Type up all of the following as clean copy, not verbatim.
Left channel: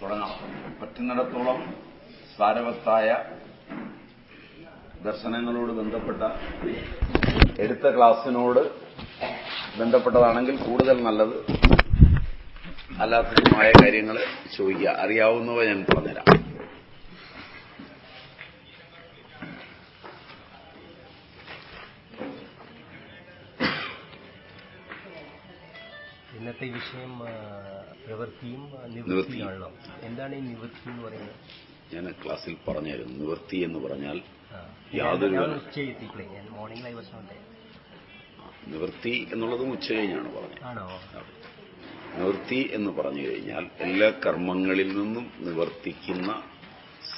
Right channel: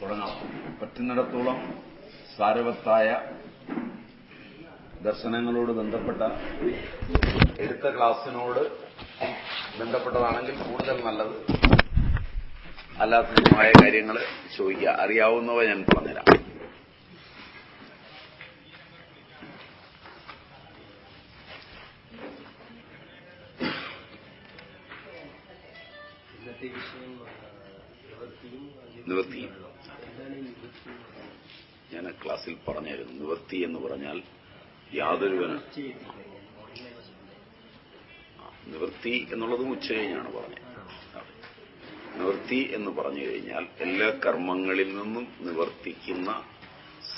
തുടങ്ങാം. പറ്റുന്നിടത്തോളം സാരവത്തായ ദർശനങ്ങളോട് ബന്ധപ്പെട്ട എടുത്ത ക്ലാസ്സിനോട് ബന്ധപ്പെട്ടതാണെങ്കിൽ കൂടുതൽ നല്ലത്. അല്ലാത്തതുമായ കാര്യങ്ങൾ ചോദിക്കുക. അറിയാവുന്നവ ഞാൻ പറഞ്ഞുതരാം. ഇന്നത്തെ വിഷയം പ്രവൃത്തിയും നിവൃത്തിയാണല്ലോ. എന്താണ് ഈ നിവൃത്തി എന്ന് പറയുന്നത്? ഞാൻ ക്ലാസ്സിൽ പറഞ്ഞായിരുന്നു. നിവൃത്തി എന്ന് പറഞ്ഞാൽ യാതൊരു നിവൃത്തി എന്നുള്ളതും ഉച്ച കഴിഞ്ഞാണ് പറഞ്ഞത്. നിവൃത്തി എന്ന് പറഞ്ഞു കഴിഞ്ഞാൽ എല്ലാ കർമ്മങ്ങളിൽ നിന്നും നിവർത്തിക്കുന്ന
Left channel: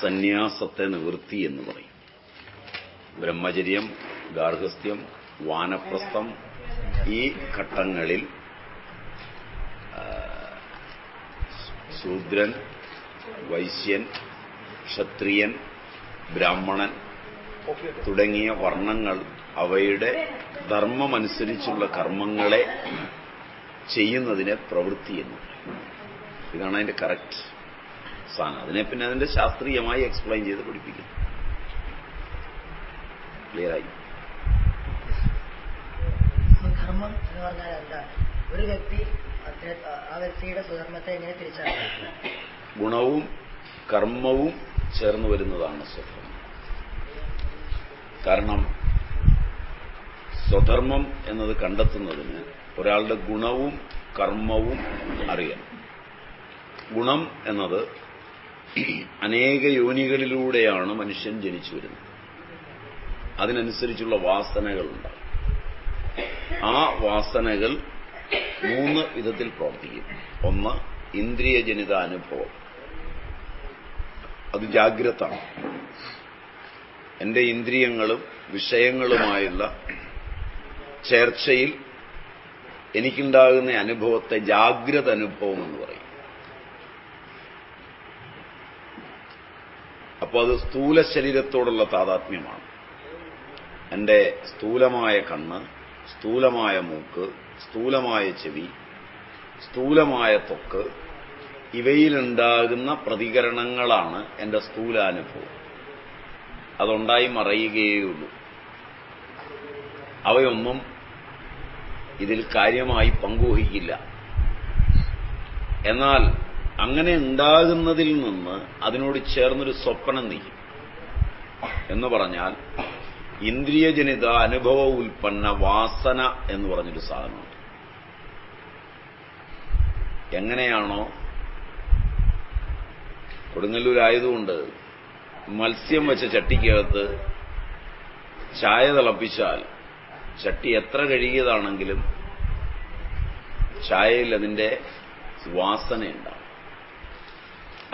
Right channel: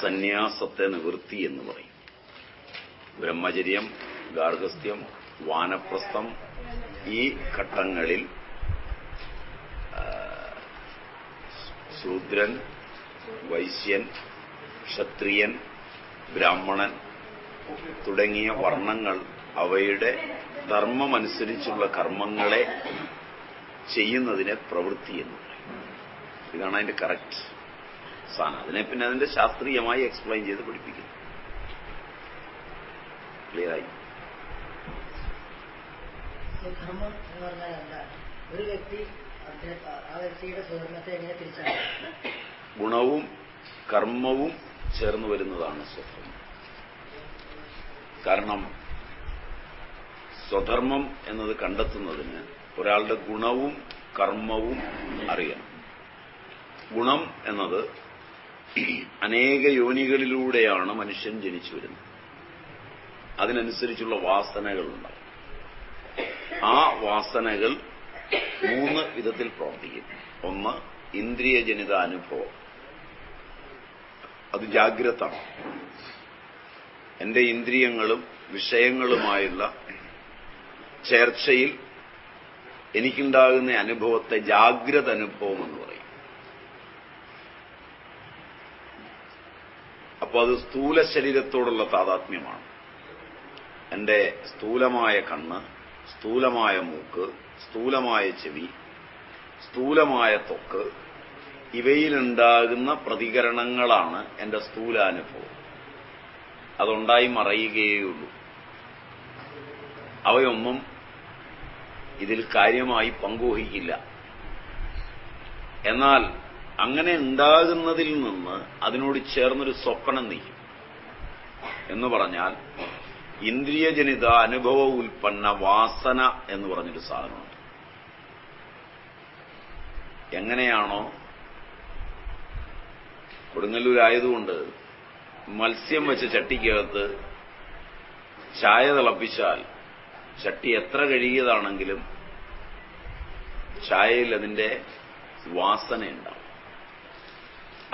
സന്യാസത്തെ നിവൃത്തി എന്ന് പറയും. ബ്രഹ്മചര്യം, ഗാർഹസ്ഥ്യം, വാനപ്രസ്ഥം ഈ ഘട്ടങ്ങളിൽ ശൂദ്രൻ, വൈശ്യൻ, ക്ഷത്രിയൻ, ബ്രാഹ്മണൻ തുടങ്ങിയ വർണ്ണങ്ങൾ അവയുടെ ധർമ്മമനുസരിച്ചുള്ള കർമ്മങ്ങളെ ചെയ്യുന്നതിനെ പ്രവൃത്തി എന്ന് പറയും. ഇതാണ് അതിന്റെ കറക്റ്റ് സ്ഥാനം. അതിനെ പിന്നെ അതിന്റെ ശാസ്ത്രീയമായി എക്സ്പ്ലെയിൻ ചെയ്ത് പഠിപ്പിക്കുന്നു. ക്ലിയറായി? ഒരു വ്യക്തി ആ വ്യക്തിയുടെ സ്വധർമ്മത്തെ എങ്ങനെ തിരിച്ചറിയാം? ഗുണവും കർമ്മവും ചേർന്ന് വരുന്നതാണ് സ്വധർമ്മം. കാരണം സ്വധർമ്മം എന്നത് കണ്ടെത്തുന്നതിന് ഒരാളുടെ ഗുണവും കർമ്മവും അറിയണം. ഗുണം എന്നത് അനേക യോനികളിലൂടെയാണ് മനുഷ്യൻ ജനിച്ചു വരുന്നത്. അതിനനുസരിച്ചുള്ള വാസനകളുണ്ടാകും. ആ വാസനകൾ 3 വിധത്തിൽ പ്രവർത്തിക്കും. ഒന്ന്, ഇന്ദ്രിയജനിത അനുഭവം. അത് ജാഗ്രതാണ്. എന്റെ ഇന്ദ്രിയങ്ങളും വിഷയങ്ങളുമായുള്ള ചേർച്ചയിൽ എനിക്കുണ്ടാകുന്ന അനുഭവത്തെ ജാഗ്രത അനുഭവം എന്ന് പറയും. അപ്പോൾ അത് സ്ഥൂല ശരീരത്തോടുള്ള താതാത്മ്യമാണ്. എന്റെ സ്ഥൂലമായ കണ്ണ്, സ്ഥൂലമായ മൂക്ക്, സ്ഥൂലമായ ചെവി, സ്ഥൂലമായ ത്വക്ക്, ഇവയിലുണ്ടാകുന്ന പ്രതികരണങ്ങളാണ് എന്റെ സ്ഥൂലാനുഭവം. അതുണ്ടായി മറയുകയുള്ളൂ. അവയൊന്നും ഇതിൽ കാര്യമായി പങ്കുവഹിക്കില്ല. എന്നാൽ അങ്ങനെ ഉണ്ടാകുന്നതിൽ നിന്ന് അതിനോട് ചേർന്നൊരു സ്വപ്നം നീക്കും. എന്ന് പറഞ്ഞാൽ ഇന്ദ്രിയജനിത അനുഭവ ഉൽപ്പന്ന വാസന എന്ന് പറഞ്ഞൊരു സാധനമുണ്ട്. എങ്ങനെയാണോ കൊടുങ്ങല്ലൂരായതുകൊണ്ട് മത്സ്യം വെച്ച ചട്ടിക്കകത്ത് ചായ തിളപ്പിച്ചാൽ ചട്ടി എത്ര കഴുകിയതാണെങ്കിലും ചായയിൽ അതിന്റെ വാസനയുണ്ടാവും.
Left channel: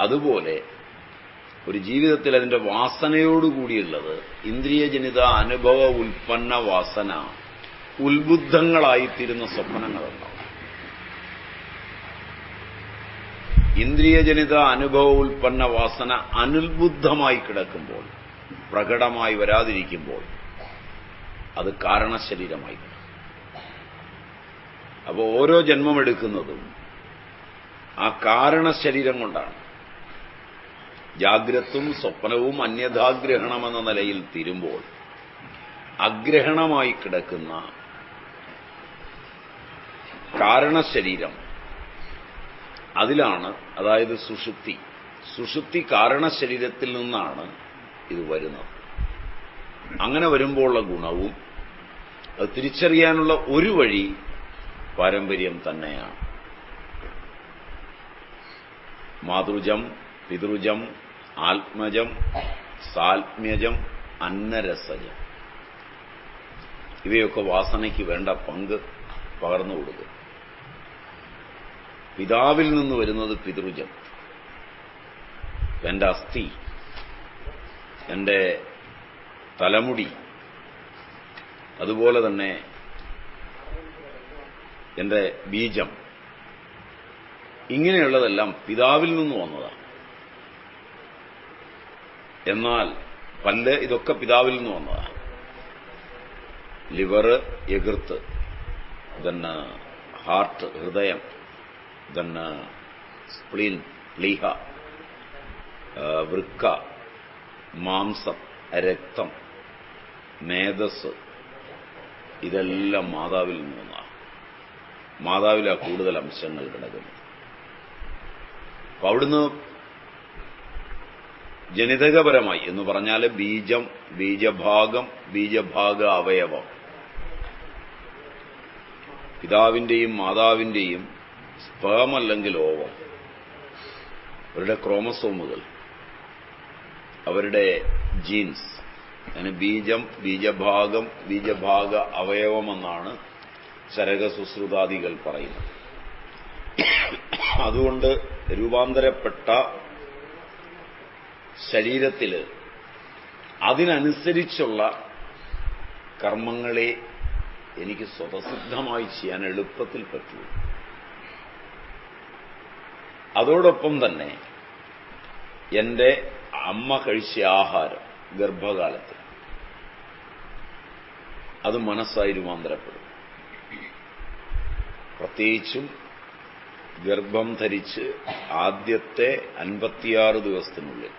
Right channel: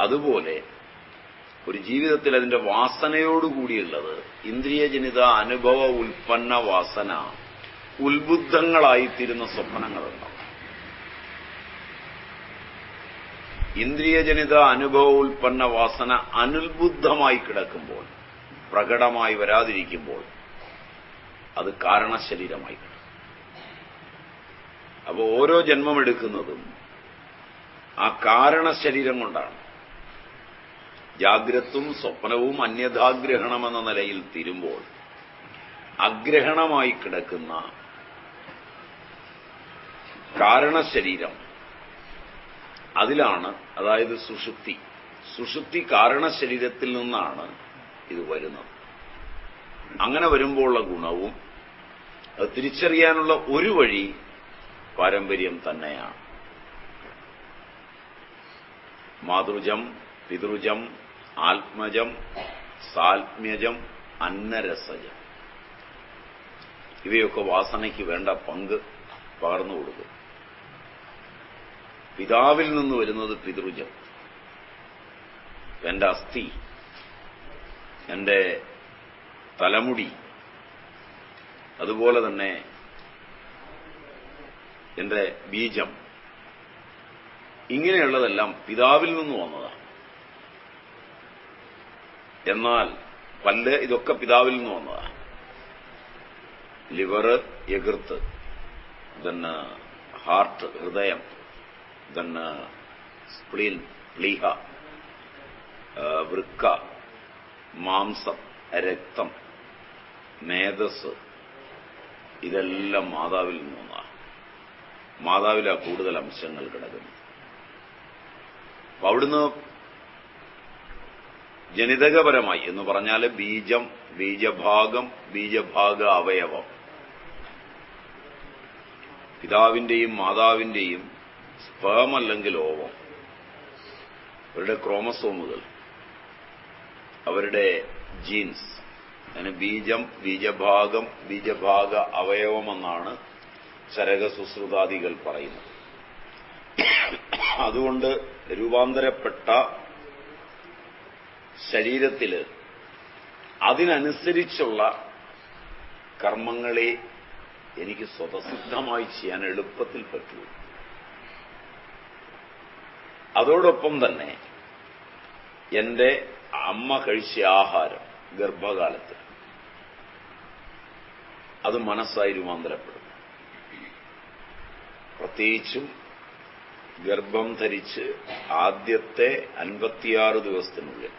അതുപോലെ ഒരു ജീവിതത്തിൽ അതിന്റെ വാസനയോടുകൂടിയുള്ളത് ഇന്ദ്രിയജനിത അനുഭവ ഉൽപ്പന്ന വാസന ഉത്ബുദ്ധങ്ങളായിത്തീരുന്ന സ്വപ്നങ്ങളുണ്ടാവും. ഇന്ദ്രിയജനിത അനുഭവ ഉൽപ്പന്ന വാസന അനുത്ബുദ്ധമായി കിടക്കുമ്പോൾ, പ്രകടമായി വരാതിരിക്കുമ്പോൾ അത് കാരണശരീരമായി കിടക്കും. അപ്പോൾ ഓരോ ജന്മമെടുക്കുന്നതും ആ കാരണശരീരം കൊണ്ടാണ്. ജാഗ്രത്തും സ്വപ്നവും അന്യഥാഗ്രഹണമെന്ന നിലയിൽ തീരുമ്പോൾ അഗ്രഹണമായി കിടക്കുന്ന കാരണശരീരം അതിലാണ്, അതായത് സുഷുപ്തി കാരണശരീരത്തിൽ നിന്നാണ് ഇത് വരുന്നത്. അങ്ങനെ വരുമ്പോഴുള്ള ഗുണവും അത് തിരിച്ചറിയാനുള്ള ഒരു വഴി പാരമ്പര്യം തന്നെയാണ്. മാതൃജം, പിതൃജം, ആത്മജം, സാത്മ്യജം, അന്നരസജം, ഇവയൊക്കെ വാസനയ്ക്ക് വേണ്ട പങ്ക് പകർന്നു കൊടുക്കും. പിതാവിൽ നിന്ന് വരുന്നത് പിതൃജം. എന്റെ അസ്ഥി, എന്റെ തലമുടി, അതുപോലെ തന്നെ എന്റെ ബീജം, ഇങ്ങനെയുള്ളതെല്ലാം പിതാവിൽ നിന്ന് വന്നതാണ്. എന്നാൽ പല്ല്, ഇതൊക്കെ പിതാവിൽ നിന്ന് വന്നതാണ്. ലിവർ, യകൃത്ത്, then ഹാർട്ട്, ഹൃദയം, then സ്പ്ലീൻ, പ്ലീഹ, വൃക്ക, മാംസം, രക്തം, മേധസ്, ഇതെല്ലാം മാതാവിൽ നിന്നാണ്. മാതാവിലാ കൂടുതൽ അംശങ്ങൾ കിടക്കുന്നു. അപ്പൊ അവിടുന്ന് ജനിതകപരമായി എന്ന് പറഞ്ഞാൽ ബീജം, ബീജഭാഗം, ബീജഭാഗ അവയവം, പിതാവിന്റെയും മാതാവിന്റെയും സ്പേം അല്ലെങ്കിൽ ഓവം, അവരുടെ ക്രോമസോമുകൾ, അവരുടെ ജീൻസ്, അതിന് ബീജം, ബീജഭാഗം, ബീജഭാഗ അവയവമെന്നാണ് ചരകസുശ്രുതാദികൾ പറയുന്നത്. അതുകൊണ്ട് രൂപാന്തരപ്പെട്ട ശരീരത്തില് അതിനനുസരിച്ചുള്ള കർമ്മങ്ങളെ എനിക്ക് സ്വതസിദ്ധമായി ചെയ്യാൻ എളുപ്പത്തിൽ പറ്റൂ. അതോടൊപ്പം തന്നെ എന്റെ അമ്മ കഴിച്ച ആഹാരം ഗർഭകാലത്ത് അത് മനസ്സായി രൂപാന്തരപ്പെടും. പ്രത്യേകിച്ചും ഗർഭം ധരിച്ച് ആദ്യത്തെ 56 ദിവസത്തിനുള്ളിൽ,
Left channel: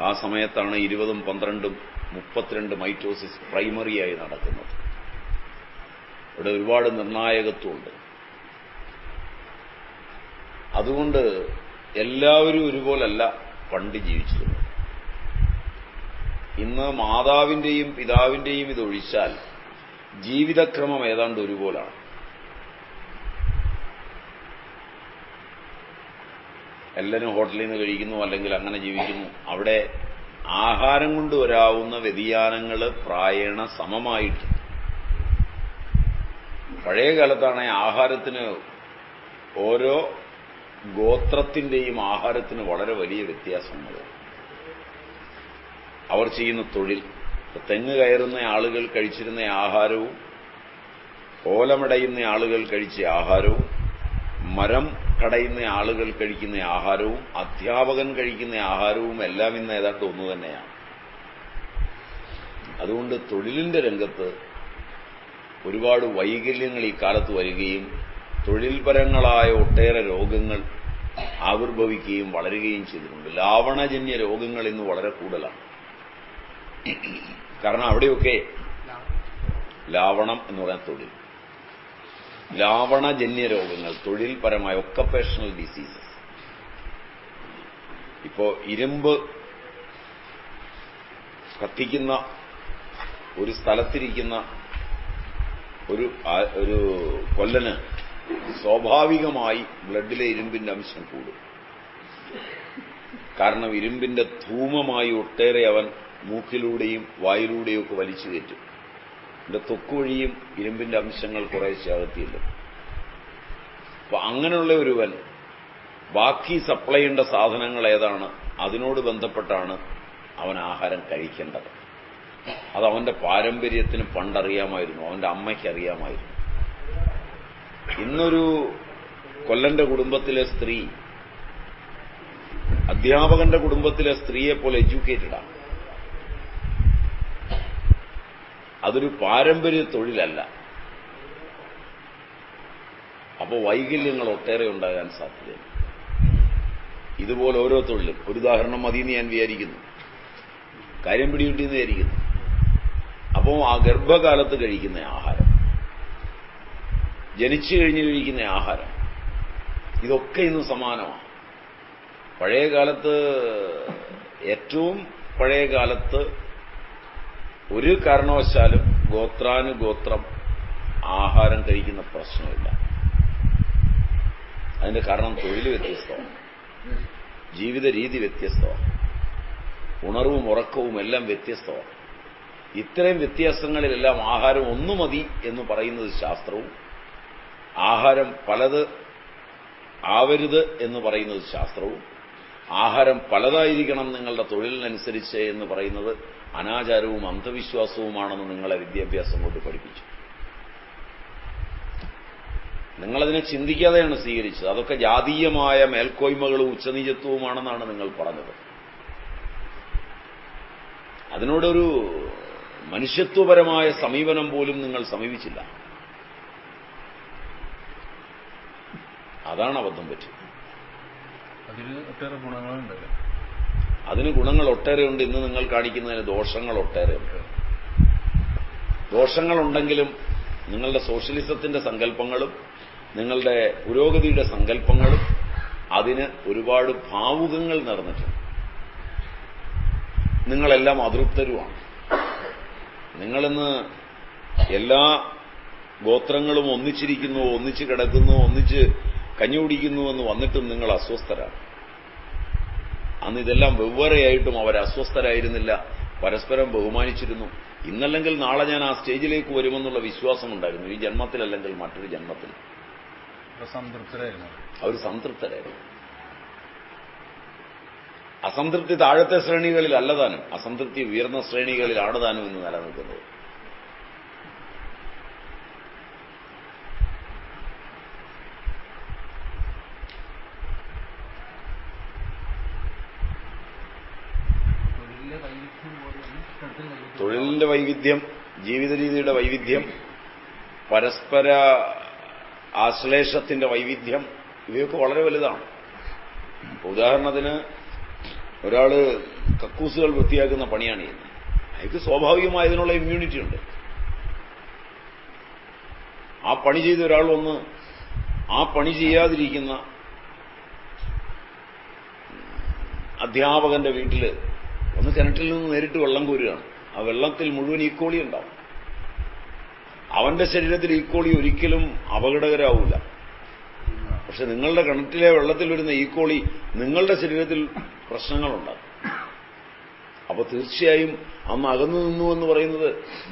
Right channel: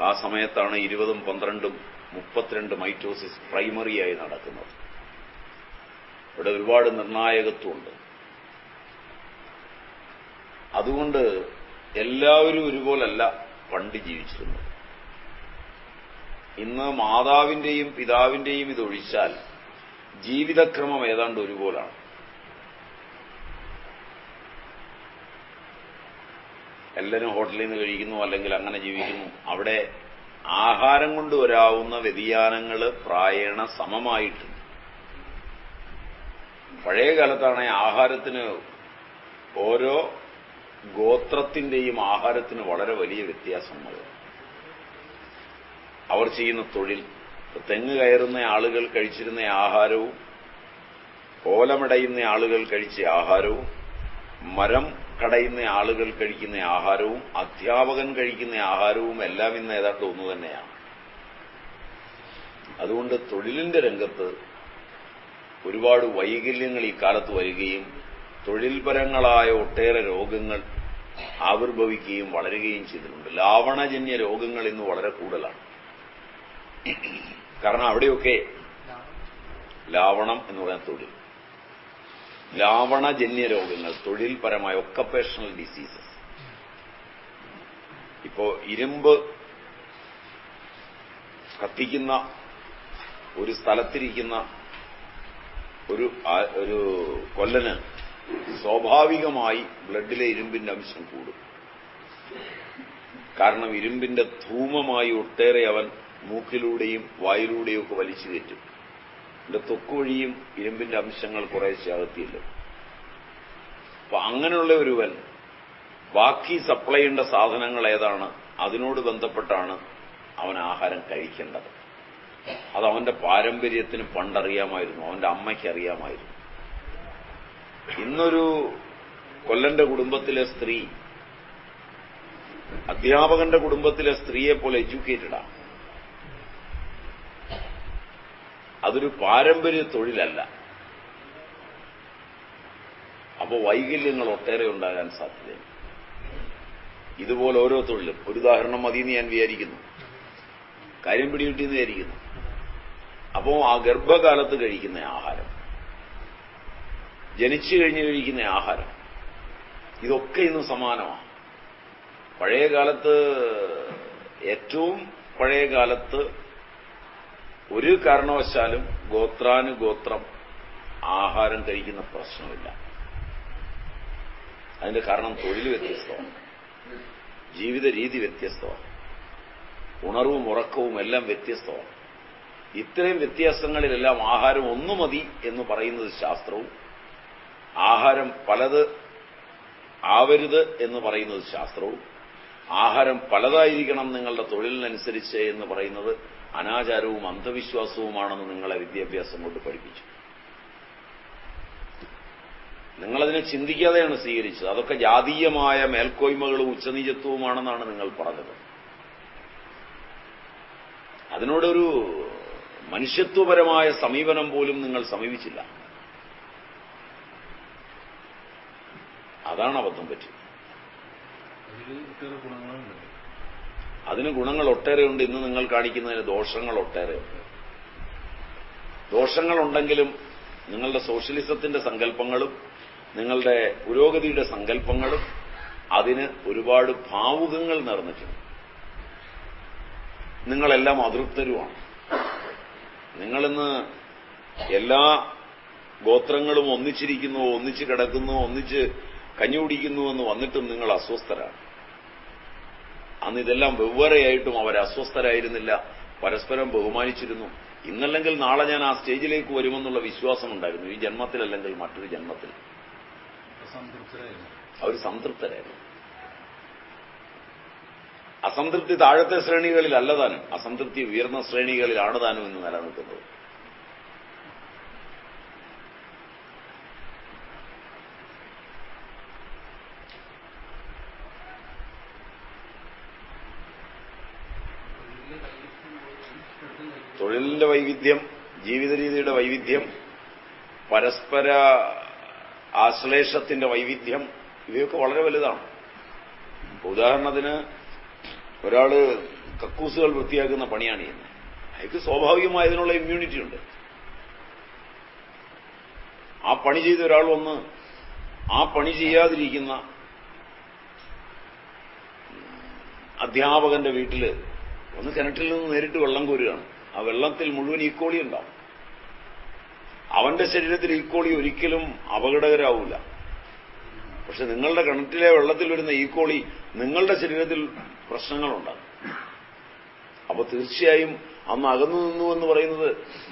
ആ സമയത്താണ് 20ഉം 12ഉം 32 മൈറ്റോസിസ് പ്രൈമറിയായി നടക്കുന്നത്. ഇവിടെ ഒരുപാട് നിർണായകത്വമുണ്ട്. അതുകൊണ്ട് എല്ലാവരും ഒരുപോലല്ല പണ്ട് ജീവിച്ചിരുന്നത്. ഇന്ന് മാതാവിന്റെയും പിതാവിന്റെയും ഇതൊഴിച്ചാൽ ജീവിതക്രമം ഏതാണ്ട് ഒരുപോലാണ്. എല്ലാവരും ഹോട്ടലിൽ നിന്ന് കഴിക്കുന്നു, അല്ലെങ്കിൽ അങ്ങനെ ജീവിക്കുന്നു. അവിടെ ആഹാരം കൊണ്ട് വരാവുന്ന വ്യതിയാനങ്ങൾ പ്രായേണ സമമായിട്ട്. പഴയ കാലത്താണ് ആഹാരത്തിന്, ഓരോ ഗോത്രത്തിന്റെയും ആഹാരത്തിന് വളരെ വലിയ വ്യത്യാസങ്ങൾ. അവർ ചെയ്യുന്ന തൊഴിൽ, തെങ്ങ് കയറുന്ന ആളുകൾ കഴിച്ചിരുന്ന ആഹാരവും ഓലമടയുന്ന ആളുകൾ കഴിച്ച ആഹാരവും, മരം കടയുന്ന ആളുകൾ കഴിക്കുന്ന ആഹാരവും, അധ്യാപകൻ കഴിക്കുന്ന ആഹാരവും എല്ലാം ഇന്ന് ഏതാണ്ട് ഒന്നു തന്നെയാണ്. അതുകൊണ്ട് തൊഴിലിന്റെ രംഗത്ത് ഒരുപാട് വൈകല്യങ്ങൾ ഈ കാലത്ത് വരികയും തൊഴിൽപരങ്ങളായ ഒട്ടേറെ രോഗങ്ങൾ ആവിർഭവിക്കുകയും വളരുകയും ചെയ്തിട്ടുണ്ട്. ലാവണജന്യ രോഗങ്ങൾ ഇന്ന് വളരെ കൂടുതലാണ്. കാരണം അവിടെയൊക്കെ ലാവണം എന്ന് പറയുന്ന തൊഴിൽ, ലാവണജന്യ രോഗങ്ങൾ, തൊഴിൽപരമായ ഒക്കപ്പേഷണൽ ഡിസീസ്. ഇപ്പോ ഇരുമ്പ് കത്തിക്കുന്ന ഒരു സ്ഥലത്തിരിക്കുന്ന ഒരു കൊല്ലന് സ്വാഭാവികമായി ബ്ലഡിലെ ഇരുമ്പിന്റെ അംശം കൂടും. കാരണം ഇരുമ്പിന്റെ ധൂമമായി ഒട്ടേറെ അവൻ മൂക്കിലൂടെയും വായിലൂടെയും ഒക്കെ വലിച്ചു കയറ്റും. എന്റെ ത്വക്ക് വഴിയും ഇരുമ്പിന്റെ അംശങ്ങൾ കുറേശ്ശെ അകത്തിയില്ല. അപ്പൊ അങ്ങനെയുള്ള ഒരുവൻ ബാക്കി സപ്ലൈ ചെയ്യേണ്ട സാധനങ്ങൾ ഏതാണ്, അതിനോട് ബന്ധപ്പെട്ടാണ് അവൻ ആഹാരം കഴിക്കേണ്ടത്. അത് അവന്റെ പാരമ്പര്യത്തിന് പണ്ടറിയാമായിരുന്നു, അവന്റെ അമ്മയ്ക്ക് അറിയാമായിരുന്നു. ഇന്നൊരു കൊല്ലന്റെ കുടുംബത്തിലെ സ്ത്രീ അധ്യാപകന്റെ കുടുംബത്തിലെ സ്ത്രീയെ പോലെ എഡ്യൂക്കേറ്റഡാണ്. അതൊരു പാരമ്പര്യ തൊഴിലല്ല. അപ്പോൾ വൈകല്യങ്ങൾ ഒട്ടേറെ ഉണ്ടാകാൻ സാധ്യതയുണ്ട്. ഇതുപോലെ ഓരോ തൊഴിലും, ഒരു ഉദാഹരണം മതിയെന്ന് ഞാൻ വിചാരിക്കുന്നു, കാര്യം പിടികിട്ടിയെന്ന് വിചാരിക്കുന്നു. അപ്പോൾ ആ ഗർഭകാലത്ത് കഴിക്കുന്ന ആഹാരം, ജനിച്ചു കഴിഞ്ഞ് കഴിക്കുന്ന ആഹാരം, ഇതൊക്കെ ഇന്ന് സമാനമാണ്. പഴയ കാലത്ത്, ഏറ്റവും പഴയ കാലത്ത് ഒരു കാരണവശാലും ഗോത്രാനുഗോത്രം ആഹാരം കഴിക്കുന്ന പ്രശ്നമില്ല. അതിന്റെ കാരണം തൊഴിൽ വ്യത്യസ്തമാണ്, ജീവിത രീതി വ്യത്യസ്തമാണ്, ഉണർവും ഉറക്കവും എല്ലാം വ്യത്യസ്തമാണ്. ഇത്രയും വ്യത്യാസങ്ങളിലെല്ലാം ആഹാരം ഒന്നു മതി എന്ന് പറയുന്നത് ശാസ്ത്രവും, ആഹാരം പലത് ആവരുത് എന്ന് പറയുന്നത് ശാസ്ത്രവും, ആഹാരം പലതായിരിക്കണം നിങ്ങളുടെ തൊഴിലിനനുസരിച്ച് എന്ന് പറയുന്നത് അനാചാരവും അന്ധവിശ്വാസവുമാണെന്ന് നിങ്ങളെ വിദ്യാഭ്യാസം കൊണ്ട് പഠിപ്പിച്ചു. നിങ്ങളതിനെ ചിന്തിക്കാതെയാണ് സ്വീകരിച്ചത്. അതൊക്കെ ജാതീയമായ മേൽക്കോയ്മകളും ഉച്ചനീചത്വവുമാണെന്നാണ് നിങ്ങൾ പറഞ്ഞത്. അതിനോടൊരു മനുഷ്യത്വപരമായ സമീപനം പോലും നിങ്ങൾ സമീപിച്ചില്ല. അതാണ് അബദ്ധം പറ്റിയത്. അതിൽ ഒട്ടേറെ ഗുണങ്ങളുണ്ട്. അതിന് ഗുണങ്ങൾ ഒട്ടേറെയുണ്ട്. ഇന്ന് നിങ്ങൾ കാണിക്കുന്നതിന് ദോഷങ്ങൾ ഒട്ടേറെയുണ്ട്. ദോഷങ്ങളുണ്ടെങ്കിലും നിങ്ങളുടെ സോഷ്യലിസത്തിന്റെ സങ്കല്പങ്ങളും നിങ്ങളുടെ പുരോഗതിയുടെ സങ്കല്പങ്ങളും അതിന് ഒരുപാട് ഭാവുകങ്ങൾ നിറഞ്ഞിട്ടുണ്ട്. നിങ്ങളെല്ലാം അതൃപ്തരുമാണ്. നിങ്ങളിന്ന് എല്ലാ ഗോത്രങ്ങളും ഒന്നിച്ചിരിക്കുന്നു, ഒന്നിച്ച് കിടക്കുന്നു, ഒന്നിച്ച് കഞ്ഞി കുടിക്കുന്നുവെന്ന് വന്നിട്ടും നിങ്ങൾ അസ്വസ്ഥരാണ്. അന്ന് ഇതെല്ലാം വെവ്വേറെയായിട്ടും അവർ അസ്വസ്ഥരായിരുന്നില്ല, പരസ്പരം ബഹുമാനിച്ചിരുന്നു. ഇന്നല്ലെങ്കിൽ നാളെ ഞാൻ ആ സ്റ്റേജിലേക്ക് വരുമെന്നുള്ള വിശ്വാസമുണ്ടായിരുന്നു. ഈ ജന്മത്തിലല്ലെങ്കിൽ മറ്റൊരു ജന്മത്തിൽ. അവർ സംതൃപ്തരായിരുന്നു. അസംതൃപ്തി താഴത്തെ ശ്രേണികളിലല്ല താനും, അസംതൃപ്തി ഉയർന്ന ശ്രേണികളിലാണ് താനും ഇന്ന് നിലനിൽക്കുന്നത്. തൊഴിലിന്റെ വൈവിധ്യം, ജീവിത രീതിയുടെ വൈവിധ്യം, പരസ്പര ആശ്ലേഷത്തിന്റെ വൈവിധ്യം, ഇവയൊക്കെ വളരെ വലുതാണ്. ഉദാഹരണത്തിന് ഒരാള് കക്കൂസുകൾ വൃത്തിയാക്കുന്ന പണിയാണ് ചെയ്യുന്നത്. അയാൾക്ക് സ്വാഭാവികമായി അതിനുള്ള ഇമ്മ്യൂണിറ്റി ഉണ്ട്. ആ പണി ചെയ്ത ഒരാൾ വന്ന് ആ പണി ചെയ്യാതിരിക്കുന്ന അധ്യാപകന്റെ വീട്ടിൽ ഒന്ന് കിണറ്റിൽ നിന്ന് നേരിട്ട് വെള്ളം കോരുകയാണ്. ആ വെള്ളത്തിൽ മുഴുവൻ ഈക്കോളി ഉണ്ടാവും. അവന്റെ ശരീരത്തിൽ ഈക്കോളി ഒരിക്കലും അപകടകരാവില്ല. പക്ഷെ നിങ്ങളുടെ കിണറ്റിലെ വെള്ളത്തിൽ വരുന്ന ഈക്കോളി നിങ്ങളുടെ ശരീരത്തിൽ പ്രശ്നങ്ങളുണ്ടാകും. അപ്പൊ തീർച്ചയായും അന്ന് അകന്നു നിന്നു എന്ന് പറയുന്നത്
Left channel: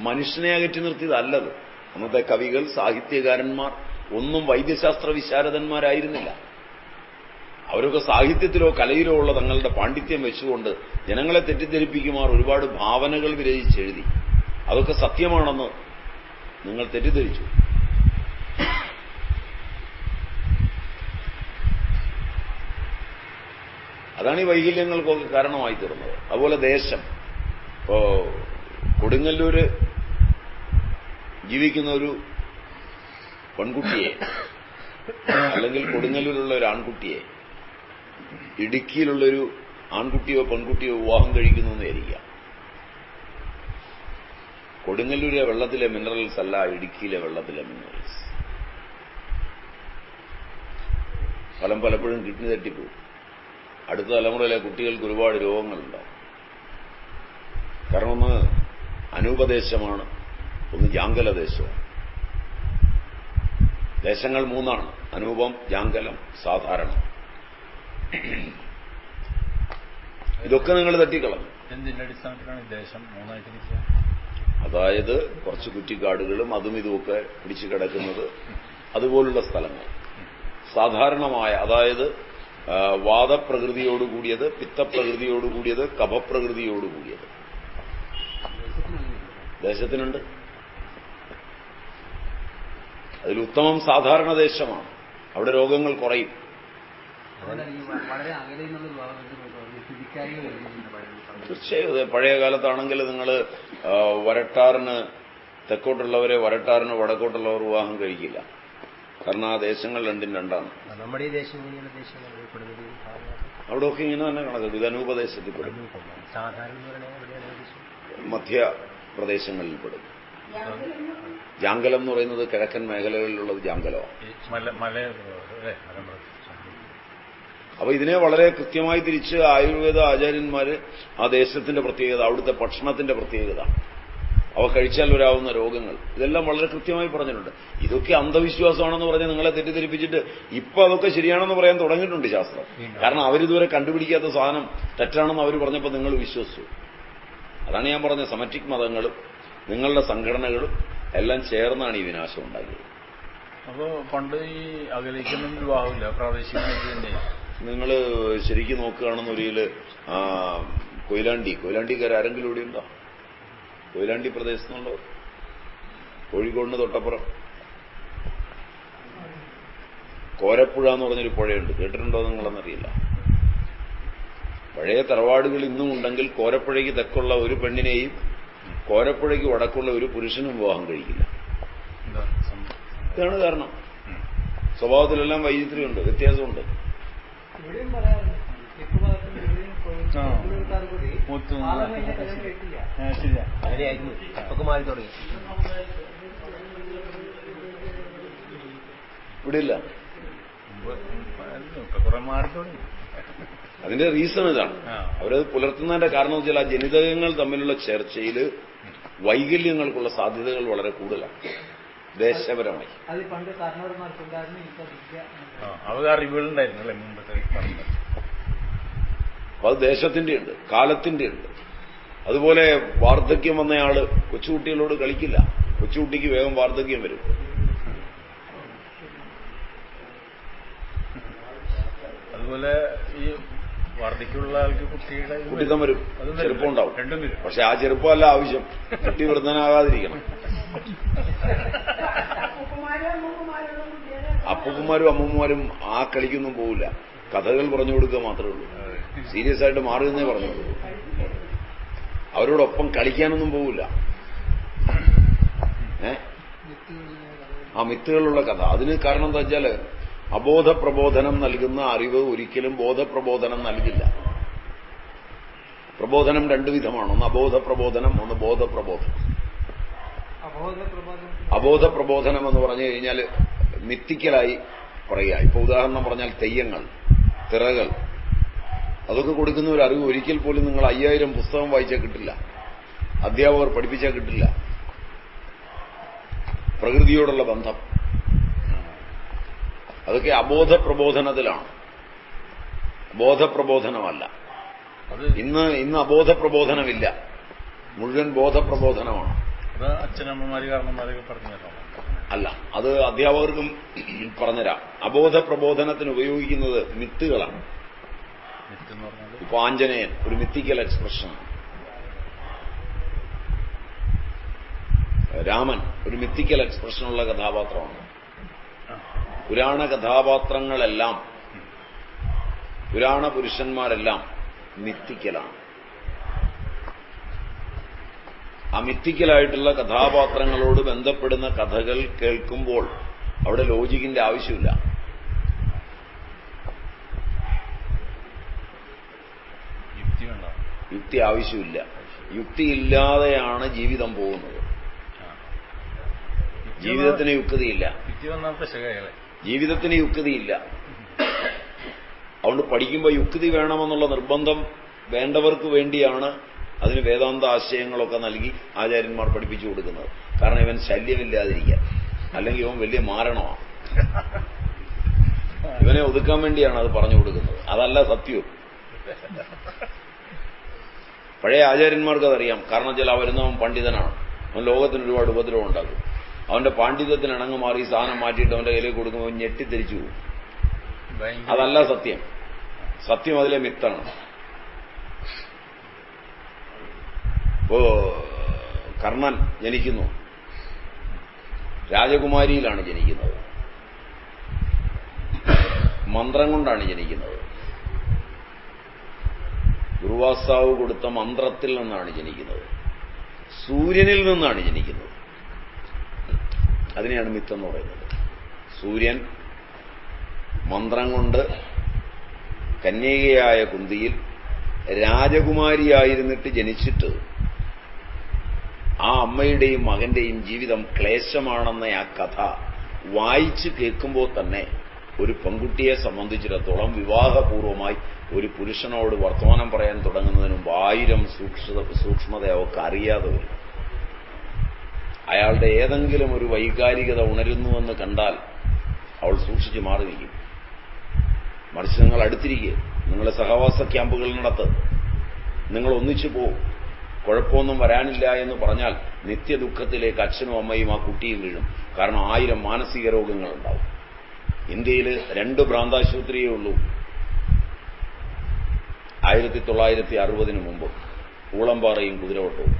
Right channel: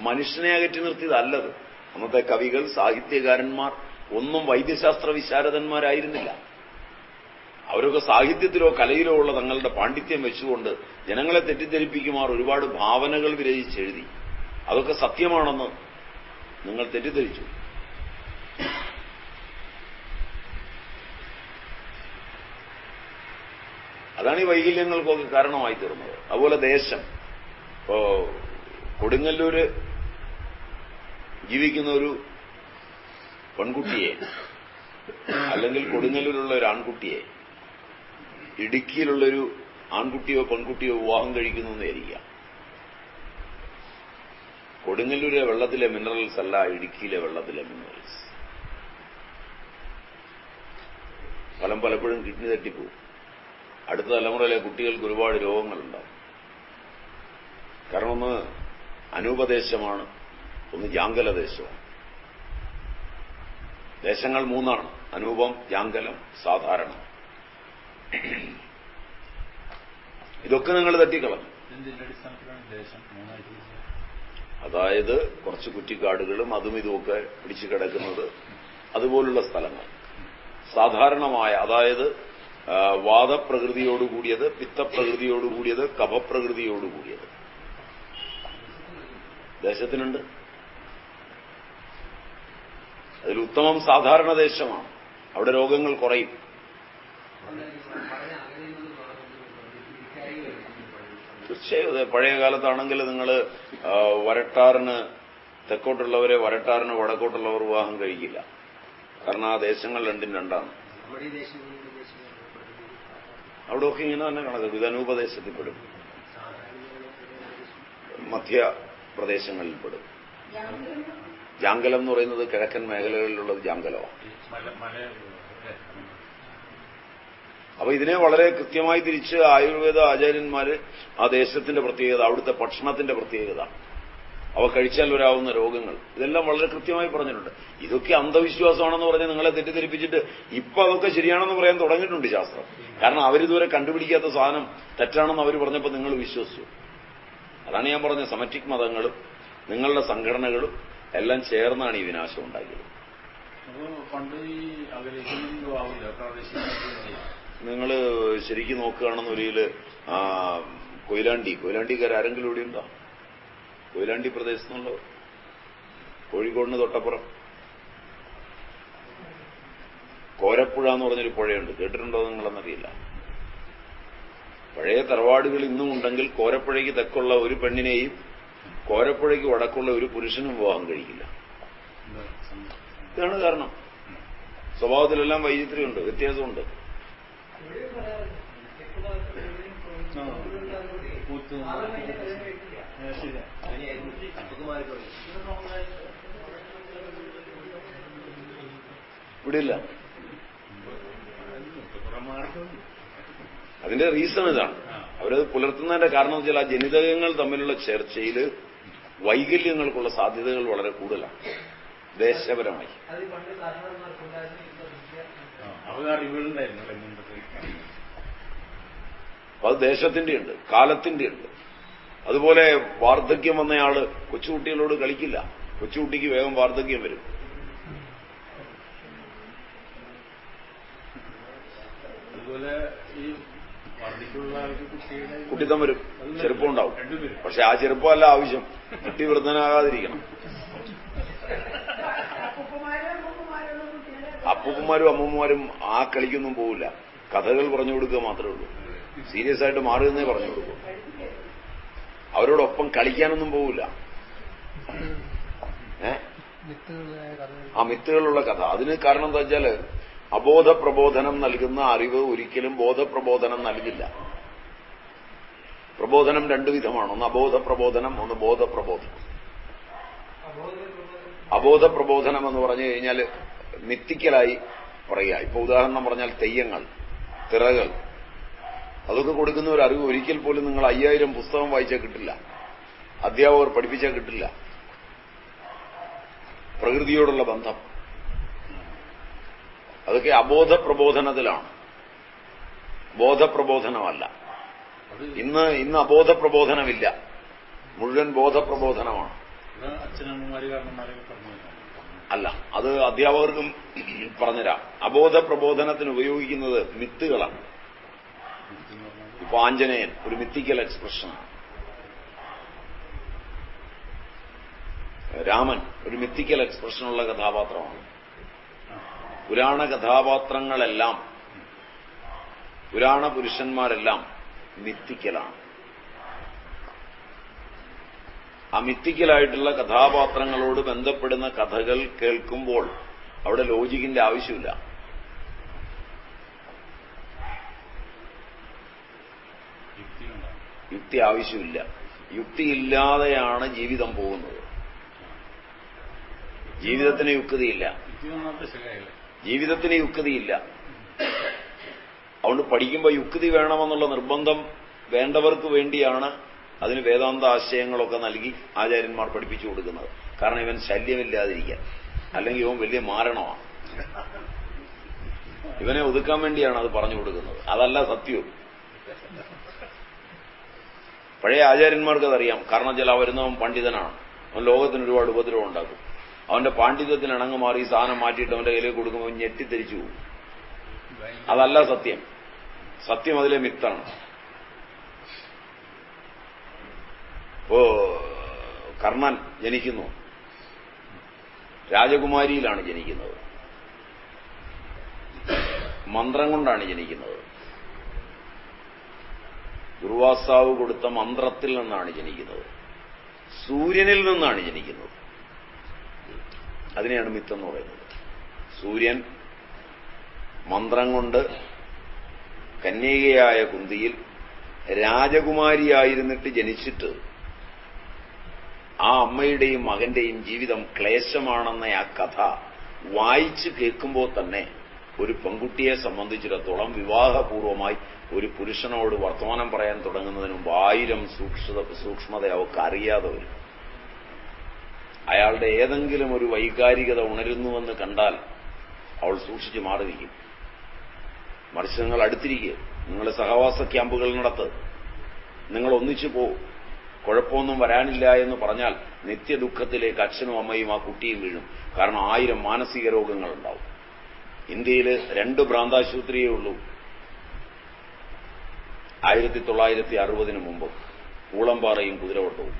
മനുഷ്യനെ അകറ്റി നിർത്തിയതല്ലത്. അന്നത്തെ കവികൾ, സാഹിത്യകാരന്മാർ ഒന്നും വൈദ്യശാസ്ത്ര വിശാരദന്മാരായിരുന്നില്ല. അവരൊക്കെ സാഹിത്യത്തിലോ കലയിലോ ഉള്ള തങ്ങളുടെ പാണ്ഡിത്യം വെച്ചുകൊണ്ട് ജനങ്ങളെ തെറ്റിദ്ധരിപ്പിക്കുമാർ ഒരുപാട് ഭാവനകൾ വിരചിച്ചെഴുതി. അതൊക്കെ സത്യമാണെന്ന് നിങ്ങൾ തെറ്റിദ്ധരിച്ചു. അതാണ് ഈ വൈകല്യങ്ങൾക്കൊക്കെ കാരണമായി തീർന്നത്. അതുപോലെ ദേശം, ഇപ്പോ കൊടുങ്ങല്ലൂര് ജീവിക്കുന്ന ഒരു പെൺകുട്ടിയെ അല്ലെങ്കിൽ കൊടുങ്ങല്ലൂരുള്ള ഒരു ആൺകുട്ടിയെ ഇടുക്കിയിലുള്ളൊരു ആൺകുട്ടിയോ പെൺകുട്ടിയോ വിവാഹം കഴിക്കുന്നു എന്ന് വിചാരിക്കാം. കൊടുങ്ങല്ലൂരെ വെള്ളത്തിലെ മിനറൽസ് അല്ല ഇടുക്കിയിലെ വെള്ളത്തിലെ മിനറൽ. പലപ്പോഴും കിഡ്നി തട്ടിപ്പോകും. അടുത്ത തലമുറയിലെ കുട്ടികൾക്ക് ഒരുപാട് രോഗങ്ങളുണ്ടാവും. കാരണം ഒന്ന് അനൂപദേശമാണ്, ഒന്ന് ജാങ്കലദേശമാണ്. ദേശങ്ങൾ മൂന്നാണ്: അനൂപം, ജാങ്കലം, സാധാരണം. ഇതൊക്കെ നിങ്ങൾ തട്ടിക്കളഞ്ഞു. അതായത് കുറച്ച് കുറ്റിക്കാടുകളും അതും ഇതുമൊക്കെ പിടിച്ചു കിടക്കുന്നത്, അതുപോലുള്ള സ്ഥലങ്ങൾ. സാധാരണമായ, അതായത് വാദപ്രകൃതിയോടുകൂടിയത്, പിത്തപ്രകൃതിയോടുകൂടിയത്, കഫപ്രകൃതിയോടുകൂടിയത് ദേശത്തിനുണ്ട്. അതിൽ ഉത്തമം സാധാരണ ദേശമാണ്. അവിടെ രോഗങ്ങൾ കുറയും. തീർച്ചയായും പഴയ കാലത്താണെങ്കിൽ നിങ്ങൾ വരട്ടാറിന് തെക്കോട്ടുള്ളവരെ വരട്ടാറിന് വടക്കോട്ടുള്ളവർ വിവാഹം കഴിക്കില്ല. കാരണം ആ ദേശങ്ങൾ രണ്ടും രണ്ടാണ്. അവിടെയൊക്കെ ഇങ്ങനെ തന്നെ കണക്ക് വിധനൂപദേശത്തിൽപ്പെടും, മധ്യപ്രദേശങ്ങളിൽപ്പെടും. ജാങ്കലം എന്ന് പറയുന്നത് കിഴക്കൻ മേഖലകളിലുള്ളത് ജാങ്കലമാണ്. അപ്പൊ ഇതിനെ വളരെ കൃത്യമായി തിരിച്ച് ആയുർവേദ ആചാര്യന്മാര് ആ ദേശത്തിന്റെ പ്രത്യേകത, അവിടുത്തെ ഭക്ഷണത്തിന്റെ പ്രത്യേകത, അവ കഴിച്ചാൽ വരാവുന്ന രോഗങ്ങൾ, ഇതെല്ലാം വളരെ കൃത്യമായി പറഞ്ഞിട്ടുണ്ട്. ഇതൊക്കെ അന്ധവിശ്വാസമാണെന്ന് പറഞ്ഞ് നിങ്ങളെ തെറ്റിദ്ധരിപ്പിച്ചിട്ട് ഇപ്പൊ അതൊക്കെ ശരിയാണെന്ന് പറയാൻ തുടങ്ങിയിട്ടുണ്ട് ശാസ്ത്രം. കാരണം അവരിതുവരെ കണ്ടുപിടിക്കാത്ത സാധനം തെറ്റാണെന്ന് അവർ പറഞ്ഞപ്പോൾ നിങ്ങൾ വിശ്വസിച്ചു. അതാണ് ഞാൻ പറഞ്ഞ സെമറ്റിക് മതങ്ങളും നിങ്ങളുടെ സംഘടനകളും എല്ലാം ചേർന്നാണ് ഈ വിനാശം ഉണ്ടാക്കിയത്. അപ്പോ പണ്ട് ഈ അകലേക്കുന്ന വിവാഹമില്ല, പ്രാദേശിക നിങ്ങൾ ശരിക്കും നോക്കുകയാണെന്നൊരിക്കൽ കൊയിലാണ്ടിക്കാർ ആരെങ്കിലും ഇവിടെ ഉണ്ടോ? കൊയിലാണ്ടി പ്രദേശത്തുള്ളവർ, കോഴിക്കോടിന് തൊട്ടപ്പുറം കോരപ്പുഴ എന്ന് പറഞ്ഞൊരു പുഴയുണ്ട്. കേട്ടിട്ടുണ്ടോ നിങ്ങളെന്നറിയില്ല. പഴയ തറവാടുകൾ ഇന്നും ഉണ്ടെങ്കിൽ കോരപ്പുഴയ്ക്ക് തെക്കുള്ള ഒരു പെണ്ണിനെയും കോരപ്പുഴയ്ക്ക് വടക്കുള്ള ഒരു പുരുഷനും വിവാഹം കഴിക്കില്ല. ഇതാണ് കാരണം. സ്വഭാവത്തിലെല്ലാം വൈചിത്ര്യമുണ്ട്, വ്യത്യാസമുണ്ട്. കുത്ത് അങ്ങനെയായിരുന്നു. ഇപ്പൊക്കെ മാറി തുടങ്ങി. ഇവിടെയില്ല. കുറെ മാറി തുടങ്ങി. അതിന്റെ റീസൺ ഇതാണ്. അവരത് പുലർത്തുന്നതിന്റെ കാരണം വെച്ചാൽ ആ ജനിതകങ്ങൾ തമ്മിലുള്ള ചർച്ചയിൽ വൈകല്യങ്ങൾക്കുള്ള സാധ്യതകൾ വളരെ കൂടുതലാണ് ദേശപരമായി. അവർ അറിവുകളുണ്ടായിരുന്നു. അത് ദേശത്തിന്റെ ഉണ്ട്, കാലത്തിന്റെ ഉണ്ട്. അതുപോലെ വാർദ്ധക്യം വന്നയാള് കൊച്ചുകുട്ടികളോട് കളിക്കില്ല. കൊച്ചുകുട്ടിക്ക് വേഗം വാർദ്ധക്യം വരും. അതുപോലെ ഈ വാർദ്ധക്യമുള്ള ആൾക്ക് കുട്ടിത്തം വരും, ചെറുപ്പം ഉണ്ടാവും. പക്ഷെ ആ ചെറുപ്പമല്ല ആവശ്യം, കുട്ടി വൃദ്ധനാകാതിരിക്കണം. അപ്പൂപ്പന്മാരും അമ്മൂമ്മമാരും ആ കളിക്കൊന്നും പോവില്ല. കഥകൾ പറഞ്ഞു കൊടുക്കുക മാത്രമേ ഉള്ളൂ. സീരിയസ് ആയിട്ട് മാറുന്നേ പറഞ്ഞു കൊടുക്കൂ. അവരോടൊപ്പം കളിക്കാനൊന്നും പോവില്ല. ആ മിത്തുകളുള്ള കഥ. അതിന് കാരണം എന്താ വെച്ചാല് അബോധപ്രബോധനം നൽകുന്ന അറിവ് ഒരിക്കലും ബോധപ്രബോധനം നൽകില്ല. പ്രബോധനം രണ്ടു വിധമാണ്. ഒന്ന് അബോധപ്രബോധനം, ഒന്ന് ബോധപ്രബോധനം. അബോധപ്രബോധനം എന്ന് പറഞ്ഞു കഴിഞ്ഞാൽ മിത്തിക്കലായി പറയുക. ഇപ്പൊ ഉദാഹരണം പറഞ്ഞാൽ തെയ്യങ്ങൾ, തിറകൾ, അതൊക്കെ കൊടുക്കുന്ന ഒരു അറിവ് ഒരിക്കൽ പോലും നിങ്ങൾ 5000 പുസ്തകം വായിച്ചാൽ കിട്ടില്ല, അധ്യാപകർ പഠിപ്പിച്ചാൽ കിട്ടില്ല. പ്രകൃതിയോടുള്ള ബന്ധം അതൊക്കെ അബോധപ്രബോധനത്തിലാണ്, ബോധപ്രബോധനമല്ല. ഇന്ന് അബോധപ്രബോധനമില്ല, മുഴുവൻ ബോധപ്രബോധനമാണ്. അച്ഛനമ്മമാര് കാരണന്മാരൊക്കെ പറഞ്ഞല്ലോ. അല്ല, അത് അധ്യാപകർക്കും പറഞ്ഞുതരാം. അബോധപ്രബോധനത്തിന് ഉപയോഗിക്കുന്നത് മിത്തുകളാണ്. ഇപ്പൊ ആഞ്ജനേയൻ ഒരു മിത്തിക്കൽ എക്സ്പ്രഷനാണ്. രാമൻ ഒരു മിത്തിക്കൽ എക്സ്പ്രഷനുള്ള കഥാപാത്രമാണ്. പുരാണ കഥാപാത്രങ്ങളെല്ലാം, പുരാണ പുരുഷന്മാരെല്ലാം മിത്തിക്കലാണ്. ആ മിത്തിക്കലായിട്ടുള്ള കഥാപാത്രങ്ങളോട് ബന്ധപ്പെടുന്ന കഥകൾ കേൾക്കുമ്പോൾ അവിടെ ലോജിക്കിന്റെ ആവശ്യമില്ല. യുക്തി ആവശ്യമില്ല. യുക്തിയില്ലാതെയാണ് ജീവിതം പോകുന്നത്. ജീവിതത്തിന് യുക്തിയില്ല. ജീവിതത്തിന് യുക്തിയില്ല. അതുകൊണ്ട് പഠിക്കുമ്പോൾ യുക്തി വേണമെന്നുള്ള നിർബന്ധം വേണ്ടവർക്ക് വേണ്ടിയാണ് അതിന് വേദാന്ത ആശയങ്ങളൊക്കെ നൽകി ആചാര്യന്മാർ പഠിപ്പിച്ചു കൊടുക്കുന്നത്. കാരണം ഇവൻ ശല്യമില്ലാതിരിക്കാൻ, അല്ലെങ്കിൽ ഇവൻ വലിയ മാരണമാണ്. ഇവനെ ഒതുക്കാൻ വേണ്ടിയാണ് അത് പറഞ്ഞു കൊടുക്കുന്നത്, അതല്ല സത്യവും. പഴയ ആചാര്യന്മാർക്ക് അതറിയാം. കാരണം വെച്ചാൽ വരുന്നവൻ പണ്ഡിതനാണ്, അവൻ ലോകത്തിന് ഒരുപാട് ഉപദ്രവം ഉണ്ടാക്കും. അവന്റെ പാണ്ഡിത്യത്തിന് ഇണങ്ങ് മാറി സാധനം മാറ്റിയിട്ട് അവന്റെ കയ്യിലേക്ക് കൊടുക്കുമ്പോൾ ഞെട്ടിത്തിരിച്ചു പോകും. അതല്ല സത്യം. സത്യം അതിലെ മിത്താണ്. കർണൻ ജനിക്കുന്നു, രാജകുമാരിയിലാണ് ജനിക്കുന്നത്, മന്ത്രം കൊണ്ടാണ് ജനിക്കുന്നത്. ദുർവാസാവ് കൊടുത്ത മന്ത്രത്തിൽ നിന്നാണ് ജനിക്കുന്നത്, സൂര്യനിൽ നിന്നാണ് ജനിക്കുന്നത്. അതിനെയാണ് മിത്തെന്ന് പറയുന്നത്. സൂര്യൻ മന്ത്രം കൊണ്ട് കന്യകയായ കുന്തിയിൽ രാജകുമാരിയായിരുന്നിട്ട് ജനിച്ചിട്ട് ആ അമ്മയുടെയും മകന്റെയും ജീവിതം ക്ലേശമാണെന്ന ആ കഥ വായിച്ചു കേൾക്കുമ്പോൾ തന്നെ ഒരു പെൺകുട്ടിയെ സംബന്ധിച്ചിടത്തോളം വിവാഹപൂർവമായി ഒരു പുരുഷനോട് വർത്തമാനം പറയാൻ തുടങ്ങുന്നതിന് മുമ്പ് 1000 സൂക്ഷ്മത അവർക്ക് അറിയാതെ വരും. അയാളുടെ ഏതെങ്കിലും ഒരു വൈകാരികത ഉണരുന്നുവെന്ന് കണ്ടാൽ അവൾ സൂക്ഷിച്ചു മാറിയിരിക്കും. മറിച്ച് നിങ്ങൾ അടുത്തിരിക്കുക, നിങ്ങൾ സഹവാസ ക്യാമ്പുകൾ നടത്ത്, നിങ്ങൾ ഒന്നിച്ചു പോകും, കുഴപ്പമൊന്നും വരാനില്ല എന്ന് പറഞ്ഞാൽ നിത്യദുഃഖത്തിലേക്ക് അച്ഛനും അമ്മയും ആ കുട്ടിയും വീഴും. കാരണം 1000 മാനസിക രോഗങ്ങളുണ്ടാവും. ഇന്ത്യയിൽ 2 ഭ്രാന്താശുപത്രിയേ ഉള്ളൂ 1960 മുമ്പ്, ഊളംപാറയും കുതിരവട്ടവും.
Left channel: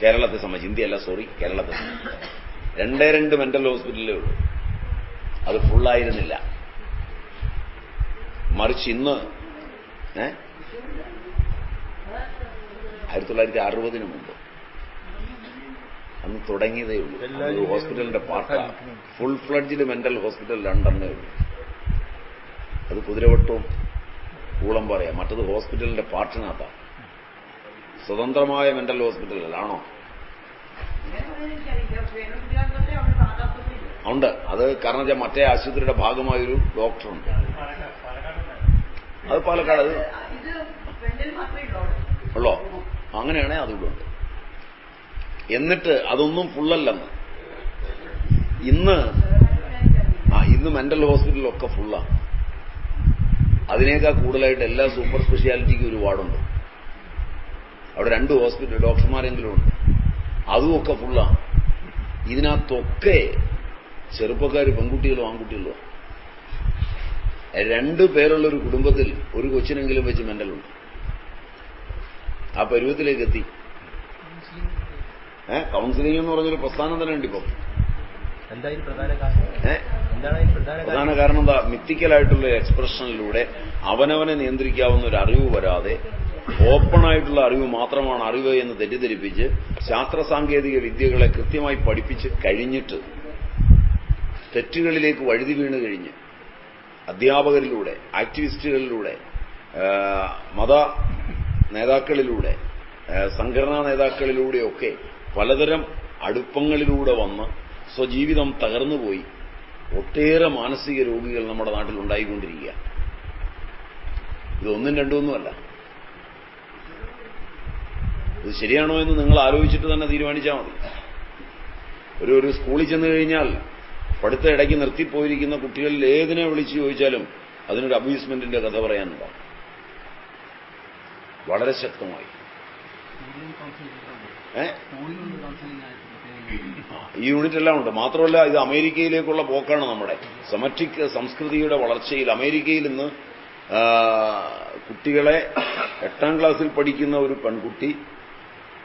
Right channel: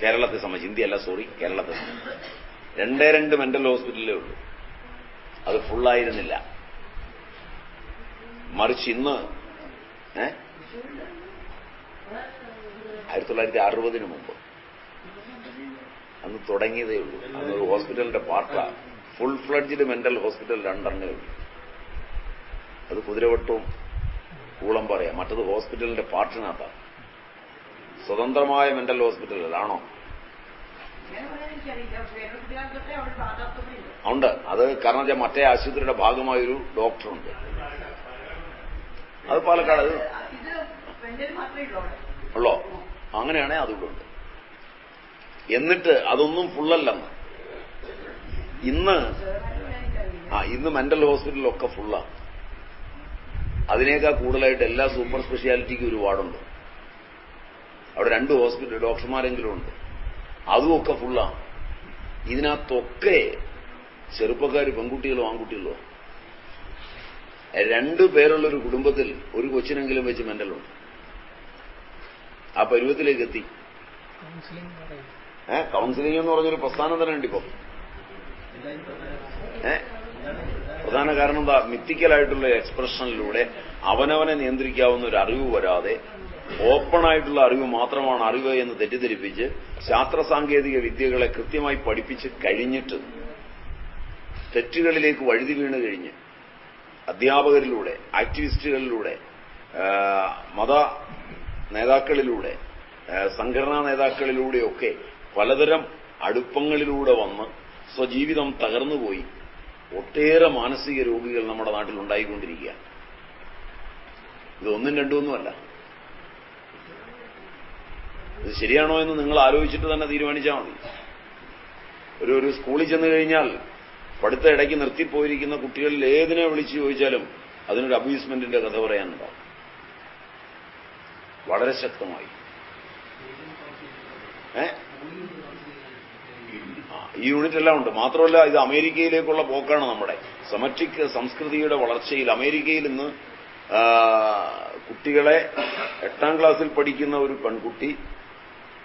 കേരളത്തെ സംബന്ധിച്ച്, ഇന്ത്യയല്ല സോറി, കേരളത്തെ സംബന്ധിച്ച് 2 മെന്റൽ ഹോസ്പിറ്റലേ ഉള്ളൂ. അത് ഫുള്ളായിരുന്നില്ല. മറിച്ച് ഇന്ന് 1960 മുമ്പ് അന്ന് തുടങ്ങിയതേ ഉള്ളൂ. അന്ന് ഹോസ്പിറ്റലിന്റെ പാർട്ടാണ്. ഫുൾ ഫ്ലഡ്ജിൽ മെന്റൽ ഹോസ്പിറ്റൽ 2 ഉള്ളൂ. അത് കുതിരവട്ടവും കൂളംപാറയാ, മറ്റത് ഹോസ്പിറ്റലിന്റെ പാർട്ടിനകത്താണ്. സ്വതന്ത്രമായ മെന്റൽ ഹോസ്പിറ്റലാണോ? ഉണ്ട്. അത് കാരണം വെച്ചാൽ മറ്റേ ആശുപത്രിയുടെ ഭാഗമായൊരു ഡോക്ടറുണ്ട്. അത് പാലക്കാട് ഉള്ളോ? അങ്ങനെയാണെങ്കിൽ അതുകൂടെ ഉണ്ട്. എന്നിട്ട് അതൊന്നും ഫുള്ളല്ലെന്ന്. ഇന്ന് മെന്റൽ ഹോസ്പിറ്റലിലൊക്കെ ഫുള്ളാണ്. അതിനേക്കാൾ കൂടുതലായിട്ട് എല്ലാ സൂപ്പർ സ്പെഷ്യാലിറ്റിക്കും ഒരു വാർഡുണ്ട്. അവിടെ 2 ഹോസ്പിറ്റൽ ഡോക്ടർമാരെങ്കിലും ഉണ്ട്. അതുമൊക്കെ ഫുള്ളാണ്. ഇതിനകത്തൊക്കെ ചെറുപ്പക്കാർ പെൺകുട്ടികളോ ആൺകുട്ടികളോ 2 പേരുള്ളൊരു കുടുംബത്തിൽ ഒരു കൊച്ചിനെങ്കിലും വെച്ച് മെന്റലുണ്ട്. ആ പരുവത്തിലേക്ക് എത്തി. കൗൺസിലിംഗ് എന്ന് പറഞ്ഞൊരു പ്രസ്ഥാനം തന്നെ ഉണ്ട് ഇപ്പം. പ്രധാന കാരണം എന്താ? മിത്തിക്കലായിട്ടുള്ള എക്സ്പ്രഷനിലൂടെ അവനവനെ നിയന്ത്രിക്കാവുന്ന ഒരു അറിവ് വരാതെ ഓപ്പണായിട്ടുള്ള അറിവ് മാത്രമാണ് അറിവ് എന്ന് തെറ്റിദ്ധരിപ്പിച്ച് ശാസ്ത്ര സാങ്കേതിക വിദ്യകളെ കൃത്യമായി പഠിപ്പിച്ച് കഴിഞ്ഞിട്ട് തെറ്റുകളിലേക്ക് വഴുതി വീണ് കഴിഞ്ഞ് അധ്യാപകരിലൂടെ, ആക്ടിവിസ്റ്റുകളിലൂടെ, മത നേതാക്കളിലൂടെ, സംഘടനാ നേതാക്കളിലൂടെയൊക്കെ പലതരം അടുപ്പങ്ങളിലൂടെ വന്ന് സ്വജീവിതം തകർന്നുപോയി ഒട്ടേറെ മാനസിക രോഗികൾ നമ്മുടെ നാട്ടിൽ ഉണ്ടായിക്കൊണ്ടിരിക്കുക. ഇതൊന്നും രണ്ടൊന്നുമല്ല. ഇത് ശരിയാണോ എന്ന് നിങ്ങൾ ആലോചിച്ചിട്ട് തന്നെ തീരുമാനിച്ചാൽ മതി. ഒരു സ്കൂളിൽ ചെന്ന് കഴിഞ്ഞാൽ പഠിത്ത ഇടയ്ക്ക് നിർത്തിപ്പോയിരിക്കുന്ന കുട്ടികളിൽ ഏതിനെ വിളിച്ചു ചോദിച്ചാലും അതിനൊരു അബ്യൂസ്മെന്റിന്റെ കഥ പറയാനുണ്ടാവും, വളരെ ശക്തമായി. ഈ യൂണിറ്റ് എല്ലാം ഉണ്ട്. മാത്രമല്ല ഇത് അമേരിക്കയിലേക്കുള്ള പോക്കാണ്. നമ്മുടെ സെമറ്റിക് സംസ്കൃതിയുടെ വളർച്ചയിൽ അമേരിക്കയിൽ ഇന്ന് കുട്ടികളെ 8ാം ക്ലാസ്സിൽ പഠിക്കുന്ന ഒരു പെൺകുട്ടി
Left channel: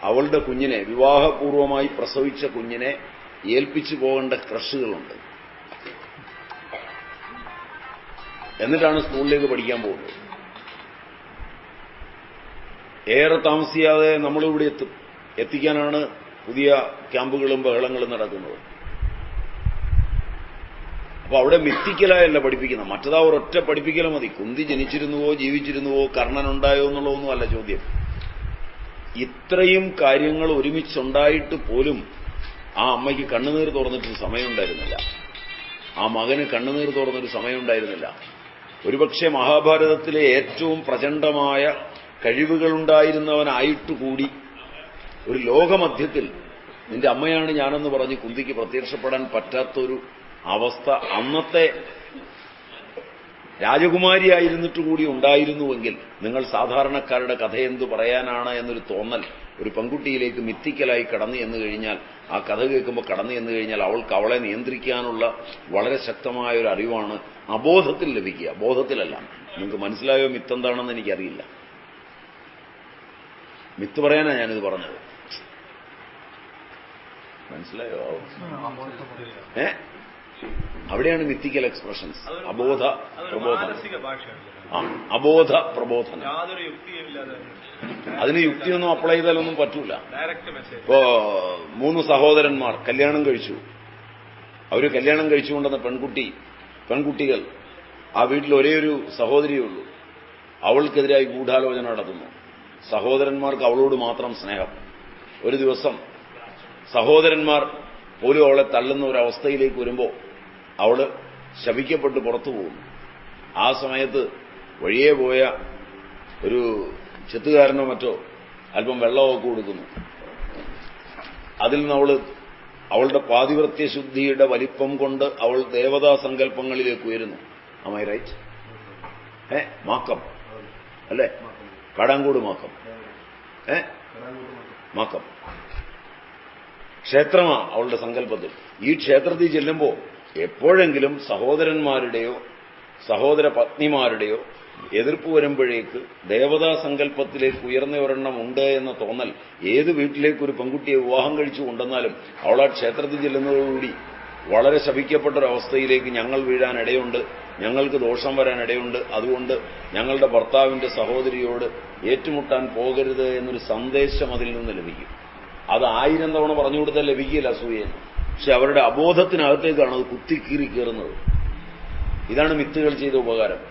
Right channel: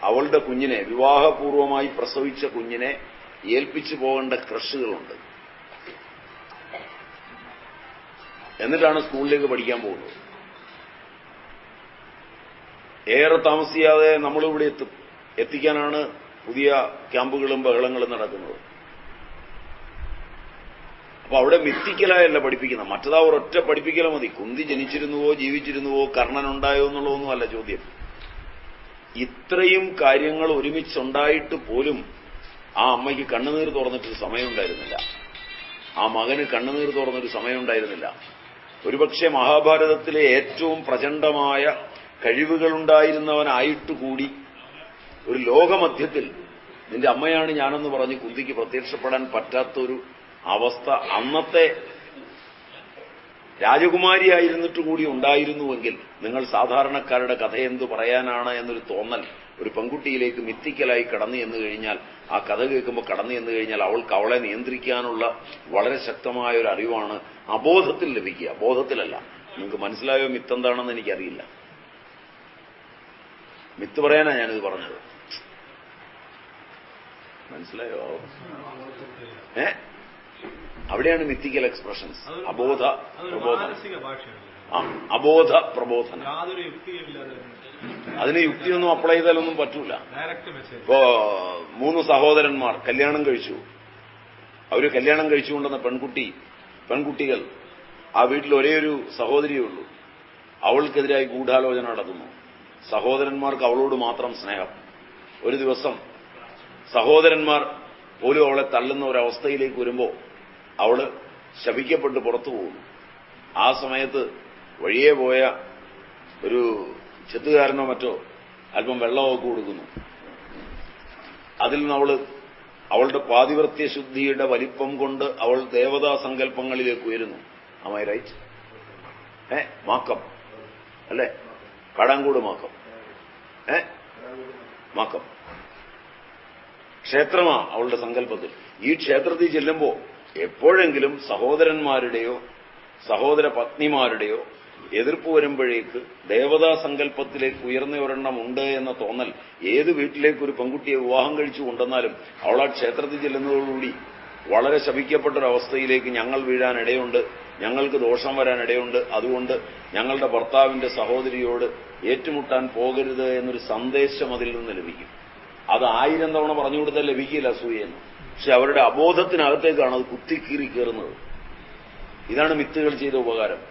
അവളുടെ കുഞ്ഞിനെ, വിവാഹപൂർവമായി പ്രസവിച്ച കുഞ്ഞിനെ ഏൽപ്പിച്ചു പോകേണ്ട ക്രഷുകളുണ്ട്. എന്നിട്ടാണ് സ്കൂളിലേക്ക് പഠിക്കാൻ പോകുന്നത്. ഏറെ താമസിയാതെ നമ്മളിവിടെ എത്തിക്കാനാണ് പുതിയ ക്യാമ്പുകളും ബഹളങ്ങളും നടക്കുന്നത്. അപ്പൊ അവിടെ മിത്തിക്കലായല്ല പഠിപ്പിക്കുന്നത്. മറ്റതാ ഒരൊറ്റ പഠിപ്പിക്കല മതി. കുന്തി ജനിച്ചിരുന്നുവോ ജീവിച്ചിരുന്നുവോ കർണനുണ്ടായോ എന്നുള്ളതൊന്നുമല്ല ചോദ്യം. ഇത്രയും കാര്യങ്ങൾ ഒരുമിച്ചുണ്ടായിട്ട് പോലും ആ അമ്മയ്ക്ക് കണ്ണുനീർ തുറന്നിട്ടൊരു സമയമുണ്ടായിരുന്നില്ല. ആ മകന് കണ്ണുനീർ തുറന്നൊരു സമയമുണ്ടായിരുന്നില്ല. ഒരുപക്ഷെ മഹാഭാരതത്തിലെ ഏറ്റവും പ്രചണ്ഡമായ കഴിവുകളുണ്ടായിരുന്നവനായിട്ടുകൂടി ഒരു ലോകമധ്യത്തിൽ നിന്റെ അമ്മയാണ് ഞാനെന്ന് പറഞ്ഞ് കുന്തിക്ക് പ്രത്യക്ഷപ്പെടാൻ പറ്റാത്തൊരു അവസ്ഥ അന്നത്തെ രാജകുമാരിയായിരുന്നിട്ട് കൂടി ഉണ്ടായിരുന്നുവെങ്കിൽ നിങ്ങൾ സാധാരണക്കാരുടെ കഥയെന്തു പറയാനാണ് എന്നൊരു തോന്നൽ ഒരു പെൺകുട്ടിയിലേക്ക് മിത്തിക്കലായി കടന്നു എന്ന് കഴിഞ്ഞാൽ, ആ കഥ കേൾക്കുമ്പോൾ കടന്നു എന്ന് കഴിഞ്ഞാൽ അവൾക്ക് അവളെ നിയന്ത്രിക്കാനുള്ള വളരെ ശക്തമായ ഒരു അറിവാണ് അബോധത്തിൽ ലഭിക്കുക, ബോധത്തിലല്ല. നിങ്ങൾക്ക് മനസ്സിലായോ മിത്തെന്താണെന്ന് എനിക്കറിയില്ല. മിത്ത് പറയാനാണ് ഞാനിത് പറഞ്ഞത്. മനസ്സിലായോ? അവിടെയാണ് മിത്തിക്കൽ എക്സ്പ്രഷൻ. അബോധ പ്രബോധനം. അബോധ പ്രബോധനം. അതിന് യുക്തിയൊന്നും അപ്ലൈ ചെയ്താലൊന്നും പറ്റൂല. ഇപ്പോ 3 സഹോദരന്മാർ കല്യാണം കഴിച്ചു. അവര് കല്യാണം കഴിച്ചുകൊണ്ടെന്ന പെൺകുട്ടികൾ ആ വീട്ടിൽ ഒരേ ഒരു സഹോദരിയേ ഉള്ളൂ. അവൾക്കെതിരായി ഗൂഢാലോചന നടത്തുന്നു. സഹോദരന്മാർക്ക് അവളോട് മാത്രം സ്നേഹം. ഒരു ദിവസം സഹോദരന്മാർ പോലും അവളെ തള്ളുന്ന ഒരവസ്ഥയിലേക്ക് വരുമ്പോൾ അവള് ശപിക്കപ്പെട്ട് പുറത്തു പോകുന്നു. ആ സമയത്ത് വഴിയെ പോയ ഒരു ചെത്തുകാരനോ മറ്റോ അല്പം വെള്ളമൊക്കെ കൊടുക്കുന്നു. അതിൽ നിന്ന് അവളുടെ പാതിവൃത്യശുദ്ധിയുടെ വലിപ്പം കൊണ്ട് അവൾ ദേവതാ സങ്കല്പങ്ങളിലേക്ക് ഉയരുന്നു. Am I right? മാക്കം അല്ലേ? കാടാങ്കോട് മാക്കം. മാക്കം ക്ഷേത്രമാ അവളുടെ സങ്കല്പത്തിൽ. ഈ ക്ഷേത്രത്തിൽ ചെല്ലുമ്പോൾ എപ്പോഴെങ്കിലും സഹോദരന്മാരുടെയോ സഹോദര പത്നിമാരുടെയോ എതിർപ്പ് വരുമ്പോഴേക്ക് ദേവതാ സങ്കല്പത്തിലേക്ക് ഉയർന്ന ഒരെണ്ണം ഉണ്ട് എന്ന തോന്നൽ ഏത് വീട്ടിലേക്ക് ഒരു പെൺകുട്ടിയെ വിവാഹം കഴിച്ചു കൊണ്ടെന്നാലും അവൾ ആ ക്ഷേത്രത്തിൽ ചെല്ലുന്നതോടുകൂടി വളരെ ശപിക്കപ്പെട്ടൊരവസ്ഥയിലേക്ക് ഞങ്ങൾ വീഴാനിടയുണ്ട്, ഞങ്ങൾക്ക് ദോഷം വരാനിടയുണ്ട്, അതുകൊണ്ട് ഞങ്ങളുടെ ഭർത്താവിന്റെ സഹോദരിയോട് ഏറ്റുമുട്ടാൻ പോകരുത് എന്നൊരു സന്ദേശം അതിൽ നിന്ന് ലഭിക്കും. അത് 1000 തവണ പറഞ്ഞു കൊടുത്താൽ ലഭിക്കില്ല അസൂയെന്ന്. പക്ഷെ അവരുടെ അബോധത്തിനകത്തേക്കാണ് അത് കുത്തിക്കീറി കയറുന്നത്. ഇതാണ് മിത്തുകൾ ചെയ്ത ഉപകാരം.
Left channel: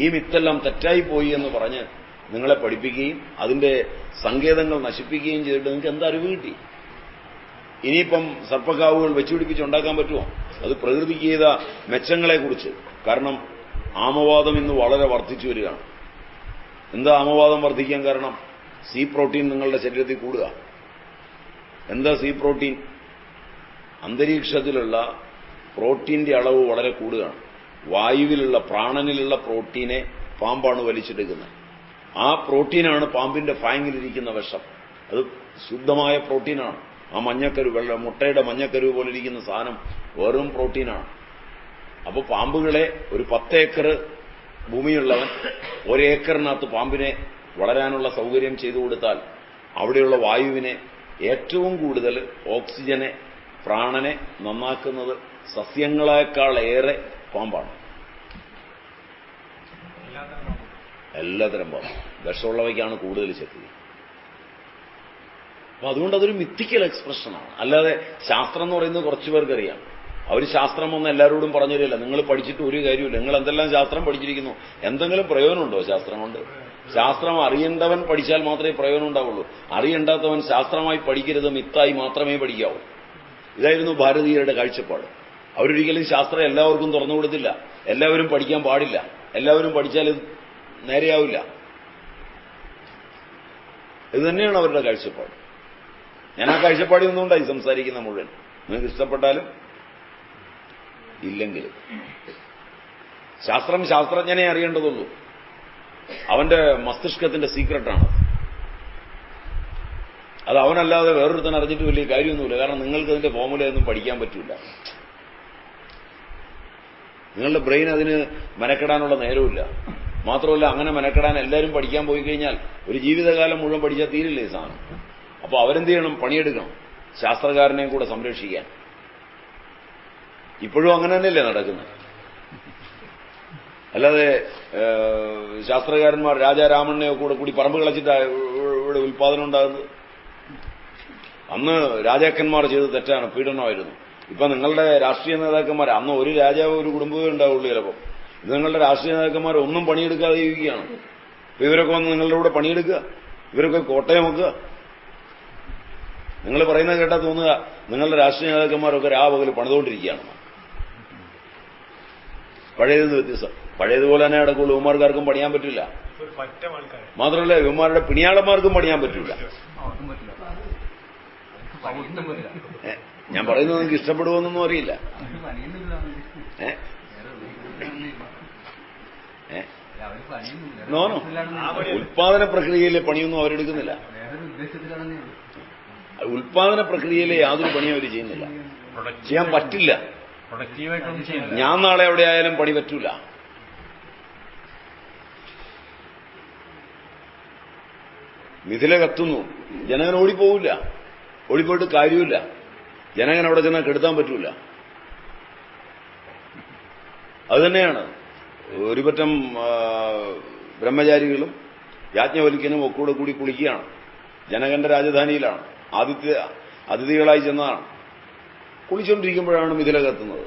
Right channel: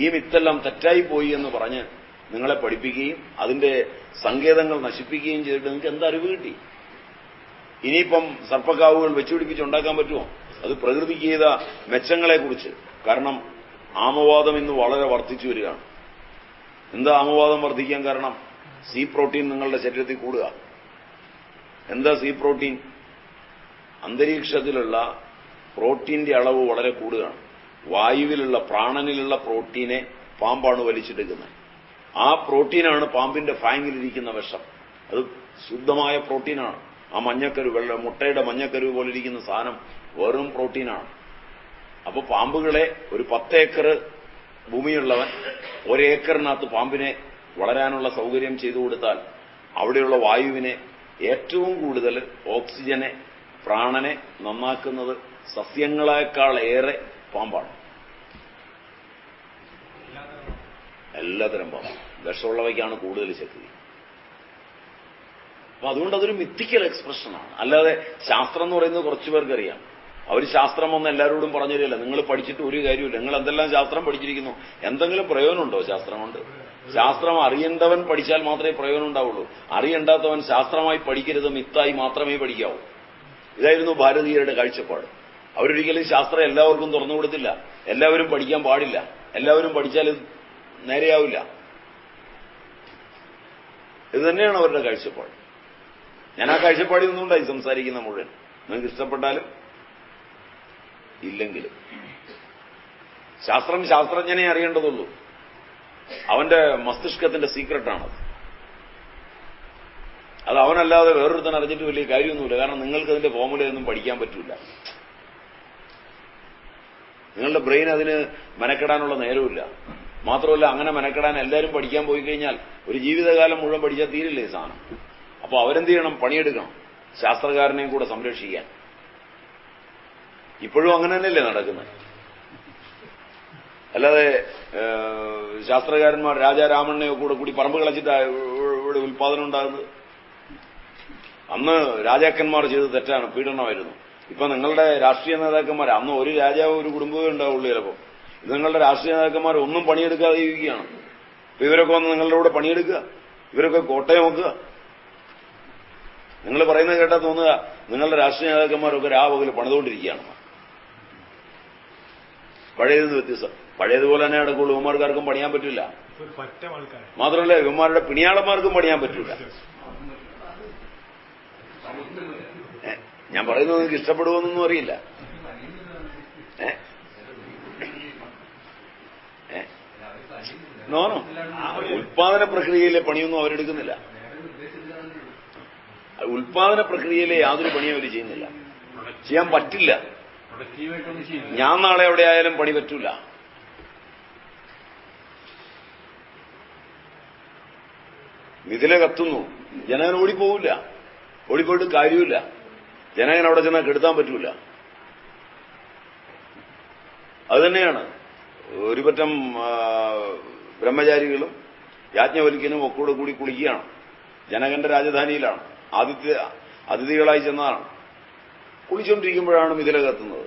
ഈ മിത്തെല്ലാം തെറ്റായി പോയി എന്ന് പറഞ്ഞ് നിങ്ങളെ പഠിപ്പിക്കുകയും അതിന്റെ സങ്കേതങ്ങൾ നശിപ്പിക്കുകയും ചെയ്തിട്ട് നിങ്ങൾക്ക് എന്താ അറിവ് കിട്ടി? ഇനിയിപ്പം സർപ്പക്കാവുകൾ വെച്ചുപിടിപ്പിച്ചുണ്ടാക്കാൻ പറ്റുമോ? അത് പ്രകൃതിക്ക് ചെയ്ത മെച്ചങ്ങളെക്കുറിച്ച്. കാരണം ആമവാദം ഇന്ന് വളരെ വർദ്ധിച്ചു വരികയാണ്. എന്താ ആമവാദം വർദ്ധിക്കാൻ കാരണം? സി പ്രോട്ടീൻ നിങ്ങളുടെ ശരീരത്തിൽ കൂടുക. എന്താ സി പ്രോട്ടീൻ? അന്തരീക്ഷത്തിലുള്ള പ്രോട്ടീന്റെ അളവ് വളരെ കൂടുകയാണ്. വായുവിലുള്ള പ്രാണനിലുള്ള പ്രോട്ടീനെ പാമ്പാണ് വലിച്ചെടുക്കുന്നത്. ആ പ്രോട്ടീനാണ് പാമ്പിന്റെ ഫാങ്ങിലിരിക്കുന്ന വിഷം. അത് ശുദ്ധമായ പ്രോട്ടീനാണ്. ആ മഞ്ഞക്കരു മുട്ടയുടെ മഞ്ഞക്കരു പോലെ ഇരിക്കുന്ന സാധനം വെറും പ്രോട്ടീനാണ്. അപ്പോൾ പാമ്പുകളെ ഒരു 10 ഏക്കർ ഭൂമിയുള്ളവൻ 1 ഏക്കറിനകത്ത് പാമ്പിനെ വളരാനുള്ള സൗകര്യം ചെയ്തു കൊടുത്താൽ അവിടെയുള്ള വായുവിനെ ഏറ്റവും കൂടുതൽ ഓക്സിജനെ പ്രാണനെ നന്നാക്കുന്നത് സസ്യങ്ങളെക്കാളേറെ പാമ്പാണ്. എല്ലാത്തരം പാമ്പ് വിഷമുള്ളവയ്ക്കാണ് കൂടുതൽ ശക്തി. അപ്പൊ അതുകൊണ്ട് അതൊരു മിത്തിക്കൽ എക്സ്പ്രഷനാണ്. അല്ലാതെ ശാസ്ത്രം എന്ന് പറയുന്നത് കുറച്ചു പേർക്കറിയാം. അവർ ശാസ്ത്രം ഒന്നും എല്ലാവരോടും പറഞ്ഞു തരില്ല. നിങ്ങൾ പഠിച്ചിട്ട് ഒരു കാര്യമില്ല. നിങ്ങൾ എന്തെല്ലാം ശാസ്ത്രം പഠിച്ചിരിക്കുന്നു, എന്തെങ്കിലും പ്രയോജനമുണ്ടോ ശാസ്ത്രം കൊണ്ട്? ശാസ്ത്രം അറിയേണ്ടവൻ പഠിച്ചാൽ മാത്രമേ പ്രയോജനം ഉണ്ടാവുള്ളൂ. അറിയണ്ടാത്തവൻ ശാസ്ത്രമായി പഠിക്കരുത്, മിത്തായി മാത്രമേ പഠിക്കാവൂ. ഇതായിരുന്നു ഭാരതീയരുടെ കാഴ്ചപ്പാട്. അവരൊരിക്കലും ശാസ്ത്രം എല്ലാവർക്കും തുറന്നു കൊടുത്തില്ല. എല്ലാവരും പഠിക്കാൻ പാടില്ല. എല്ലാവരും പഠിച്ചാൽ നേരെയാവില്ല. ഇത് തന്നെയാണ് അവരുടെ കാഴ്ചപ്പാട്. ഞാൻ ആ കാഴ്ചപ്പാടിൽ നിന്നുകൊണ്ടായി സംസാരിക്കുന്ന മുഴുവൻ. നിങ്ങൾക്ക് ഇഷ്ടപ്പെട്ടാലും ഇല്ലെങ്കിലും ശാസ്ത്രം ശാസ്ത്രജ്ഞനെ അറിയേണ്ടതുള്ളൂ. അവന്റെ മസ്തിഷ്കത്തിന്റെ സീക്രട്ടാണ്. അത് അവനല്ലാതെ വേറൊരുത്തൻ അറിഞ്ഞിട്ട് വലിയ കാര്യമൊന്നുമില്ല. കാരണം നിങ്ങൾക്ക് അതിന്റെ ഫോമുലയൊന്നും പഠിക്കാൻ പറ്റില്ല. നിങ്ങളുടെ ബ്രെയിൻ അതിന് മെനക്കെടാനുള്ള നേരമില്ല. മാത്രമല്ല, അങ്ങനെ മെനക്കെടാൻ എല്ലാവരും പഠിക്കാൻ പോയി കഴിഞ്ഞാൽ ഒരു ജീവിതകാലം മുഴുവൻ പഠിച്ചാൽ തീരില്ല ഈ സാധനം. അപ്പൊ അവരെന്ത് ചെയ്യണം? പണിയെടുക്കണം, ശാസ്ത്രകാരനെയും കൂടെ സംരക്ഷിക്കാൻ. ഇപ്പോഴും അങ്ങനെ തന്നെയല്ലേ നടക്കുന്നത്. അല്ലാതെ ശാസ്ത്രകാരന്മാർ രാജാരാമണ്ണയോ കൂടി പറമ്പ് കളച്ചിട്ട് ഇവിടെ ഉൽപാദനം ഉണ്ടാകുന്നത്. അന്ന് രാജാക്കന്മാർ ചെയ്ത് തെറ്റാണ്, പീഡനമായിരുന്നു. ഇപ്പൊ നിങ്ങളുടെ രാഷ്ട്രീയ നേതാക്കന്മാർ, അന്ന് ഒരു രാജാവ് ഒരു കുടുംബമേ ഉണ്ടാവുള്ളൂ ചിലപ്പോൾ. ഇത് നിങ്ങളുടെ രാഷ്ട്രീയ നേതാക്കന്മാർ ഒന്നും പണിയെടുക്കാതെ ജീവിക്കുകയാണ്. അപ്പൊ ഇവരൊക്കെ വന്ന് നിങ്ങളുടെ കൂടെ പണിയെടുക്കുക, ഇവരൊക്കെ കോട്ടയം വെക്കുക. നിങ്ങൾ പറയുന്നത് കേട്ടാൽ തോന്നുക നിങ്ങളുടെ രാഷ്ട്രീയ നേതാക്കന്മാരൊക്കെ രാപകൽ പണിതുകൊണ്ടിരിക്കുകയാണ്. പഴയതെന്ന് വ്യത്യസ്തം. പഴയതുപോലെ തന്നെ നടക്കുള്ളൂ. ഇവന്മാർക്കാർക്കും പണിയാൻ പറ്റില്ല. മാത്രമല്ല, ഇവന്മാരുടെ പിണിയാളന്മാർക്കും പണിയാൻ പറ്റില്ല. ഞാൻ പറയുന്നത് നിങ്ങൾക്ക് ഇഷ്ടപ്പെടുമെന്നൊന്നും അറിയില്ല. നോനോ, ഉൽപാദന പ്രക്രിയയിലെ പണിയൊന്നും അവരെടുക്കുന്നില്ല. ഉൽപാദന പ്രക്രിയയിലെ യാതൊരു പണിയും അവർ ചെയ്യുന്നില്ല. ചെയ്യാൻ പറ്റില്ല. ഞാൻ നാളെ എവിടെ ആയാലും പണി പറ്റൂല. മിഥില കത്തുന്നു, ജനകൻ ഓടിപ്പോവില്ല. ഓടിപ്പോയിട്ട് കാര്യമില്ല. ജനകൻ അവിടെ ചെന്നാൽ കെടുത്താൻ പറ്റൂല. അതുതന്നെയാണ് ഒരു പറ്റം ബ്രഹ്മചാരികളും യാജ്ഞവൽക്യനും ഒക്കെ കൂടി കുളിക്കുകയാണ്. ജനകന്റെ രാജധാനിയിലാണ്. അതിഥികളായി ചെന്നതാണ്. കുളിച്ചുകൊണ്ടിരിക്കുമ്പോഴാണ് മിഥില കത്തുന്നത്.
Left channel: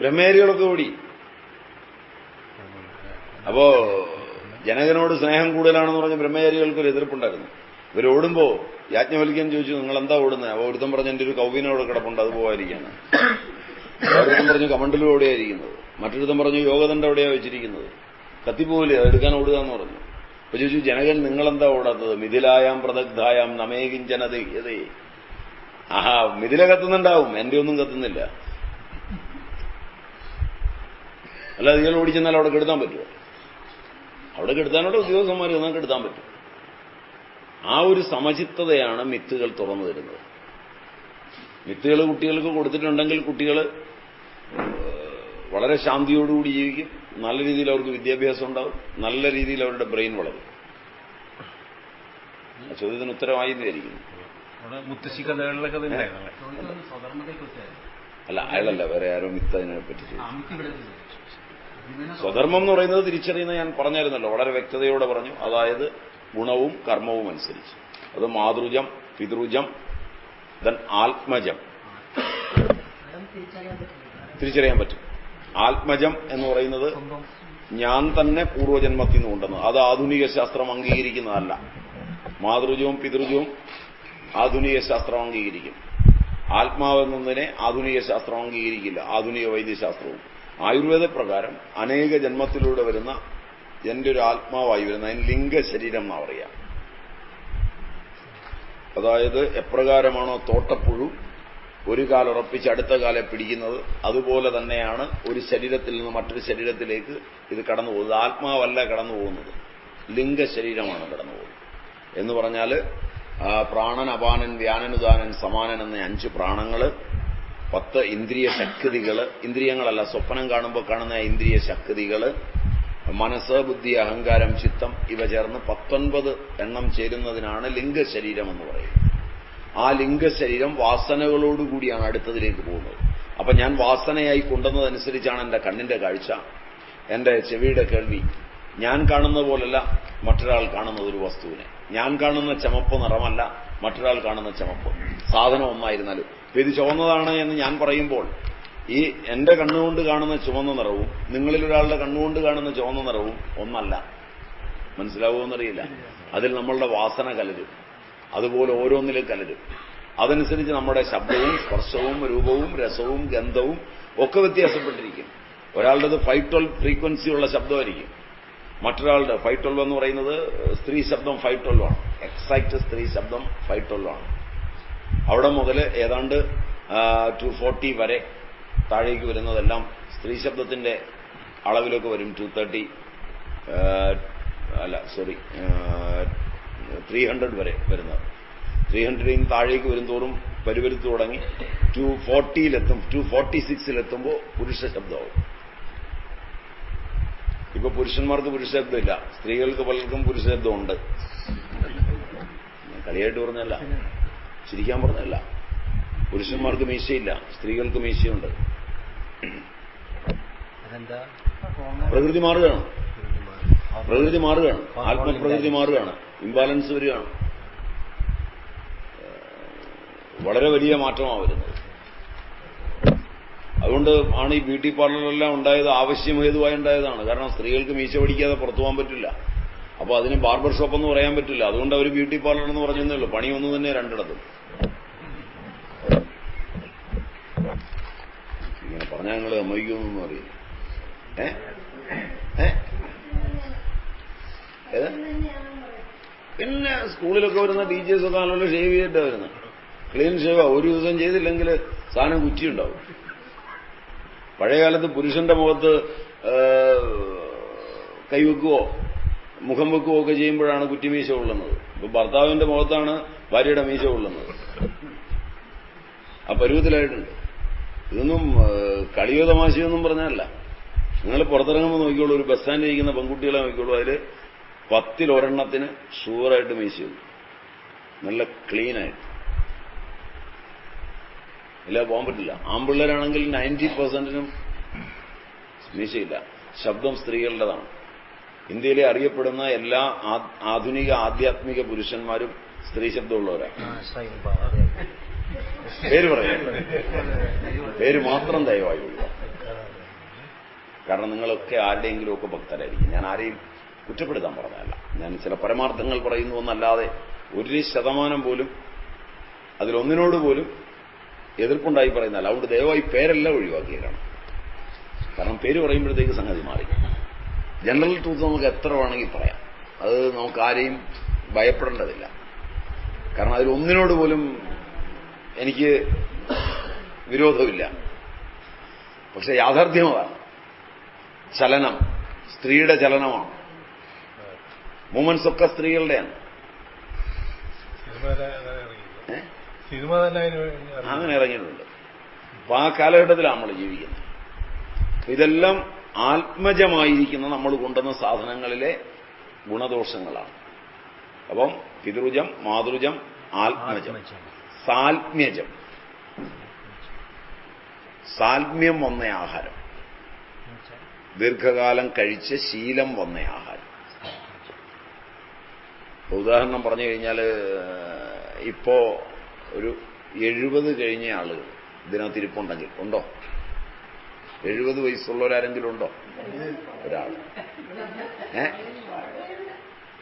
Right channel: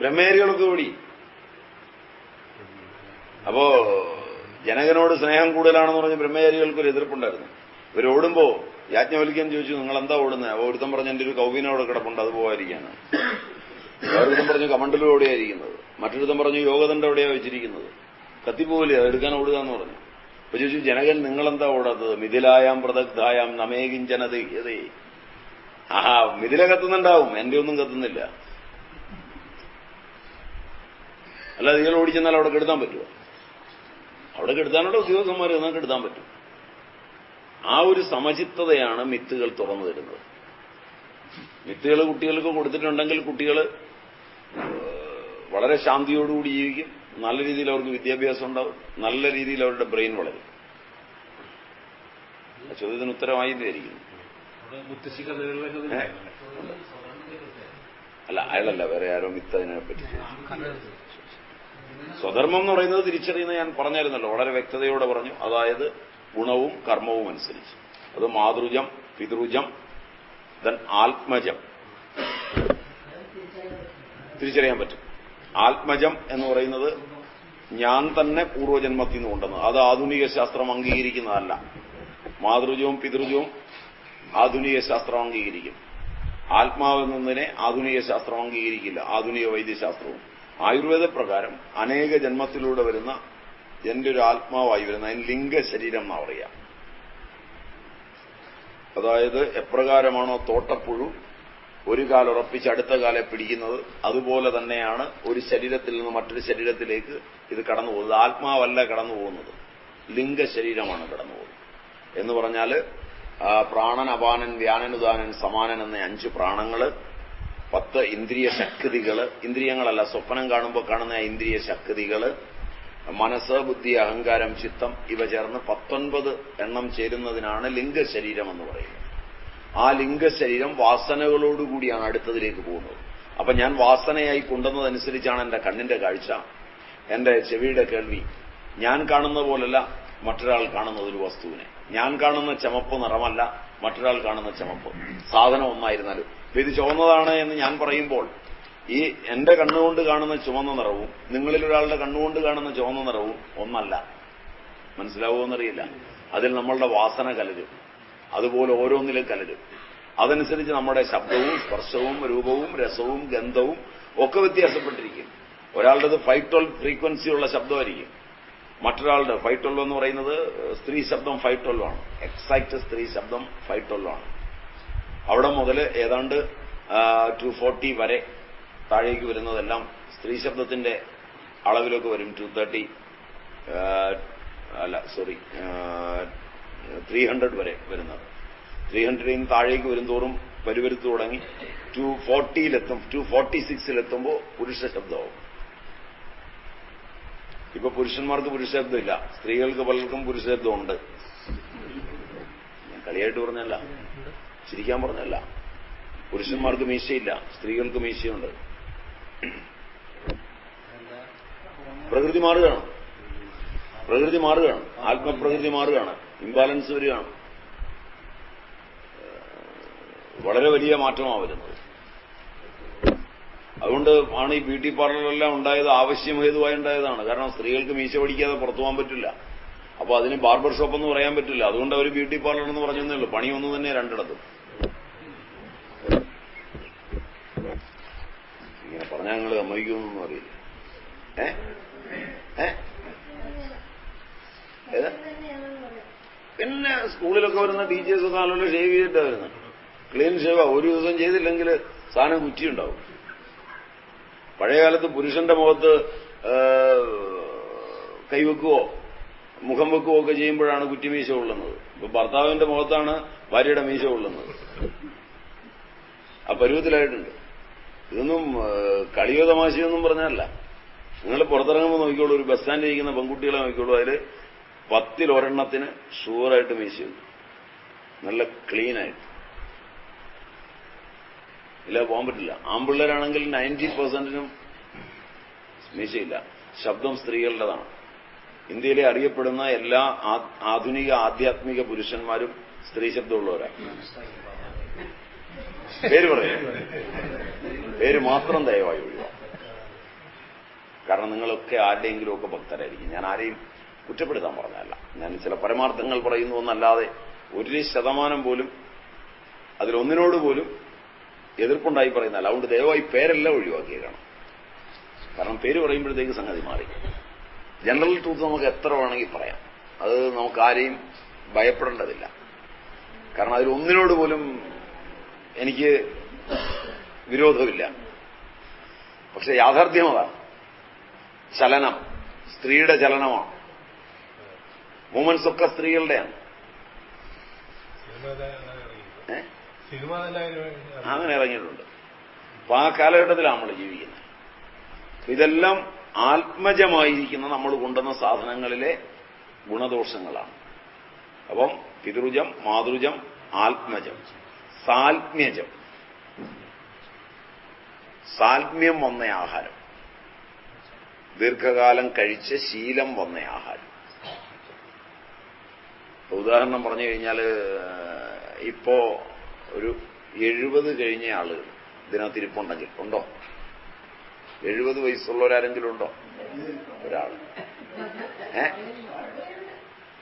ബ്രഹ്മചാരികളൊക്കെ ഓടി. അപ്പോ ജനകനോട് സ്നേഹം കൂടുതലാണെന്ന് പറഞ്ഞ് ബ്രഹ്മചാരികൾക്കൊരു എതിർപ്പുണ്ടായിരുന്നു. ഇവരോടുമ്പോ യാജ്ഞവൽക്യൻ ചോദിച്ചു, നിങ്ങൾ എന്താ ഓടുന്നത്? അപ്പോൾ ഒരുത്തം പറഞ്ഞ് എന്റെ ഒരു കൗവീനോടെ കിടപ്പുണ്ട്, അത് പോകാതിരിക്കാണ്. വേറൊരുത്തം പറഞ്ഞു കമണ്ടലും എവിടെയായിരിക്കുന്നത്. മറ്റൊരുത്തം പറഞ്ഞു യോഗദണ്ഡം എവിടെയാണ് വെച്ചിരിക്കുന്നത്, കത്തിപ്പോവില്ലേ, അതെടുക്കാൻ ഓടുക എന്ന് പറഞ്ഞു. അപ്പൊ ചോദിച്ചു, ജനകൻ നിങ്ങളെന്താ ഓടാത്തത്? മിഥിലായാം പ്രദഗ്ധായാം നമേകിഞ്ചനതേ. ആഹാ, മിഥില കത്തുന്നുണ്ടാവും, എന്റെ ഒന്നും കത്തുന്നില്ല. അല്ല, നിങ്ങൾ ഓടിച്ചെന്നാൽ അവിടെ കെടുത്താൻ പറ്റുമോ? അവിടെ കെടുത്താനുള്ള ഉദ്യോഗസ്ഥന്മാർ എന്നാൽ കെടുത്താൻ പറ്റും. ആ ഒരു സമചിത്തതയാണ് മിത്തുകൾ തുറന്നു തരുന്നത്. മിത്തുകൾ കുട്ടികൾക്ക് കൊടുത്തിട്ടുണ്ടെങ്കിൽ കുട്ടികൾ വളരെ ശാന്തിയോടുകൂടി ജീവിക്കും. നല്ല രീതിയിൽ അവർക്ക് വിദ്യാഭ്യാസം ഉണ്ടാവും. നല്ല രീതിയിൽ അവരുടെ ബ്രെയിൻ വളരും. ആ ചോദ്യത്തിന് ഉത്തരമായി വിചാരിക്കുന്നു. അല്ല, അയാളല്ല, വേറെ ആരോ മിത്ത് അതിനെ പറ്റി ചോദിച്ചു. സ്വധർമ്മം എന്ന് പറയുന്നത് തിരിച്ചറിയുന്നത് ഞാൻ പറഞ്ഞായിരുന്നല്ലോ, വളരെ വ്യക്തതയോടെ പറഞ്ഞു. അതായത് ഗുണവും കർമ്മവും അനുസരിച്ച്. അത് മാതൃജം, പിതൃജം, ദെൻ ആത്മജം. തിരിച്ചറിയാൻ പറ്റും. ആത്മജം എന്ന് പറയുന്നത് ഞാൻ തന്നെ പൂർവ്വജന്മത്തിൽ നിന്ന് കൊണ്ടുവന്നത്. അത് ആധുനിക ശാസ്ത്രം അംഗീകരിക്കുന്നതല്ല. മാതൃജവും പിതൃജവും ആധുനിക ശാസ്ത്രം അംഗീകരിക്കും. ആത്മാവെന്നതിനെ ആധുനിക ശാസ്ത്രം അംഗീകരിക്കില്ല, ആധുനിക വൈദ്യശാസ്ത്രവും. ആയുർവേദ പ്രകാരം അനേക ജന്മത്തിലൂടെ വരുന്ന എന്റെ ഒരു ആത്മാവായി വരുന്ന അതിന് ലിംഗശരീരം എന്നാ പറയുക. അതായത് എപ്രകാരമാണോ തോട്ടപ്പുഴു ഒരു കാലുറപ്പിച്ച് അടുത്ത കാലെ പിടിക്കുന്നത്, അതുപോലെ തന്നെയാണ് ഒരു ശരീരത്തിൽ നിന്ന് മറ്റൊരു ശരീരത്തിലേക്ക് ഇത് കടന്നു പോകുന്നത്. ആത്മാവല്ല കടന്നു പോകുന്നത്, ലിംഗശരീരമാണ് കടന്നു പോകുന്നത്. എന്ന് പറഞ്ഞാൽ പ്രാണൻ, അപാനൻ, വ്യാനനുദാനൻ, സമാനൻ എന്ന 5 പ്രാണങ്ങള്, 10 ഇന്ദ്രിയ ശക്തികള്, ഇന്ദ്രിയങ്ങളല്ല സ്വപ്നം കാണുമ്പോൾ കാണുന്ന ഇന്ദ്രിയ ശക്തികള്, മനസ്സ്, ബുദ്ധി, അഹങ്കാരം, ചിത്തം ഇവ ചേർന്ന് 19 എണ്ണം ചേരുന്നതിനാണ് ലിംഗശരീരം എന്ന് പറയുന്നത്. ആ ലിംഗശരീരം വാസനകളോടുകൂടിയാണ് അടുത്തതിലേക്ക് പോകുന്നത്. അപ്പൊ ഞാൻ വാസനയായി കൊണ്ടുവന്നതനുസരിച്ചാണ് എന്റെ കണ്ണിന്റെ കാഴ്ച, എന്റെ ചെവിയുടെ കേൾവി. ഞാൻ കാണുന്ന പോലല്ല മറ്റൊരാൾ കാണുന്നത് ഒരു വസ്തുവിനെ. ഞാൻ കാണുന്ന ചുമപ്പ് നിറമല്ല മറ്റൊരാൾ കാണുന്ന ചുമപ്പ്. സാധനം ഒന്നായിരുന്നാലും ഇത് ചുവന്നതാണ് എന്ന് ഞാൻ പറയുമ്പോൾ ഈ എന്റെ കണ്ണുകൊണ്ട് കാണുന്ന ചുവന്ന നിറവും നിങ്ങളിൽ ഒരാളുടെ കണ്ണുകൊണ്ട് കാണുന്ന ചുവന്ന നിറവും ഒന്നല്ല. മനസ്സിലാവുമെന്നറിയില്ല. അതിൽ നമ്മളുടെ വാസന കലരും, അതുപോലെ ഓരോന്നിലും കലരും. അതനുസരിച്ച് നമ്മുടെ ശബ്ദവും സ്പർശവും രൂപവും രസവും ഗന്ധവും ഒക്കെ വ്യത്യാസപ്പെട്ടിരിക്കും. ഒരാളുടേത് 512 ഫ്രീക്വൻസിയുള്ള ശബ്ദമായിരിക്കും, മറ്റൊരാളുടെ 512 എന്ന് പറയുന്നത് സ്ത്രീ ശബ്ദം 512 ആണ്. എക്സാക്ട് സ്ത്രീ ശബ്ദം 512 ആണ്. അവിടെ മുതൽ ഏതാണ്ട് 240 വരെ താഴേക്ക് വരുന്നതെല്ലാം സ്ത്രീ ശബ്ദത്തിന്റെ അളവിലൊക്കെ വരും. 230 300 വരെ വരുന്നത്. 300 താഴേക്ക് വരും തോറും പരിവരുത്തു തുടങ്ങി 240-ലെത്തും. 246-ലെത്തുമ്പോൾ പുരുഷ ശബ്ദമാവും. ഇപ്പൊ പുരുഷന്മാർക്ക് പുരുഷ ശബ്ദമില്ല, സ്ത്രീകൾക്ക് പലർക്കും പുരുഷ ശബ്ദമുണ്ട്. ഞാൻ കളിയായിട്ട് പറഞ്ഞല്ല, ചിരിക്കാൻ പറഞ്ഞല്ല. പുരുഷന്മാർക്ക് മീശയില്ല, സ്ത്രീകൾക്ക് മീശയുണ്ട്. പ്രകൃതി മാറുകയാണ്, പ്രകൃതി മാറുകയാണ്, ആത്മപ്രകൃതി മാറുകയാണ്, ഇംബാലൻസ് വരികയാണ്. വളരെ വലിയ മാറ്റമാണ് വരുന്നത്. അതുകൊണ്ട് ആണ് ഈ ബ്യൂട്ടി പാർലറെല്ലാം ഉണ്ടായത്, ആവശ്യമേതുവായി ഉണ്ടായതാണ്. കാരണം സ്ത്രീകൾക്ക് മീശ പഠിക്കാതെ പുറത്തു പോകാൻ പറ്റില്ല. അപ്പോൾ അതിന് ബാർബർ ഷോപ്പ് എന്ന് പറയാൻ പറ്റില്ല. അതുകൊണ്ട് അവർ ബ്യൂട്ടി പാർലർ എന്ന് പറഞ്ഞതേ ഉള്ളൂ. പണി ഒന്നു തന്നെ രണ്ടിടത്തും. ഇങ്ങനെ പറഞ്ഞാൽ നിങ്ങൾ സമ്മതിക്കുമെന്നൊന്നും അറിയില്ല. പിന്നെ സ്കൂളിലൊക്കെ വരുന്ന ടീച്ചേഴ്സൊക്കെ നല്ല ഷേവ് ചെയ്തിട്ടാണ് വരുന്നത്. ക്ലീൻ ഷേവാ. ഒരു ദിവസം ചെയ്തില്ലെങ്കിൽ സാധനം കുറ്റിയുണ്ടാവും. പഴയകാലത്ത് പുരുഷന്റെ മുഖത്ത് കൈവെക്കുകയോ മുഖം വെക്കുകയോ ഒക്കെ ചെയ്യുമ്പോഴാണ് കുറ്റിമീശ കൊള്ളുന്നത്. ഇപ്പൊ ഭർത്താവിന്റെ മുഖത്താണ് ഭാര്യയുടെ മീശ കൊള്ളുന്നത്. ആ പരുവത്തിലായിട്ടുണ്ട്. ഇതൊന്നും കളിയോ തമാശയൊന്നും പറഞ്ഞല്ല. നിങ്ങൾ പുറത്തിറങ്ങുമ്പോൾ നോക്കിക്കോളൂ, ഒരു ബസ് സ്റ്റാൻഡിൽ ഇരിക്കുന്ന പെൺകുട്ടികളെ നോക്കിക്കോളൂ, അതിൽ 10-ൽ ഒരെണ്ണത്തിന് ഷുവറായിട്ട് മീശയുണ്ട്, നല്ല ക്ലീനായിട്ട്. ഇല്ല, പോകാൻ പറ്റില്ല. ആൺപിള്ളേരാണെങ്കിൽ 90%-നും മീശയില്ല. ശബ്ദം സ്ത്രീകളുടേതാണ്. ഇന്ത്യയിലെ അറിയപ്പെടുന്ന എല്ലാ ആധുനിക ആധ്യാത്മിക പുരുഷന്മാരും സ്ത്രീ ശബ്ദമുള്ളവരാണ്. പേര് പറയാം, പേര് മാത്രം ദയവായി ഒഴിവാ. കാരണം നിങ്ങളൊക്കെ ആരുടെയെങ്കിലും ഒക്കെ ഭക്തരായിരിക്കും. ഞാൻ ആരെയും കുറ്റപ്പെടുത്താൻ പറഞ്ഞതല്ല. ഞാൻ ചില പരമാർത്ഥങ്ങൾ പറയുന്നു എന്നല്ലാതെ 1% പോലും അതിലൊന്നിനോട് പോലും എതിർപ്പുണ്ടായി പറയുന്നതല്ല. അതുകൊണ്ട് ദയവായി പേരെല്ലാം ഒഴിവാക്കിയേക്കാണ്. കാരണം പേര് പറയുമ്പോഴത്തേക്ക് സംഗതി മാറി. ജനറൽ ട്രൂത്ത് നമുക്ക് എത്ര വേണമെങ്കിൽ പറയാം. അത് നമുക്ക് ആരെയും ഭയപ്പെടേണ്ടതില്ല. കാരണം അതിലൊന്നിനോട് പോലും എനിക്ക് വിരോധമില്ല. പക്ഷെ യാഥാർത്ഥ്യം അതാണ്. ചലനം സ്ത്രീയുടെ ചലനമാണ്. മൂവ്മെന്റ്സ് ഒക്കെ സ്ത്രീകളുടെയാണ്. അങ്ങനെ ഇറങ്ങിയിട്ടുണ്ട്. അപ്പൊ ആ കാലഘട്ടത്തിലാണ് നമ്മൾ ജീവിക്കുന്നത്. ഇതെല്ലാം ആത്മജമായിരിക്കുന്ന നമ്മൾ കൊണ്ടുവന്ന സാധനങ്ങളിലെ ഗുണദോഷങ്ങളാണ്. അപ്പം പിതൃജം, മാതൃജം, ആത്മജം, സാൽമ്യജം. സാൽമ്യം വന്ന ആഹാരം, ദീർഘകാലം കഴിച്ച് ശീലം വന്ന ആഹാരം. ഉദാഹരണം പറഞ്ഞു കഴിഞ്ഞാൽ ഇപ്പോ ഒരു 70 കഴിഞ്ഞ ആളുകൾ ഇതിനകത്ത് ഇരിപ്പുണ്ടെങ്കിൽ ഉണ്ടോ? 70 വയസ്സുള്ളവരാരെങ്കിലും ഉണ്ടോ? ഒരാൾ.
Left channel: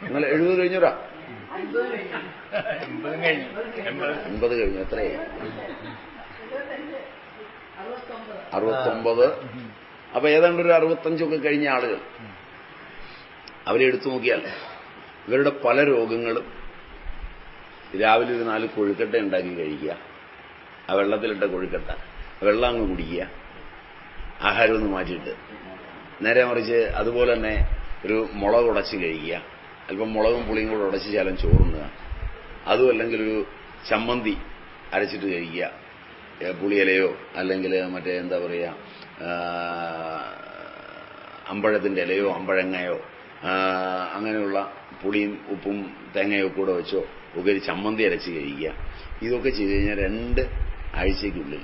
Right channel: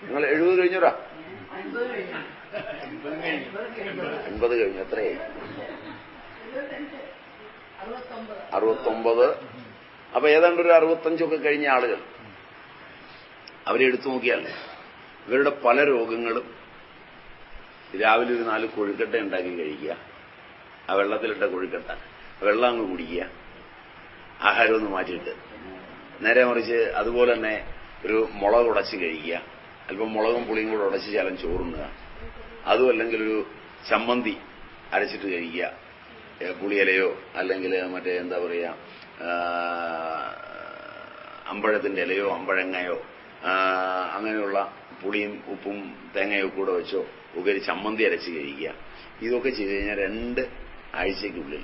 നിങ്ങൾ 70 കഴിഞ്ഞോടാ? 80 കഴിഞ്ഞു. എത്രയായി? 69. അപ്പൊ ഏതാണ്ട് ഒരു 65 കഴിഞ്ഞ ആളുകൾ അവരെ എടുത്തു നോക്കിയാൽ ഇവരുടെ പല രോഗങ്ങളും രാവിലെ ഒരു 4 കൊഴുക്കട്ട ഉണ്ടാക്കി കഴിക്കുക, ആ വെള്ളത്തിലിട്ട കൊഴുക്കട്ട, വെള്ളം അങ്ങ് കുടിക്കുക, ആഹാരം ഒന്ന് മാറ്റിയിട്ട്. നേരെ മറിച്ച് അതുപോലെ തന്നെ ഒരു മുളക് ഉടച്ച് കഴിക്കുക, അല്പം മുളകും പുളിയും കൂടെ ഉടച്ച് ശാലം ചോറുണ്ണുക, അതും അല്ലെങ്കിൽ ഒരു ചമ്മന്തി അരച്ചിട്ട് കഴിക്കുക, പുളിയിലയോ അല്ലെങ്കിൽ മറ്റേ എന്താ പറയുക അമ്പഴത്തിന്റെ ഇലയോ അമ്പഴങ്ങയോ അങ്ങനെയുള്ള പുളിയും ഉപ്പും തേങ്ങയോ കൂടെ വെച്ചോ ഒക്കെ ഒരു ചമ്മന്തി അരച്ച് കഴിക്കുക. ഇതൊക്കെ ചെയ്തു കഴിഞ്ഞാൽ 2 ആഴ്ചയ്ക്കുള്ളിൽ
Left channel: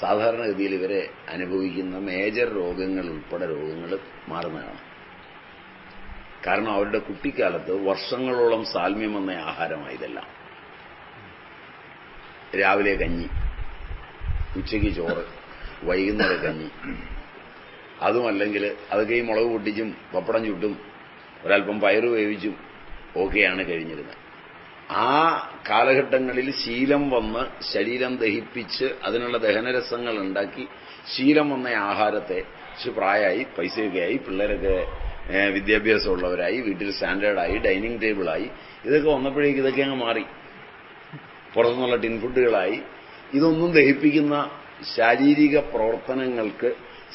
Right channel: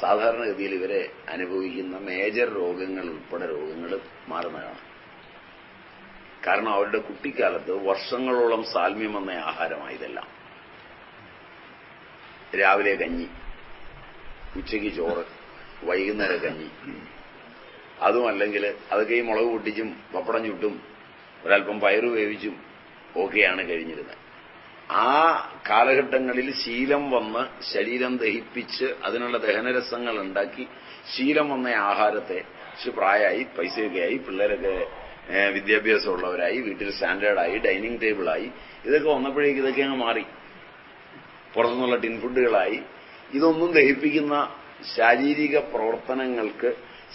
സാധാരണഗതിയിൽ ഇവരെ അനുഭവിക്കുന്ന മേജർ രോഗങ്ങൾ ഉൾപ്പെടെ രോഗങ്ങൾ മാറുന്നതാണ്. കാരണം അവരുടെ കുട്ടിക്കാലത്ത് വർഷങ്ങളോളം സാൽമ്യം വന്ന ആഹാരമായതെല്ലാം. രാവിലെ കഞ്ഞി, ഉച്ചയ്ക്ക് ചോറ്, വൈകുന്നേരം കഞ്ഞി, അതും അല്ലെങ്കിൽ അതൊക്കെ ഈ മുളക് പൊട്ടിച്ചും പപ്പടം ചുട്ടും ഒരൽപ്പം പയറ് വേവിച്ചും ഒക്കെയാണ് കഴിഞ്ഞിരുന്നത്. ആ കാലഘട്ടങ്ങളിൽ ശീലം വന്ന് ശരീരം ദഹിപ്പിച്ച് അതിനുള്ള ദഹനരസങ്ങൾ ഉണ്ടാക്കി ശീലം വന്ന ആഹാരത്തെ പ്രായമായി, പൈസയൊക്കെയായി, പിള്ളേരൊക്കെ വിദ്യാഭ്യാസമുള്ളവരായി, വീട്ടിൽ സ്റ്റാൻഡേർഡായി, ഡൈനിങ് ടേബിളായി, ഇതൊക്കെ വന്നപ്പോഴേക്ക് ഇതൊക്കെ അങ്ങ് മാറി. പുറത്തുനിന്നുള്ള ടിൻ ഫുഡുകളായി. ഇതൊന്നും ദഹിപ്പിക്കുന്ന ശാരീരിക പ്രവർത്തനങ്ങൾക്ക്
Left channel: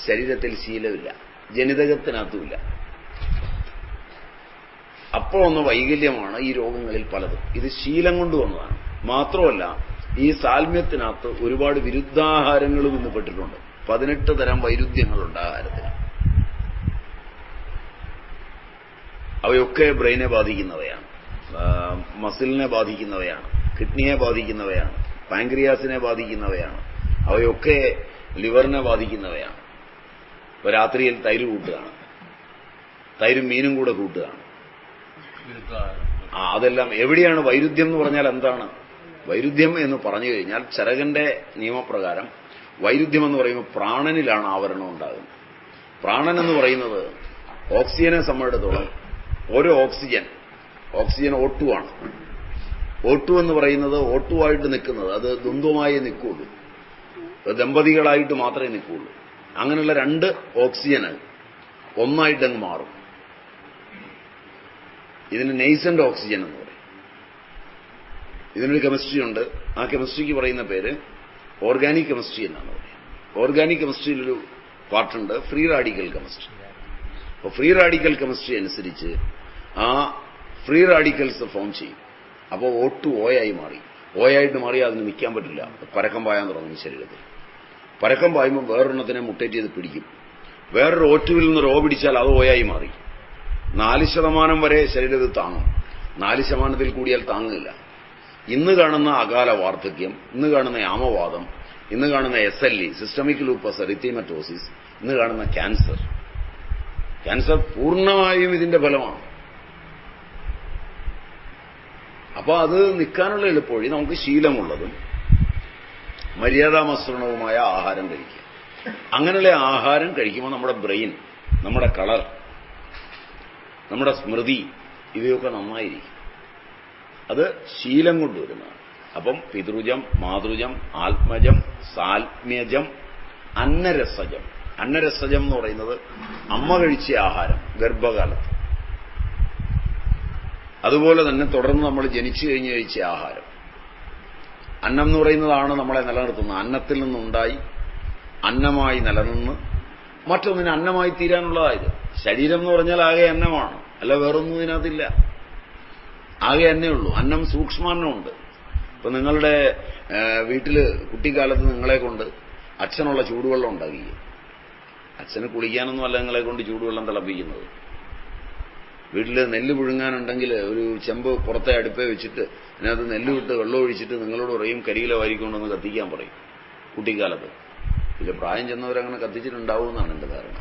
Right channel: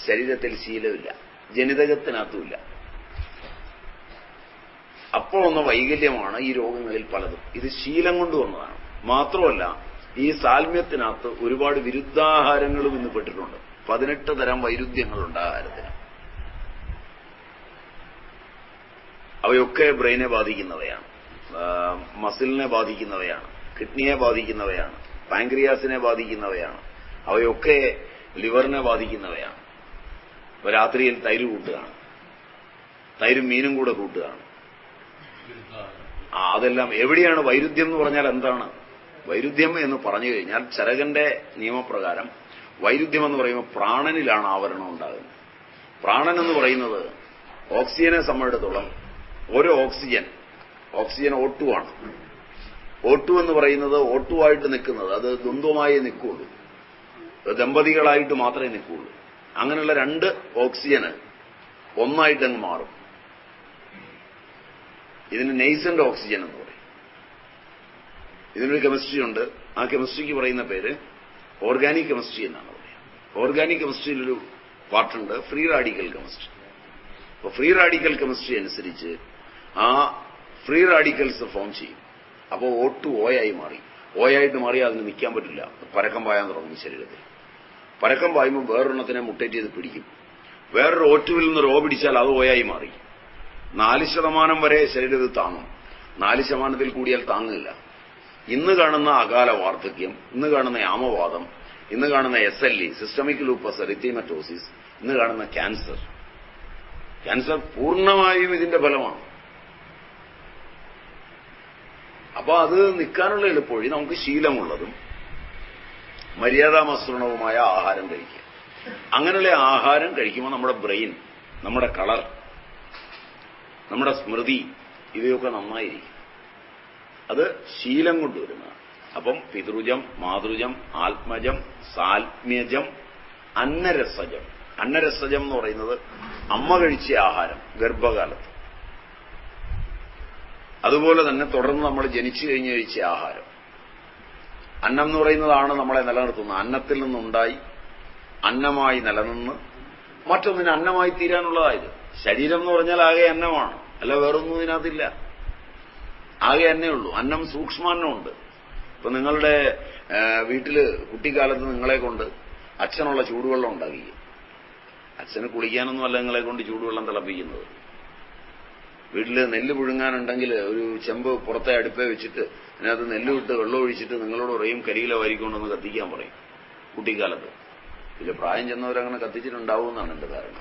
ശരീരത്തിൽ ശീലമില്ല, ജനിതകത്തിനകത്തുമില്ല. അപ്പോൾ വന്ന വൈകല്യമാണ് ഈ രോഗങ്ങളിൽ പലതും. ഇത് ശീലം കൊണ്ടുവന്നതാണ്. മാത്രമല്ല ഈ സാൽമ്യത്തിനകത്ത് ഒരുപാട് വിരുദ്ധാഹാരങ്ങളും ഇന്ന് പെട്ടിട്ടുണ്ട്. 18 തരം വൈരുദ്ധ്യങ്ങളുണ്ട് ആഹാരത്തിന്. അവയൊക്കെ ബ്രെയിനെ ബാധിക്കുന്നവയാണ്, മസിലിനെ ബാധിക്കുന്നവയാണ്, കിഡ്നിയെ ബാധിക്കുന്നവയാണ്, പാൻക്രിയാസിനെ ബാധിക്കുന്നവയാണ്, അവയൊക്കെ ലിവറിനെ ബാധിക്കുന്നവയാണ്. ഇപ്പൊ രാത്രിയിൽ തൈര് കൂട്ടുകയാണ്, തൈരും മീനും കൂടെ കൂട്ടുകയാണ്. അതെല്ലാം എവിടെയാണ് വൈരുദ്ധ്യം എന്ന് പറഞ്ഞാൽ എന്താണ്? വൈരുദ്ധ്യം എന്ന് പറഞ്ഞു കഴിഞ്ഞാൽ ചരകന്റെ നിയമപ്രകാരം വൈരുദ്ധ്യം എന്ന് പറയുമ്പോൾ പ്രാണനിലാണ് ആവരണം ഉണ്ടാകുന്നത്. പ്രാണൻ എന്ന് പറയുന്നത് ഓക്സിജനെ സംബന്ധിച്ചിടത്തോളം ഓരോ ഓക്സിജൻ O2 ആണ്. O2 എന്ന് പറയുന്നത് O2 ആയിട്ട് നിൽക്കുന്നത് അത് ദ്വന്ദ്വമായേ നിൽക്കുള്ളൂ, ദമ്പതികളായിട്ട് മാത്രമേ നിൽക്കുള്ളൂ. അങ്ങനെയുള്ള 2 ഓക്സിജന് ഒന്നായിട്ടങ്ങ് മാറും. ഇതിന് നെയ്സന്റ് ഓക്സിജൻ എന്ന് പറയും. ഇതിനൊരു കെമിസ്ട്രി ഉണ്ട്. ആ കെമിസ്ട്രിക്ക് പറയുന്ന പേര് ഓർഗാനിക് കെമിസ്ട്രി എന്നാണ് പറയുക. ഓർഗാനിക് കെമിസ്ട്രിയിലൊരു പാർട്ടുണ്ട് ഫ്രീ റാഡിക്കൽ കെമിസ്ട്രി. അപ്പോൾ ഫ്രീ റാഡിക്കൽ കെമിസ്ട്രി അനുസരിച്ച് ആ ഫ്രീ റാഡിക്കൽസ് ഫോം ചെയ്യും. അപ്പോൾ O2 ഓയായി മാറി. ഓയായിട്ട് മാറി അതിന് നിൽക്കാൻ പറ്റില്ല, പരക്കം പായാൻ തുടങ്ങും ശരീരത്തിൽ. പരക്കം പായുമ്പോൾ വേറൊരെണ്ണത്തിനെ മുട്ടേറ്റ് ചെയ്ത് പിടിക്കും. വേറൊരു O2വിൽ നിന്ന് റോ പിടിച്ചാൽ അത് ഓയായി മാറി. 4% വരെ ശരീരത്തിൽ താങ്ങും, 4% കൂടിയാൽ താങ്ങില്ല. ഇന്ന് കാണുന്ന അകാല വാർദ്ധക്യം, ഇന്ന് കാണുന്ന ആമവാദം, ഇന്ന് കാണുന്ന SLE സിസ്റ്റമിക് ലൂപ്പസ് എറിത്തീമറ്റോസിസ്, ഇന്ന് കാണുന്ന ക്യാൻസർ പൂർണ്ണമായും ഇതിന്റെ ഫലമാണ്. അപ്പൊ അത് നിൽക്കാനുള്ള എളുപ്പവഴി നമുക്ക് ശീലമുള്ളതും മര്യാദാമസൃണവുമായ ആഹാരം കഴിക്കുക. അങ്ങനെയുള്ള ആഹാരം കഴിക്കുമ്പോൾ നമ്മുടെ ബ്രെയിൻ, നമ്മുടെ കളർ, നമ്മുടെ സ്മൃതി ഇവയൊക്കെ നന്നായിരിക്കും. അത് ശീലം കൊണ്ടുവരുന്നതാണ്. അപ്പം പിതൃജം, മാതൃജം, ആത്മജം, സാൽമ്യജം, അന്നരസജം. അന്നരസജം എന്ന് പറയുന്നത് അമ്മ കഴിച്ച ആഹാരം ഗർഭകാലത്ത്, അതുപോലെ തന്നെ തുടർന്ന് നമ്മൾ ജനിച്ചു കഴിഞ്ഞ് കഴിച്ച ആഹാരം. അന്നം എന്ന് പറയുന്നതാണ് നമ്മളെ നിലനിർത്തുന്നത്. അന്നത്തിൽ നിന്നുണ്ടായി അന്നമായി നിലനിന്ന് മറ്റൊന്നിന് അന്നമായി തീരാനുള്ളതായത്. ശരീരം എന്ന് പറഞ്ഞാൽ ആകെ അന്നമാണ്, അല്ല വേറൊന്നും ഇതിനകത്തില്ല. ആകെ അന്നേ ഉള്ളൂ. അന്നം സൂക്ഷ്മാന്നമുണ്ട്. ഇപ്പൊ നിങ്ങളുടെ വീട്ടില് കുട്ടിക്കാലത്ത് നിങ്ങളെ കൊണ്ട് അച്ഛനുള്ള ചൂടുവെള്ളം ഉണ്ടാക്കി. അച്ഛന് കുളിക്കാനൊന്നും അല്ല നിങ്ങളെ കൊണ്ട് ചൂടുവെള്ളം തിളപ്പിക്കുന്നത്. വീട്ടില് നെല്ല് പുഴുങ്ങാനുണ്ടെങ്കിൽ ഒരു ചെമ്പ് പുറത്തെ അടുപ്പേ വെച്ചിട്ട് അതിനകത്ത് നെല്ല് വിട്ട് വെള്ളം ഒഴിച്ചിട്ട് നിങ്ങളോട് പറയും കരിയില വാരിക്കൊണ്ടൊന്ന് കത്തിക്കാൻ പറയും കുട്ടിക്കാലത്ത്. ഇതിൽ പ്രായം ചെന്നവരങ്ങനെ കത്തിച്ചിട്ടുണ്ടാവുമെന്നാണ് എന്റെ ധാരണ.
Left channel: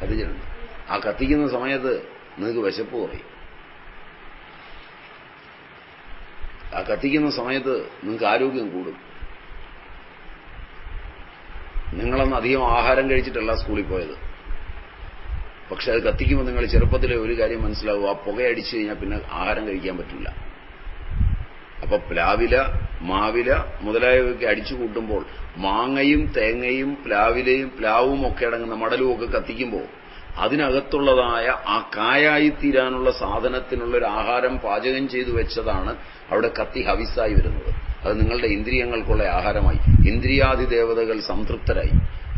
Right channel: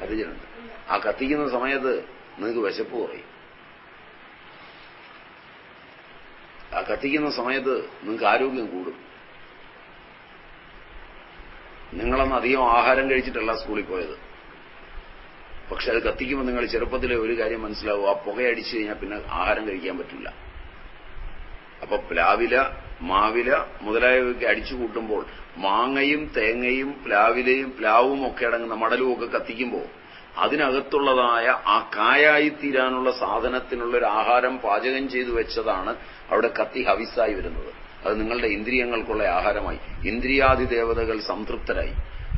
കത്തിച്ചിട്ടുണ്ട്. ആ കത്തിക്കുന്ന സമയത്ത് നിങ്ങൾക്ക് വിശപ്പ് കുറയും. ആ കത്തിക്കുന്ന സമയത്ത് നിങ്ങൾക്ക് ആരോഗ്യം കൂടും. നിങ്ങളന്ന് അധികം ആഹാരം കഴിച്ചിട്ടല്ല സ്കൂളിൽ പോയത്. പക്ഷെ അത് കത്തിക്കുമ്പോൾ നിങ്ങൾ ചെറുപ്പത്തിലെ ഒരു കാര്യം മനസ്സിലാവും, ആ പുകയടിച്ചു കഴിഞ്ഞാൽ പിന്നെ ആഹാരം കഴിക്കാൻ പറ്റില്ല. അപ്പൊ പ്ലാവില, മാവില മുതലായവയൊക്കെ അടിച്ചു കൂട്ടുമ്പോൾ മാങ്ങയും തേങ്ങയും പ്ലാവും ഒക്കെ അടങ്ങുന്ന മടലും ഒക്കെ കത്തിക്കുമ്പോൾ അതിനകത്തുള്ളതായ ആ കായായിത്തീരാനുള്ള സാധനത്തിനുള്ളൊരു ആഹാരം പാചകം ചെയ്തു വെച്ചതാണ് അവിടെ കത്തി ഹവിസായി വരുന്നത്. അത് നിങ്ങളുടെ ഇന്ദ്രിയങ്ങൾക്കുള്ള ആഹാരമായി, ഇന്ദ്രിയാധിദേവതകൾ സംതൃപ്തരായി.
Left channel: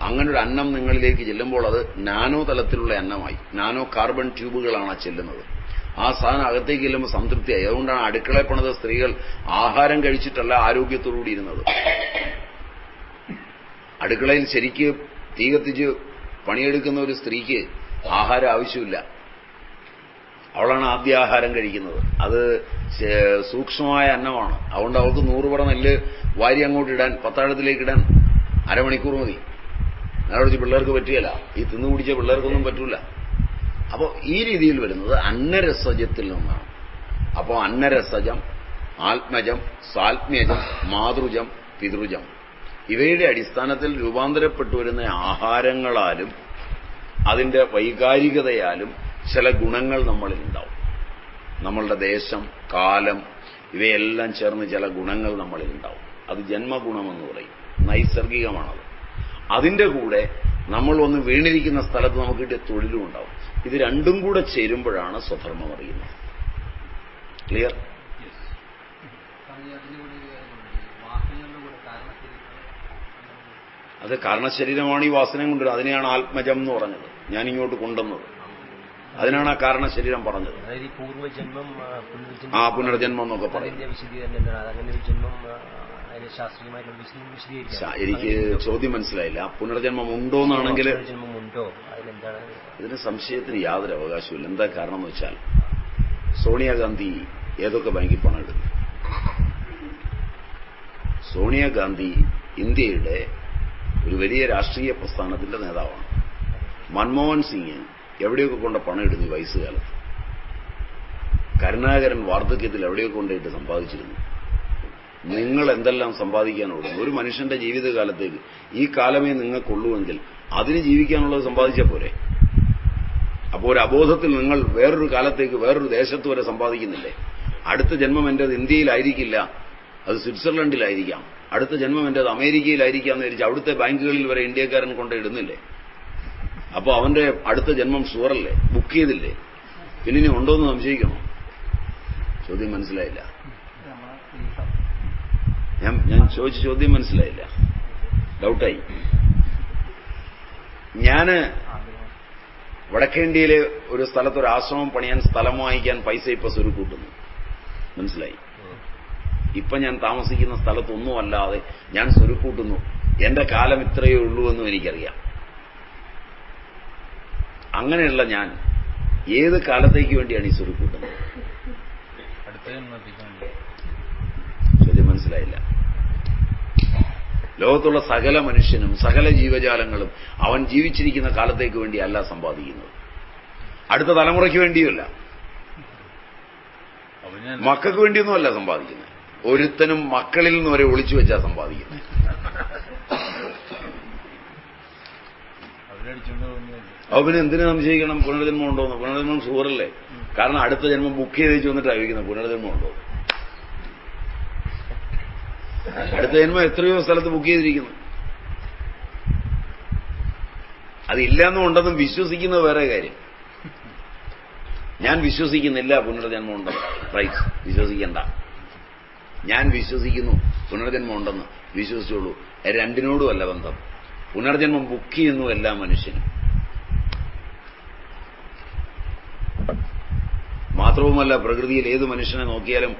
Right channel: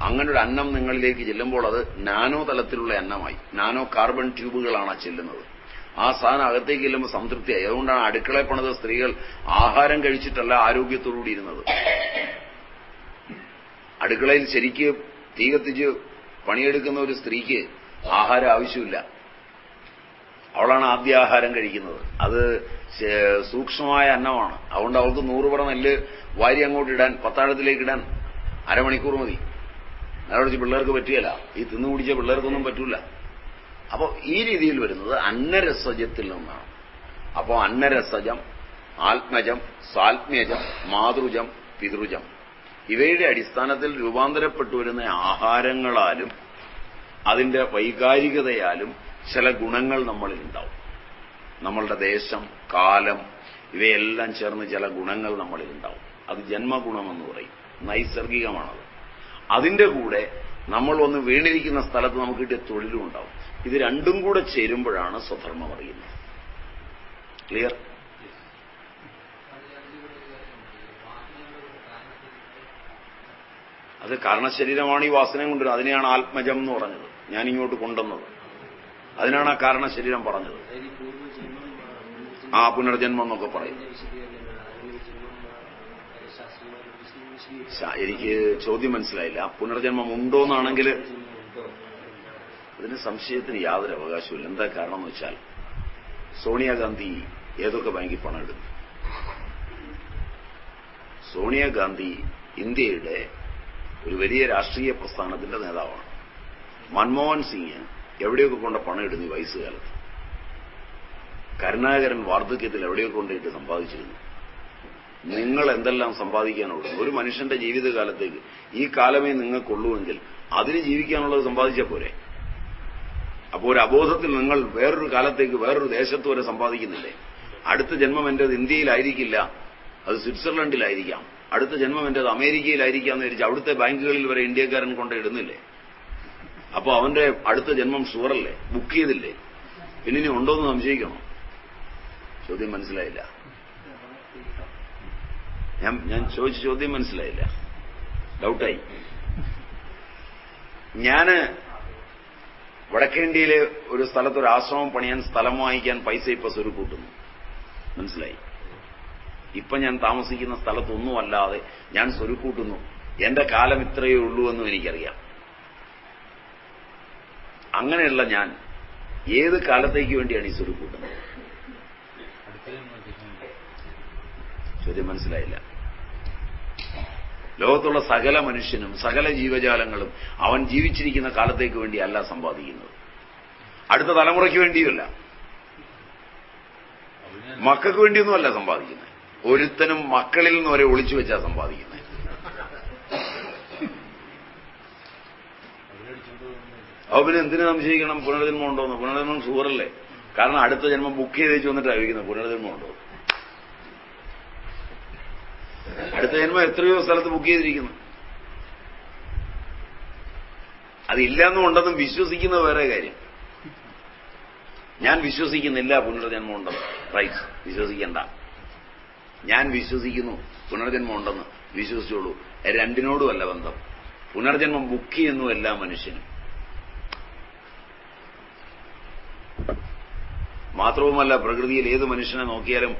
അങ്ങനൊരു അന്നം നിങ്ങളിലേക്ക് ചെല്ലുമ്പോൾ അത് നാനോ തലത്തിലുള്ള അന്നമായി, നാനോ കാർബൺ ട്യൂബുകളാണ് ചെല്ലുന്നത്. ആ സാധനം അകത്തേക്ക് ചെല്ലുമ്പോൾ സംതൃപ്തിയായി. അതുകൊണ്ടാണ് അടുക്കളയിൽ പണിത സ്ത്രീകൾ ആഹാരം കഴിച്ചിട്ടല്ല ആരോഗ്യത്തോടുകൂടി ഇരുന്നത്. അടുക്കളയിൽ ശരിക്ക് തീ കത്തിച്ച് പണിയെടുക്കുന്ന ഒരു സ്ത്രീക്ക് ആഹാരം ആവശ്യമില്ല. അവളാണ് ആദ്യ ആഹാരം കഴിക്കുന്നത്. അത് സൂക്ഷ്മമായ അന്നമാണ്. അതുകൊണ്ട് അവൾക്ക് 100 പറ നെല്ല് വാരി അങ്ങോട്ട് ഇടാൻ, പത്താഴത്തിലേക്ക് ഇടാൻ അരമണിക്കൂർ മതി. നേരെ പിള്ളേർക്ക് പറ്റുകയില്ല. ഈ തിന്നുപിടിച്ച പിള്ളേർക്കൊന്നും പറ്റൂല. അപ്പോൾ ഈ രീതിയിൽ വരുന്നത് അന്നരസജത്തിൽ നിന്നാണ്. അപ്പോൾ അന്നരസജം, ആത്മജം, സാത്മ്യജം, മാതൃജം, പിതൃജം ഇവയുടെ അടിസ്ഥാനത്തിൽ രൂപാന്തരപ്പെട്ടു വരുന്ന ആഹാരങ്ങളാലും അതിന്റെ വൈകാരികതയാലും ചില ഗുണങ്ങൾ നമ്മളിൽ ഉണ്ടാവും. നമ്മളുടെ ദേശം, കാലം ഇവയെല്ലാം ചേർന്ന് ചില ഗുണങ്ങൾ നമ്മളിൽ ഉണ്ടാവും. അത് ജന്മഗുണമെന്ന് പറയും, നൈസർഗികമാണത്. അതിന്റെ കൂടെ നമ്മൾ വന്ന് വീണിരിക്കുന്ന സ്ഥലത്ത് നമുക്ക് കിട്ടിയ തൊഴിലും ഉണ്ടാവും. ഇത് രണ്ടും കൂടെ ചേരുമ്പോഴാണ് സ്വധർമ്മം അറിയുന്നത്. ക്ലിയർ? അത് കാരണശരീരമാണ് ഈ വാസനയും കൊണ്ടുവരുന്നത്. അതിനെയാണ് ആത്മജം എന്ന് പറഞ്ഞത്, ഞാനിങ്ങോട്ട് കൊണ്ടുവന്നത്. അതിനാണ് ആ കാരണശരീരം പറഞ്ഞത്. ആ പുനർജന്മം എന്നൊക്കെ പറയും. എനിക്ക് ചോദ്യം മനസ്സിലായില്ല. പുനർജന്മം ഉണ്ടോന്നാണെങ്കിൽ ഇതിന് സംശയത്തിന് യാതൊരു അവകാശമില്ല. എന്താ കാരണം എന്ന് വെച്ചാൽ സോണിയാഗാന്ധി ഏതൊക്കെ ബാങ്കിൽ പണം ഇടുന്നു? സോണിയാഗാന്ധി ഇന്ത്യയുടെ ഒരു വലിയ രാഷ്ട്രീയ പ്രസ്ഥാനത്തിന്റെ നേതാവാണ്. മൻമോഹൻ സിംഗ് എവിടെയൊക്കെ കൊണ്ട് പണം ഇടുന്നു ഈ വയസ്സുകാലത്ത്? കരുണാകരൻ വാർദ്ധക്യത്തിൽ എവിടെയൊക്കെ കൊണ്ടിട്ട് സമ്പാദിച്ചിരുന്നു? നിങ്ങൾ എന്തെല്ലാം സമ്പാദിക്കാനുള്ളൂ? ഒരു മനുഷ്യന്റെ ജീവിതകാലത്തേക്ക് ഈ കാലമേ നിങ്ങൾക്കുള്ളൂവെങ്കിൽ അതിന് ജീവിക്കാനുള്ളത് സമ്പാദിച്ചാൽ പോരെ? അപ്പോൾ ഒരു അബോധത്തിൽ നിങ്ങൾ വേറൊരു കാലത്തേക്ക് വേറൊരു ദേശത്ത് വരെ സമ്പാദിക്കുന്നില്ലേ? അടുത്ത ജന്മം എന്റേത് ഇന്ത്യയിലായിരിക്കില്ല, അത് സ്വിറ്റ്സർലൻഡിലായിരിക്കാം. അടുത്ത ജന്മം എന്റേത് അമേരിക്കയിലായിരിക്കാം എന്ന് വിചാരിച്ച് അവിടുത്തെ ബാങ്കുകളിൽ വരെ ഇന്ത്യക്കാരൻ കൊണ്ട് ഇടുന്നില്ലേ? അപ്പൊ അവന്റെ അടുത്ത ജന്മം ഷുവറല്ലേ? ബുക്ക് ചെയ്തില്ലേ? പിന്നെ ഇനി ഉണ്ടോന്ന് സംശയിക്കണോ? ചോദ്യം മനസ്സിലായില്ല. ഞാൻ ചോദിച്ച ചോദ്യം മനസ്സിലായില്ല. ഡൗട്ടായി. ഞാന് വടക്കേന്ത്യയിലെ ഒരു സ്ഥലത്ത് ഒരു ആശ്രമം പണിയാൻ സ്ഥലം വാങ്ങിക്കാൻ പൈസ ഇപ്പൊ സ്വരുക്കൂട്ടുന്നു. മനസ്സിലായി? ഇപ്പൊ ഞാൻ താമസിക്കുന്ന സ്ഥലത്തൊന്നും അല്ലാതെ ഞാൻ സ്വരുക്കൂട്ടുന്നു. എന്റെ കാലം ഇത്രയേ ഉള്ളൂ എന്നും എനിക്കറിയാം. അങ്ങനെയുള്ള ഞാൻ ഏത് കാലത്തേക്ക് വേണ്ടിയാണ് ഈ സ്വരുക്കൂട്ടുന്നത്? ചോദ്യം മനസ്സിലായില്ല. ലോകത്തുള്ള സകല മനുഷ്യനും സകല ജീവജാലങ്ങളും അവൻ ജീവിച്ചിരിക്കുന്ന കാലത്തേക്ക് വേണ്ടിയല്ല സമ്പാദിക്കുന്നത്, അടുത്ത തലമുറയ്ക്ക് വേണ്ടിയുമല്ല, മക്കൾക്ക് വേണ്ടിയൊന്നുമല്ല സമ്പാദിക്കുന്നത്. ഒരുത്തനും മക്കളിൽ നിന്ന് വരെ ഒളിച്ചു വെച്ചാ സമ്പാദിക്കുന്നത്. അപ്പൊ പിന്നെ എന്തിനു സംശയിക്കണം പുനർജന്മം ഉണ്ടോന്ന്? പുനർജന്മം ഷുവറല്ലേ? കാരണം അടുത്ത ജന്മം ബുക്ക് ചെയ്ത് വെച്ച് വന്നിട്ടാണ് ചോദിക്കുന്നത് പുനർജന്മം ഉണ്ടോ. അടുത്ത ജന്മം എത്രയോ സ്ഥലത്ത് ബുക്ക് ചെയ്തിരിക്കുന്നു. അതില്ലെന്നും ഉണ്ടെന്നും വിശ്വസിക്കുന്നത് വേറെ കാര്യം. ഞാൻ വിശ്വസിക്കുന്നില്ല പുനർജന്മം ഉണ്ടെന്ന്. റൈറ്റ്, വിശ്വസിക്കണ്ട. ഞാൻ വിശ്വസിക്കുന്നു പുനർജന്മം ഉണ്ടെന്ന്. വിശ്വസിച്ചോളൂ. രണ്ടിനോടുമല്ല ബന്ധം. പുനർജന്മം ബുക്ക് ചെയ്യുന്നു എല്ലാ മനുഷ്യനും. മാത്രവുമല്ല, പ്രകൃതിയിൽ ഏത് മനുഷ്യനെ നോക്കിയാലും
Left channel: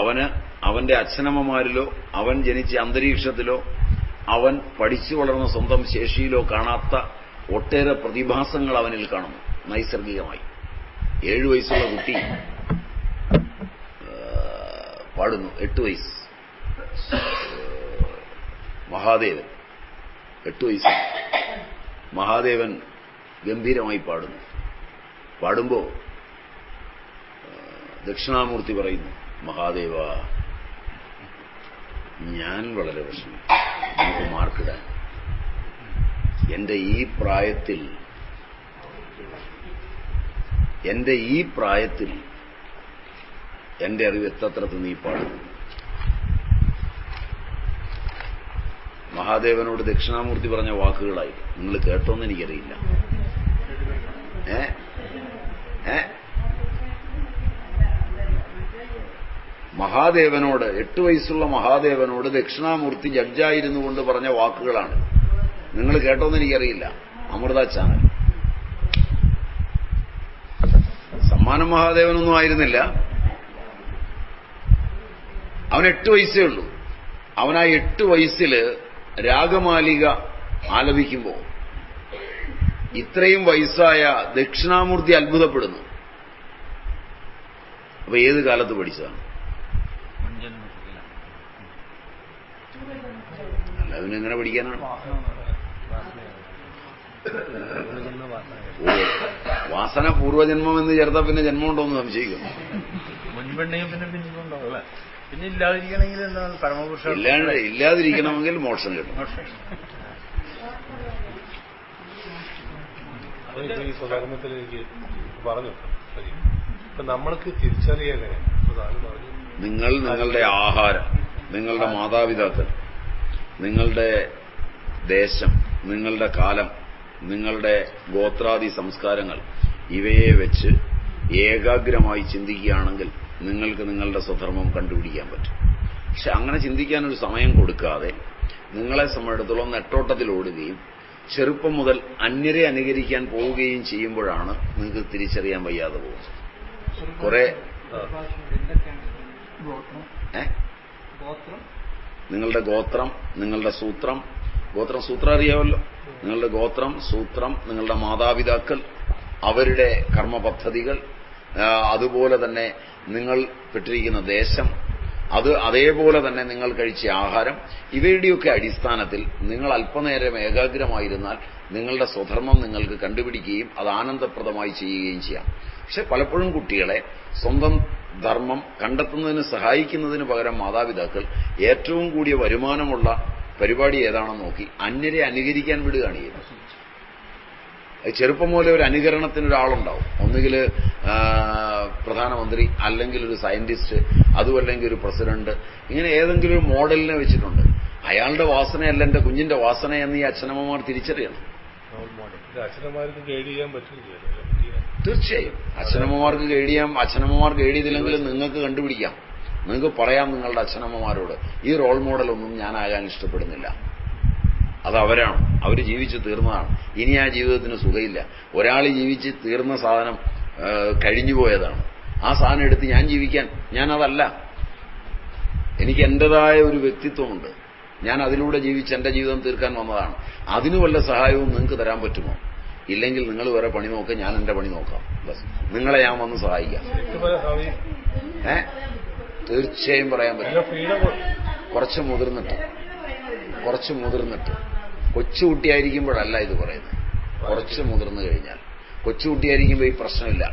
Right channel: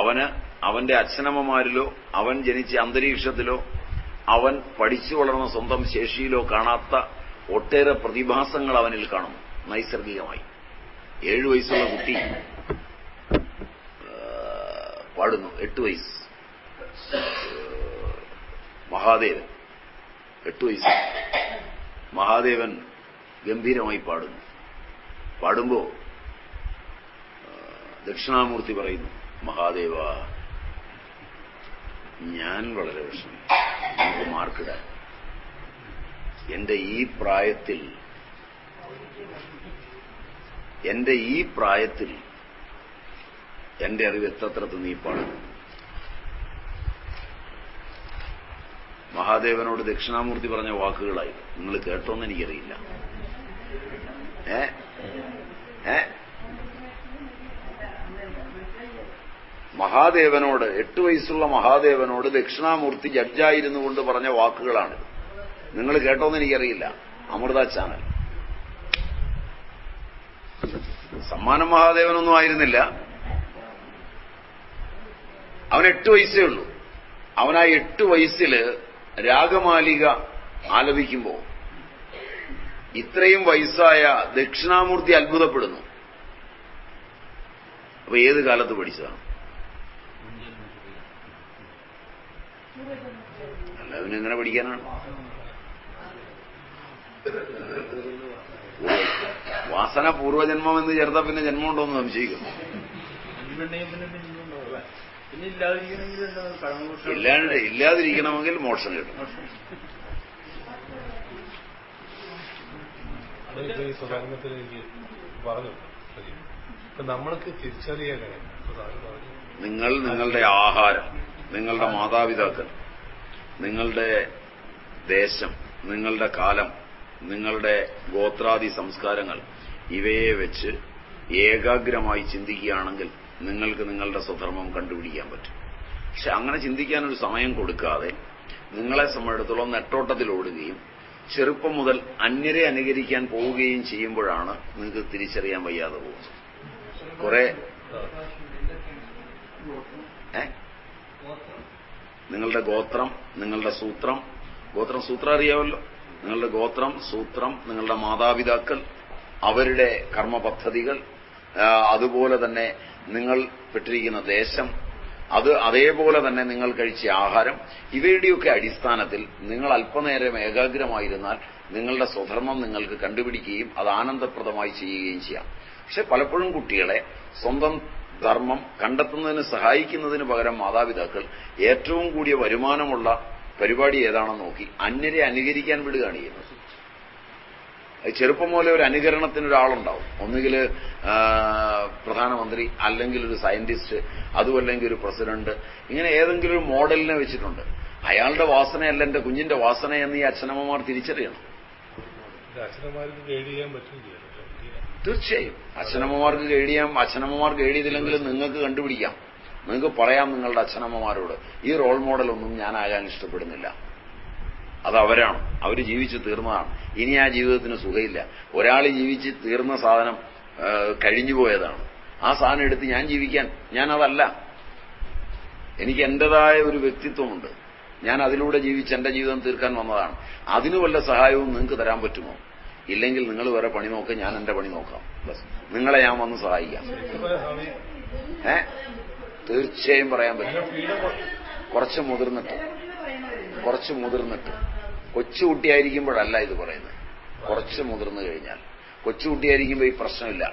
അവന് അവന്റെ അച്ഛനമ്മമാരിലോ അവൻ ജനിച്ച അന്തരീക്ഷത്തിലോ അവൻ പഠിച്ചു വളർന്ന സ്വന്തം ശേഷിയിലോ കാണാത്ത ഒട്ടേറെ പ്രതിഭാസങ്ങൾ അവനിൽ കാണുന്നു നൈസർഗികമായി. 7 വയസ്സുള്ള കുട്ടി പാടുന്നു. 8 വയസ്സ് മഹാദേവൻ, 8 വയസ്സ് മഹാദേവൻ ഗംഭീരമായി പാടുന്നു. പാടുമ്പോ ദക്ഷിണാമൂർത്തി പറയുന്നു, മഹാദേവ, ഞാൻ വളരെ വിഷമം, നമുക്ക് മാർക്കിടാൻ. എന്റെ ഈ പ്രായത്തിൽ എന്റെ അറിവ് എത്തത്രത്ത് നീപ്പാണ്. മഹാദേവനോട് ദക്ഷിണാമൂർത്തി പറഞ്ഞ വാക്കുകളായി നിങ്ങൾ കേട്ടോന്ന് എനിക്കറിയില്ല. മഹാദേവനോട് 8 വയസ്സുള്ള മഹാദേവനോട് ദക്ഷിണാമൂർത്തി ജഡ്ജായിരുന്നു കൊണ്ട് പറഞ്ഞ വാക്കുകളാണ്. നിങ്ങൾ കേട്ടോന്ന് എനിക്കറിയില്ല. അമൃത ചാനൽ. സമ്മാനം മഹാദേവനൊന്നും ആയിരുന്നില്ല. അവൻ 8 വയസ്സേ ഉള്ളൂ. അവൻ ആ 8 വയസ്സിൽ രാഗമാലിക ആലപിക്കുമ്പോൾ ഇത്രയും വയസ്സായ ദക്ഷിണാമൂർത്തി അത്ഭുതപ്പെടുന്നു. അപ്പൊ ഏത് കാലത്ത് പഠിച്ചതാണ്? അല്ല, അവനെങ്ങനെ പഠിക്കാനാണ്? വാസന പൂർവ്വജന്മം എന്ന് ചേർത്താൽ പിന്നെ ജന്മമുണ്ടോന്ന് സംശയിക്കുന്നു. ഇല്ലാതിരിക്കണമെങ്കിൽ മോക്ഷം കിട്ടും. ഈ സ്വധർമ്മത്തിൽ എനിക്ക് പറഞ്ഞു നമ്മൾക്ക് തിരിച്ചറിയാൻ നിങ്ങൾ നിങ്ങളുടെ ആഹാരം, നിങ്ങളുടെ മാതാപിതാക്കൾ, നിങ്ങളുടെ ദേശം, നിങ്ങളുടെ കാലം, നിങ്ങളുടെ ഗോത്രാദി സംസ്കാരങ്ങൾ ഇവയെ വെച്ച് ഏകാഗ്രമായി ചിന്തിക്കുകയാണെങ്കിൽ നിങ്ങൾക്ക് നിങ്ങളുടെ സ്വധർമ്മം കണ്ടുപിടിക്കാൻ പറ്റും. പക്ഷെ അങ്ങനെ ചിന്തിക്കാനൊരു സമയം കൊടുക്കാതെ നിങ്ങളെ സംബന്ധിച്ചിടത്തോളം നെട്ടോട്ടത്തിലോടുകയും ചെറുപ്പം മുതൽ അന്യരെ അനുകരിക്കാൻ പോവുകയും ചെയ്യുമ്പോഴാണ് നിങ്ങൾക്ക് തിരിച്ചറിയാൻ വയ്യാതെ പോകുന്നത്. കുറെ നിങ്ങളുടെ ഗോത്രം, നിങ്ങളുടെ സൂത്രം, സൂത്രം അറിയാമല്ലോ. നിങ്ങളുടെ ഗോത്രം, സൂത്രം, നിങ്ങളുടെ മാതാപിതാക്കൾ, അവരുടെ കർമ്മപദ്ധതികൾ, അതുപോലെ തന്നെ നിങ്ങൾ പെട്ടിരിക്കുന്ന ദേശം, അതേപോലെ തന്നെ നിങ്ങൾ കഴിച്ച ആഹാരം, ഇവയുടെയൊക്കെ അടിസ്ഥാനത്തിൽ നിങ്ങൾ അല്പനേരം ഏകാഗ്രമായിരുന്നാൽ നിങ്ങളുടെ സ്വധർമ്മം നിങ്ങൾക്ക് കണ്ടുപിടിക്കുകയും അത് ആനന്ദപ്രദമായി ചെയ്യുകയും ചെയ്യാം. പക്ഷെ പലപ്പോഴും കുട്ടികളെ സ്വന്തം ധർമ്മം കണ്ടെത്തുന്നതിന് സഹായിക്കുന്നതിന് പകരം മാതാപിതാക്കൾ ഏറ്റവും കൂടിയ വരുമാനമുള്ള പരിപാടി ഏതാണെന്ന് നോക്കി അന്യരെ അനുകരിക്കാൻ വിടുകയാണ് ചെയ്യുന്നത്. ചെറുപ്പം മുതലേ ഒരു അനുകരണത്തിനൊരാളുണ്ടാവും. ഒന്നുകിൽ പ്രധാനമന്ത്രി, അല്ലെങ്കിൽ ഒരു സയന്റിസ്റ്റ്, അതുമല്ലെങ്കിൽ ഒരു പ്രസിഡന്റ്. ഇങ്ങനെ ഏതെങ്കിലും ഒരു മോഡലിനെ വെച്ചിട്ടുണ്ട്. അയാളുടെ വാസനയല്ല എന്റെ കുഞ്ഞിന്റെ വാസന എന്ന് ഈ അച്ഛനമ്മമാർ തിരിച്ചറിയണം. തീർച്ചയായും അച്ഛനമ്മമാർക്ക് ഗൈഡ് ചെയ്തില്ലെങ്കിലും നിങ്ങൾക്ക് കണ്ടുപിടിക്കാം. നിങ്ങൾക്ക് പറയാം നിങ്ങളുടെ അച്ഛനമ്മമാരോട്, ഈ റോൾ മോഡലൊന്നും ഞാനാകാൻ ഇഷ്ടപ്പെടുന്നില്ല. അത് അവരാണ്, അവർ ജീവിച്ചു തീർന്നതാണ്. ഇനി ആ ജീവിതത്തിന് സുഖമില്ല. ഒരാൾ ജീവിച്ച് തീർന്ന സാധനം കഴിഞ്ഞുപോയതാണ്. ആ സാധനം എടുത്ത് ഞാൻ ജീവിക്കാൻ, ഞാനതല്ല. എനിക്ക് എന്റേതായ ഒരു വ്യക്തിത്വമുണ്ട്. ഞാൻ അതിലൂടെ ജീവിച്ച് എന്റെ ജീവിതം തീർക്കാൻ വന്നതാണ്. അതിന് വല്ല സഹായവും നിങ്ങൾക്ക് തരാൻ പറ്റുമോ? ഇല്ലെങ്കിൽ നിങ്ങൾ വേറെ പണി നോക്കുക, ഞാൻ എന്റെ പണി നോക്കാം. ബസ് നിങ്ങളെ ഞാൻ വന്ന് സഹായിക്കാം. തീർച്ചയായും പറയാൻ പറ്റും. കുറച്ച് മുതിർന്നിട്ട് കൊച്ചുകുട്ടിയായിരിക്കുമ്പോഴല്ല ഇത് പറയുന്നത്. കുറച്ച് മുതിർന്നു കഴിഞ്ഞാൽ, കൊച്ചുകുട്ടിയായിരിക്കുമ്പോൾ ഈ പ്രശ്നമില്ല.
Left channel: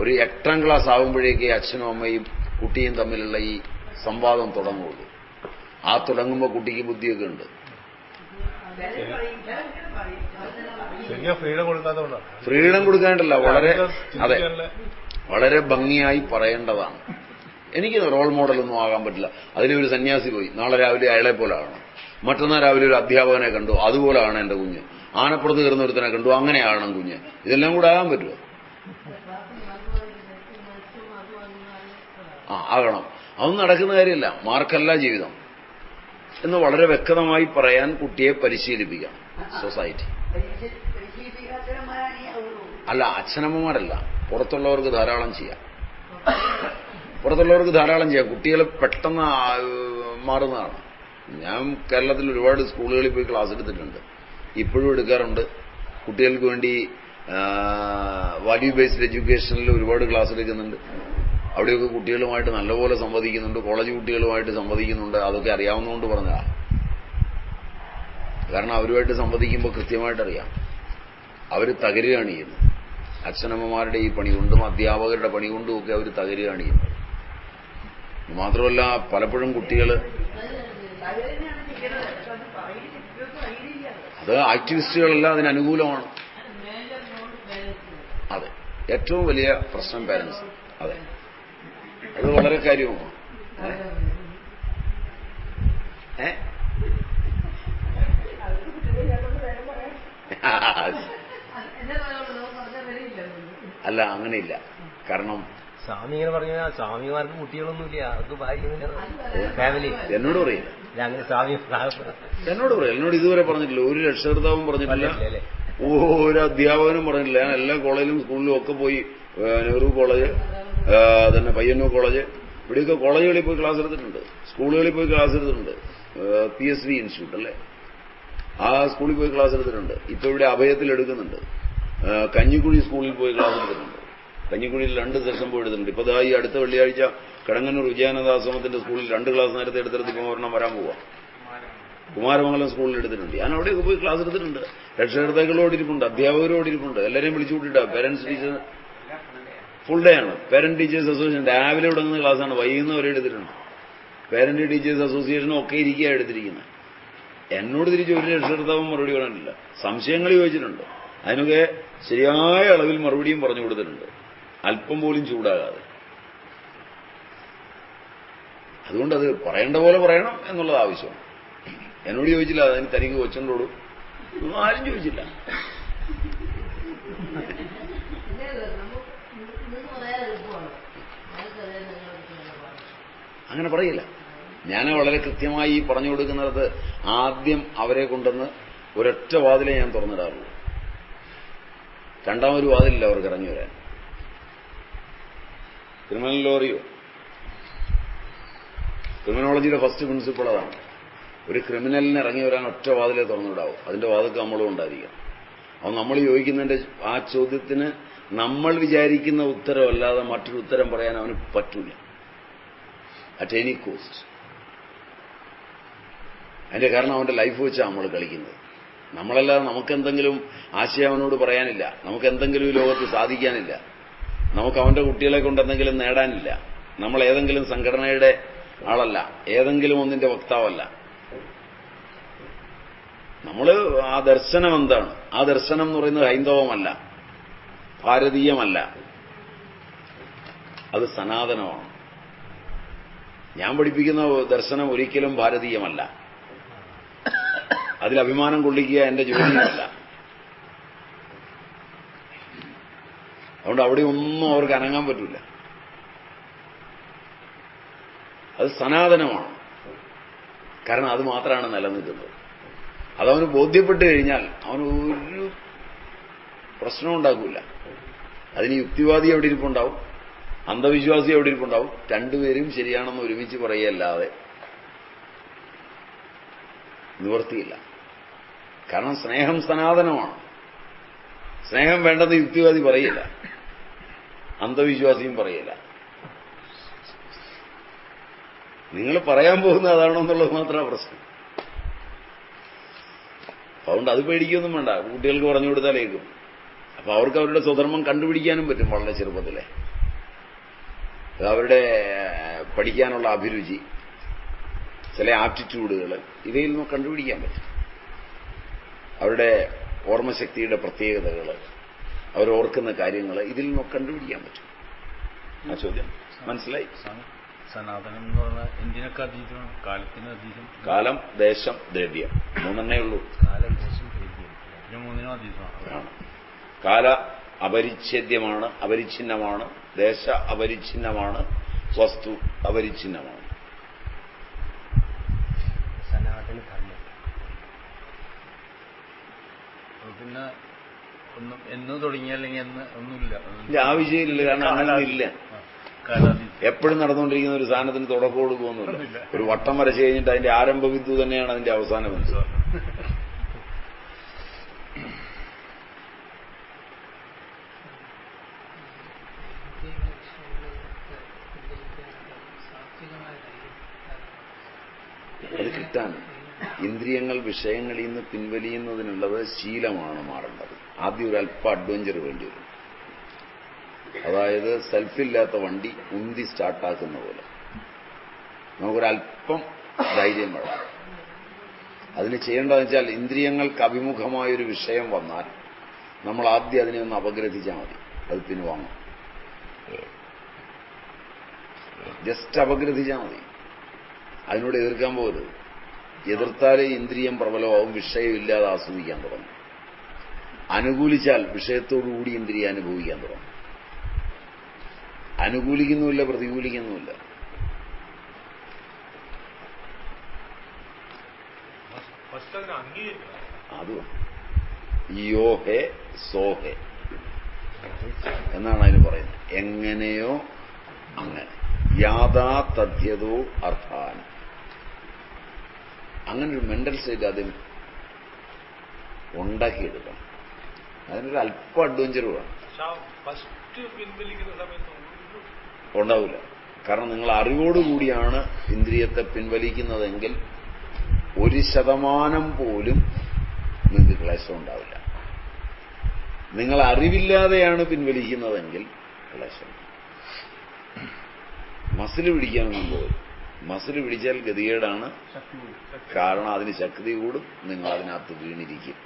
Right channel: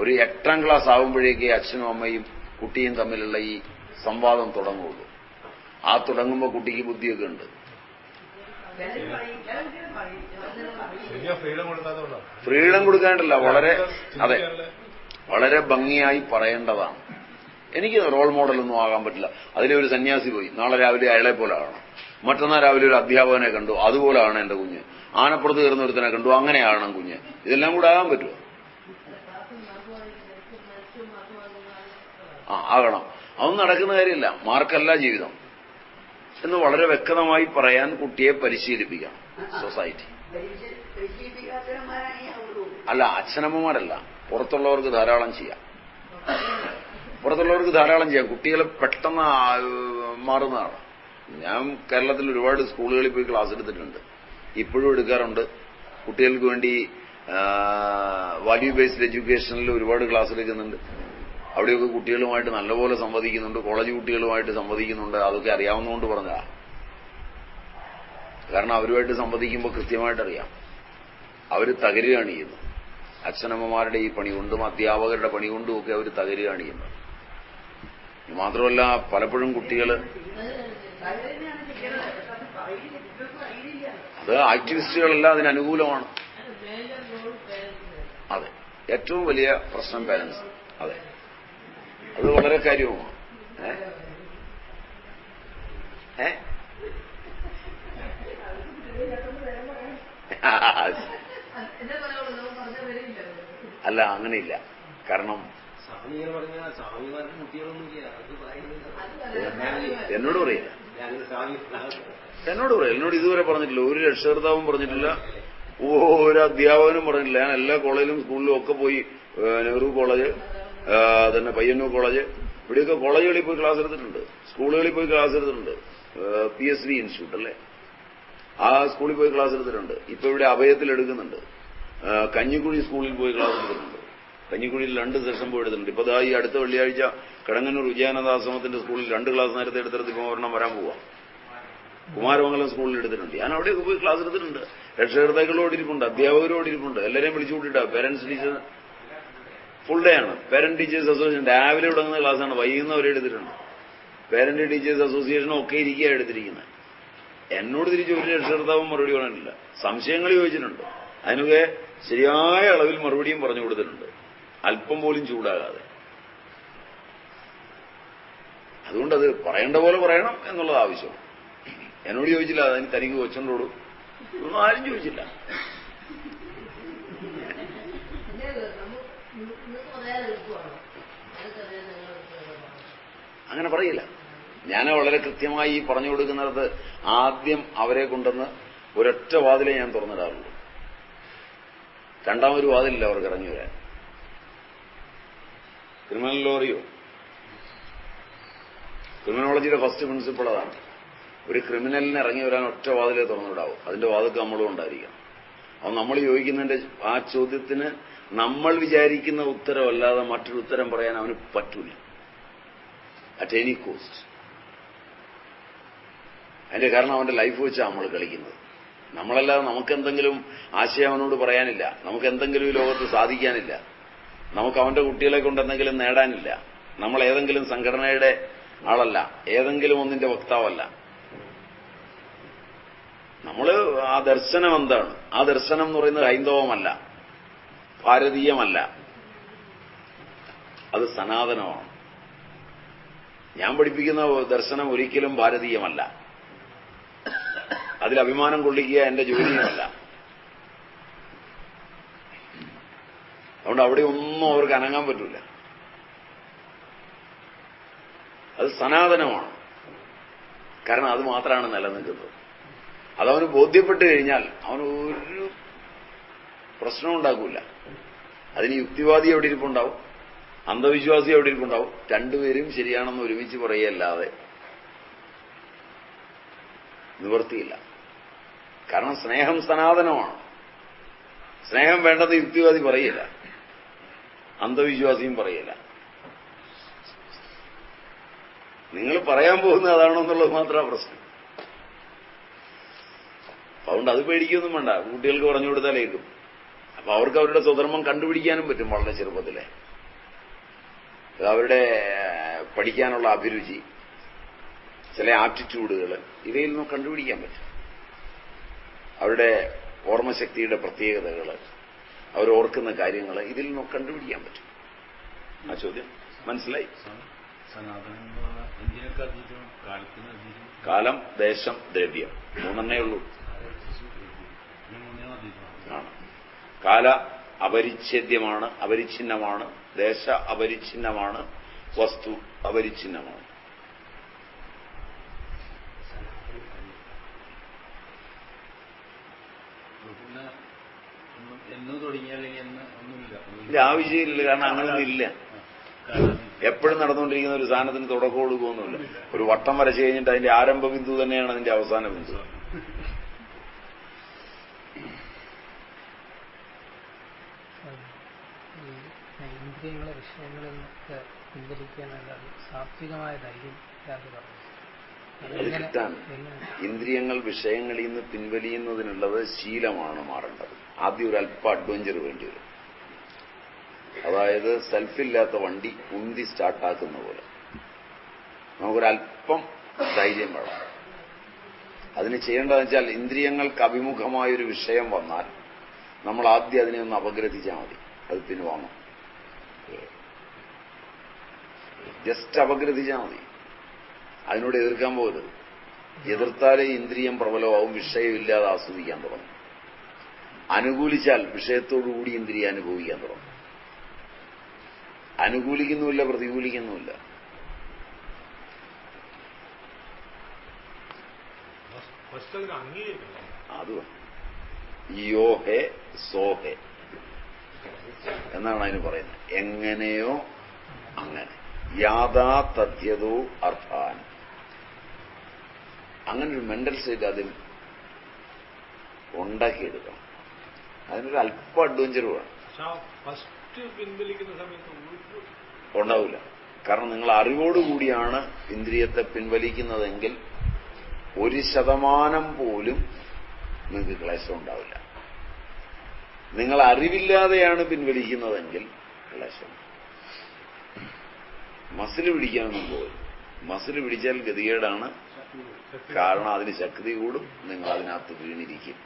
ഒരു 8ാം ക്ലാസ് ആകുമ്പോഴേക്കേ അച്ഛനും അമ്മയും കുട്ടിയും തമ്മിലുള്ള ഈ സംവാദം തുടങ്ങുള്ളൂ. ആ തുടങ്ങുമ്പോൾ കുട്ടിക്ക് ബുദ്ധിയൊക്കെ ഉണ്ട്. ഫ്രീഡം കൊടുക്കാണ്ടല്ല, വളരെ ഭംഗിയായി പറയേണ്ടതാണ്. എനിക്ക് റോൾ മോഡലൊന്നും ആകാൻ പറ്റില്ല. അതിലൊരു സന്യാസി പോയി, നാളെ രാവിലെ അയാളെ പോലെ ആകണം. മറ്റന്നാൾ രാവിലെ ഒരു അധ്യാപകനെ കണ്ടു, അതുപോലെയാണ് എന്റെ കുഞ്ഞ്. ആനപ്പുറത്ത് കയറുന്ന ഒരുത്തനെ കണ്ടു, അങ്ങനെയാണ് കുഞ്ഞ്. ഇതെല്ലാം കൂടെ ആകാൻ പറ്റുമോ? ആകണം. അതൊന്നും നടക്കുന്ന കാര്യമില്ല. മാർക്കല്ല ജീവിതം എന്ന് വളരെ വ്യക്തമായി പറയാൻ കുട്ടിയെ പരിശീലിപ്പിക്കാം സൊസൈറ്റി. അല്ല, അച്ഛനമ്മമാരല്ല, പുറത്തുള്ളവർക്ക് ധാരാളം ചെയ്യാം. കുട്ടികൾ പെട്ടെന്ന് മാറുന്നതാണ്. ഞാൻ കേരളത്തിൽ ഒരുപാട് സ്കൂളുകളിൽ പോയി ക്ലാസ് എടുത്തിട്ടുണ്ട്, ഇപ്പോഴും എടുക്കാറുണ്ട്. കുട്ടികൾക്ക് വേണ്ടി വാല്യൂ ബേസ്ഡ് എഡ്യൂക്കേഷനിൽ ഒരുപാട് ക്ലാസ് എടുക്കുന്നുണ്ട്. അവിടെയൊക്കെ കുട്ടികളുമായിട്ട് നല്ലപോലെ സംവദിക്കുന്നുണ്ട്, കോളേജ് കുട്ടികളുമായിട്ട് സംവദിക്കുന്നുണ്ട്. അതൊക്കെ അറിയാവുന്നതുകൊണ്ട് പറഞ്ഞതാണ്. കാരണം അവരുമായിട്ട് സംവദിക്കുമ്പോൾ കൃത്യമായിട്ടറിയാം അവർ തകരുകയാണ് ചെയ്യുന്നത്. അച്ഛനമ്മമാരുടെ ഈ പണി കൊണ്ടും അധ്യാപകരുടെ പണി കൊണ്ടും ഒക്കെ അവർ തകരുകയാണ് ചെയ്യുന്നത്. മാത്രമല്ല പലപ്പോഴും കുട്ടികൾ അത് ആക്ടിവിസ്റ്റുകളെല്ലാം അതിനനുകൂലമാണ്. അതെ, ഏറ്റവും വലിയ പ്രശ്നം പാരന്റ്സ്. അതെ, അത് വളരെ കാര്യവുമാണ്. അല്ല, അങ്ങനെയില്ല. കാരണം സ്വാമി ഇങ്ങനെ പറഞ്ഞ സ്വാമിമാർക്ക് കുട്ടികളൊന്നുമില്ല, അവർക്ക് ഫാമിലി എന്നോട് പറയില്ല, അങ്ങനെ സ്വാമി എന്നോട് പറയില്ല. എന്നോട് ഇതുവരെ പറഞ്ഞിട്ടില്ല, ഒരു രക്ഷകർത്താവും പറഞ്ഞിട്ടില്ല, ഒരു അധ്യാപകനും പറഞ്ഞിട്ടില്ല. ഞാൻ എല്ലാ കോളേജിലും സ്കൂളിലും ഒക്കെ പോയി, നെഹ്റു കോളേജ്, തന്നെ പയ്യന്നൂർ കോളേജ്, ഇവിടെയൊക്കെ കോളേജുകളിൽ പോയി ക്ലാസ് എടുത്തിട്ടുണ്ട്, സ്കൂളുകളിൽ പോയി ക്ലാസ് എടുത്തിട്ടുണ്ട്. PSV ഇൻസ്റ്റിറ്റ്യൂട്ട് അല്ലേ, ആ സ്കൂളിൽ പോയി ക്ലാസ് എടുത്തിട്ടുണ്ട്. ഇപ്പൊ ഇവിടെ അഭയത്തിൽ എടുക്കുന്നുണ്ട്. കഞ്ഞിക്കുഴി സ്കൂളിൽ പോയി ക്ലാസ് എടുത്തിട്ടുണ്ട്. കഞ്ഞിക്കുഴിയിൽ 2 സെഷൻ പോയി എടുത്തിട്ടുണ്ട്. ഇപ്പൊ ഈ അടുത്ത വെള്ളിയാഴ്ച കടങ്ങന്നൂർ വിജയാനന്ദാശ്രമത്തിന്റെ സ്കൂളിൽ 2 ക്ലാസ് നേരത്തെ എടുത്തെടുത്ത് ഇപ്പൊ ഒരെണ്ണം വരാൻ പോവാം. കുമാരമംഗലം സ്കൂളിൽ എടുത്തിട്ടുണ്ട്. ഞാൻ അവിടെയൊക്കെ പോയി ക്ലാസ് എടുത്തിട്ടുണ്ട്. രക്ഷകർത്താക്കളോടിരിപ്പുണ്ട്, അധ്യാപകരോടിരിപ്പുണ്ട്, എല്ലാവരെയും വിളിച്ചു കൂട്ടിയിട്ടാ. പേരന്റ്സ് ടീച്ചേഴ്സ് ഫുൾ ഡേ ആണ്. പേരന്റ് ടീച്ചേഴ്സ് അസോസിയേഷൻ രാവിലെ തുടങ്ങുന്ന ക്ലാസ്സാണ്, വൈകുന്നവരെ എടുത്തിട്ടുണ്ട്. പേരന്റ് ടീച്ചേഴ്സ് അസോസിയേഷനും ഒക്കെ ഇരിക്കുക എടുത്തിരിക്കുന്നത്. എന്നോട് തിരിച്ച് ഒരു രക്ഷകർത്താവും മറുപടി പറയാനില്ല. സംശയങ്ങൾ ചോദിച്ചിട്ടുണ്ട്, അതിനൊക്കെ ശരിയായ അളവിൽ മറുപടിയും പറഞ്ഞു കൊടുത്തിട്ടുണ്ട്, അല്പം പോലും ചൂടാകാതെ. അതുകൊണ്ടത് പറയേണ്ട പോലെ പറയണം എന്നുള്ളത് ആവശ്യം. എന്നോട് ചോദിച്ചില്ല, അതിന് തനിക്ക് കൊച്ചുണ്ടോടും ഒന്നും ആരും ചോദിച്ചില്ല. അങ്ങനെ പറയില്ല. ഞാൻ വളരെ കൃത്യമായി പറഞ്ഞു കൊടുക്കുന്നിടത്ത് ആദ്യം അവരെ കൊണ്ടുവന്ന് ഒരൊറ്റ വാതിലേ ഞാൻ തുറന്നിടാറുള്ളൂ. രണ്ടാമൊരു വാതിലില്ല അവർക്ക് ഇറങ്ങി വരാൻ. ക്രിമിനോളജിയുടെ ഫസ്റ്റ് പ്രിൻസിപ്പിൾ അതാണ്. ഒരു ക്രിമിനലിന് ഇറങ്ങി വരാൻ ഒറ്റ വാതിലേ തുറന്നിടാവും, അതിന്റെ വാതിൽക്ക് നമ്മളും ഉണ്ടായിരിക്കണം. അത് നമ്മൾ ചോദിക്കുന്നതിന്റെ ആ ചോദ്യത്തിന് നമ്മൾ വിചാരിക്കുന്ന ഉത്തരവല്ലാതെ മറ്റൊരു ഉത്തരം പറയാൻ അവന് പറ്റൂല, അറ്റ് എനി കോസ്റ്റ്. അതിന്റെ കാരണം അവന്റെ ലൈഫ് വെച്ചാണ് നമ്മൾ കളിക്കുന്നത്. നമ്മളല്ലാതെ നമുക്കെന്തെങ്കിലും ആശയം അവനോട് പറയാനില്ല, നമുക്കെന്തെങ്കിലും ഈ ലോകത്ത് സാധിക്കാനില്ല, നമുക്ക് അവന്റെ കുട്ടികളെ കൊണ്ട് എന്തെങ്കിലും നേടാനില്ല. നമ്മൾ ഏതെങ്കിലും സംഘടനയുടെ ആളല്ല, ഏതെങ്കിലും ഒന്നിന്റെ വക്താവല്ല. നമ്മൾ ആ ദർശനം എന്താണ്? ആ ദർശനം എന്ന് പറയുന്നത് ഹൈന്ദവമല്ല, ഭാരതീയമല്ല, അത് സനാതനമാണ്. ഞാൻ പഠിപ്പിക്കുന്ന ദർശനം ഒരിക്കലും ഭാരതീയമല്ല, അതിൽ അഭിമാനം കൊള്ളിക്കുക എന്റെ ജോലിയുമല്ല. അതുകൊണ്ട് അവിടെ ഒന്നും അവർക്ക് അനങ്ങാൻ പറ്റില്ല. അത് സനാതനമാണ്, കാരണം അത് മാത്രമാണ് നിലനിൽക്കുന്നത്. അതവന് ബോധ്യപ്പെട്ട് കഴിഞ്ഞാൽ അവന് ഒരു പ്രശ്നവും ഉണ്ടാക്കൂല. അതിന് യുക്തിവാദി എവിടെ ഇരിപ്പുണ്ടാവും, അന്ധവിശ്വാസി എവിടെ ഇരിപ്പുണ്ടാവും, രണ്ടുപേരും ശരിയാണെന്ന് ഒരുമിച്ച് പറയുകയല്ലാതെ നിവർത്തിയില്ല. കാരണം സ്നേഹം സനാതനമാണ്. സ്നേഹം വേണ്ടെന്ന് യുക്തിവാദി പറയില്ല, അന്ധവിശ്വാസിയും പറയില്ല. നിങ്ങൾ പറയാൻ പോകുന്നത് അതാണോ എന്നുള്ളത് മാത്രമാണ് പ്രശ്നം. അതുകൊണ്ട് അത് പേടിക്കൊന്നും വേണ്ട, കുട്ടികൾക്ക് പറഞ്ഞു കൊടുത്താലേക്കും. അപ്പൊ അവർക്ക് അവരുടെ സ്വധർമ്മം കണ്ടുപിടിക്കാനും പറ്റും വളരെ ചെറുപ്പത്തിലെ. അവരുടെ പഠിക്കാനുള്ള അഭിരുചി, ചില ആപ്റ്റിറ്റ്യൂഡുകൾ, ഇവയിൽ നിന്ന് കണ്ടുപിടിക്കാൻ പറ്റും. അവരുടെ ഓർമ്മശക്തിയുടെ പ്രത്യേകതകൾ, അവരോർക്കുന്ന കാര്യങ്ങൾ, ഇതിൽ നിന്ന് കണ്ടുപിടിക്കാൻ പറ്റും. ആ ചോദ്യം മനസ്സിലായി? സനാതനം എന്ന് പറഞ്ഞാൽ എന്തിനൊക്കെ അതീതമാണ്? കാലത്തിന് അതീതം. കാലം, ദേശം, ദ്രവ്യം, മൂന്നെണ്ണേ ഉള്ളൂ. മൂന്നിനും അതീതമാണ്. ആണ്. കാല അപരിച്ഛേദ്യമാണ്, അപരിച്ഛിന്നമാണ്. ദേശ അപരിച്ഛിന്നമാണ്. വസ്തു അപരിച്ഛിന്നമാണ്. പിന്നെ എന്ന് തുടങ്ങിയല്ലെങ്കിൽ എന്ന് ഒന്നുമില്ല. ഇതിന്റെ ആവശ്യമില്ല, കാരണം അങ്ങനൊന്നും ഇല്ല. എപ്പോഴും നടന്നുകൊണ്ടിരിക്കുന്ന ഒരു സാധനത്തിന് തുടക്കം കൊടുക്കുകയൊന്നുമില്ല. ഒരു വട്ടം വരച്ചു കഴിഞ്ഞിട്ട് അതിന്റെ ആരംഭ ബിന്ദു തന്നെയാണ് അതിന്റെ അവസാന ബിന്ദു. അത് കിട്ടാൻ ഇന്ദ്രിയങ്ങൾ വിഷയങ്ങളിൽ നിന്ന് പിൻവലിയുന്നതിനുള്ളത് ശീലമാണ് മാറേണ്ടത്. ആദ്യം ഒരു അല്പ അഡ്വഞ്ചർ വേണ്ടി വരും. അതായത് സെൽഫില്ലാത്ത വണ്ടി ഉന്തി സ്റ്റാർട്ടാക്കുന്ന പോലെ നമുക്കൊരല്പം ധൈര്യം വേണം. അതിന് ചെയ്യേണ്ടതെന്ന് വെച്ചാൽ ഇന്ദ്രിയങ്ങൾക്ക് അഭിമുഖമായൊരു വിഷയം വന്നാൽ നമ്മൾ ആദ്യം അതിനെ ഒന്ന് അപഗ്രഥിച്ചാൽ മതി. അത് പിൻവാങ്ങും. ജസ്റ്റ് അപഗ്രഥിച്ചാൽ മതി. അതിനോട് എതിർക്കാൻ പോകരുത്. എതിർത്താലേ ഇന്ദ്രിയം പ്രബലമാവും, വിഷയമില്ലാതെ ആസ്വദിക്കാൻ തുടങ്ങും. അനുകൂലിച്ചാൽ വിഷയത്തോടുകൂടി ഇന്ദ്രിയം അനുഭവിക്കാൻ തുടങ്ങും. അനുകൂലിക്കുന്നുമില്ല, പ്രതികൂലിക്കുന്നുമില്ല. അതും യോ ഹേ സോ ഹേ എന്നാണ് അതിന് പറയുന്നത്. എങ്ങനെയോ അങ്ങനെ, യാഥാ തഥ്യതോ അർത്ഥാൻ. അങ്ങനെ ഒരു മെന്റൽ സ്റ്റേറ്റ് ആദ്യം ഉണ്ടാക്കിയെടുക്കണം. അതിനൊരു അല്പം അഡ്വഞ്ചർ വേണം. ഉണ്ടാവില്ല. കാരണം നിങ്ങൾ അറിവോടുകൂടിയാണ് ഇന്ദ്രിയത്തെ പിൻവലിക്കുന്നതെങ്കിൽ 1% പോലും നിങ്ങൾക്ക് ക്ലേശം ഉണ്ടാവില്ല. നിങ്ങൾ അറിവില്ലാതെയാണ് പിൻവലിക്കുന്നതെങ്കിൽ ക്ലേശം. മസിൽ പിടിക്കാനൊന്നും പോലും. മസിൽ പിടിച്ചാൽ ഗതികേടാണ്. കാരണം അതിന് ശക്തി കൂടും, നിങ്ങൾ അതിനകത്ത് വീണിരിക്കും.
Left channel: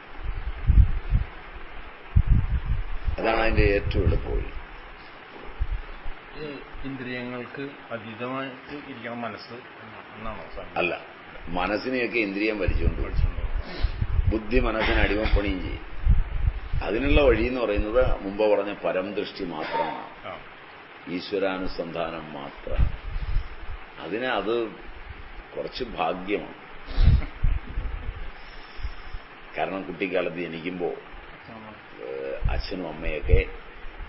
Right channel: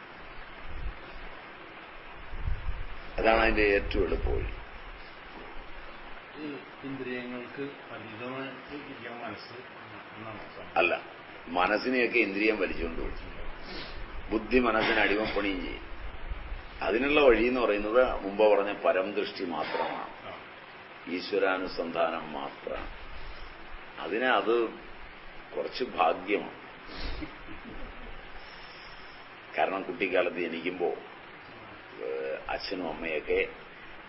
അതാണ് അതിന്റെ ഏറ്റവും എളുപ്പവഴി. ഇന്ദ്രിയങ്ങൾക്ക് അതീതമായിട്ട് ഇരിക്കണം മനസ്സ് അല്ല, മനസ്സിനെയൊക്കെ ഇന്ദ്രിയം വലിച്ചുകൊണ്ട് പിടിച്ചു. ബുദ്ധി മനസ്സിന് അടിമപ്പണിയും ചെയ്യും. അതിനുള്ള വഴി എന്ന് പറയുന്നത് മുമ്പ് പറഞ്ഞ പരംദൃഷ്ടി മാത്രമാണ്, ഈശ്വരാനുസന്ധാനം മാത്രമാണ്. അത് കുറച്ച് ഭാഗ്യമാണ്. കാരണം കുട്ടിക്കാലത്ത് ജനിക്കുമ്പോൾ അച്ഛനും അമ്മയൊക്കെ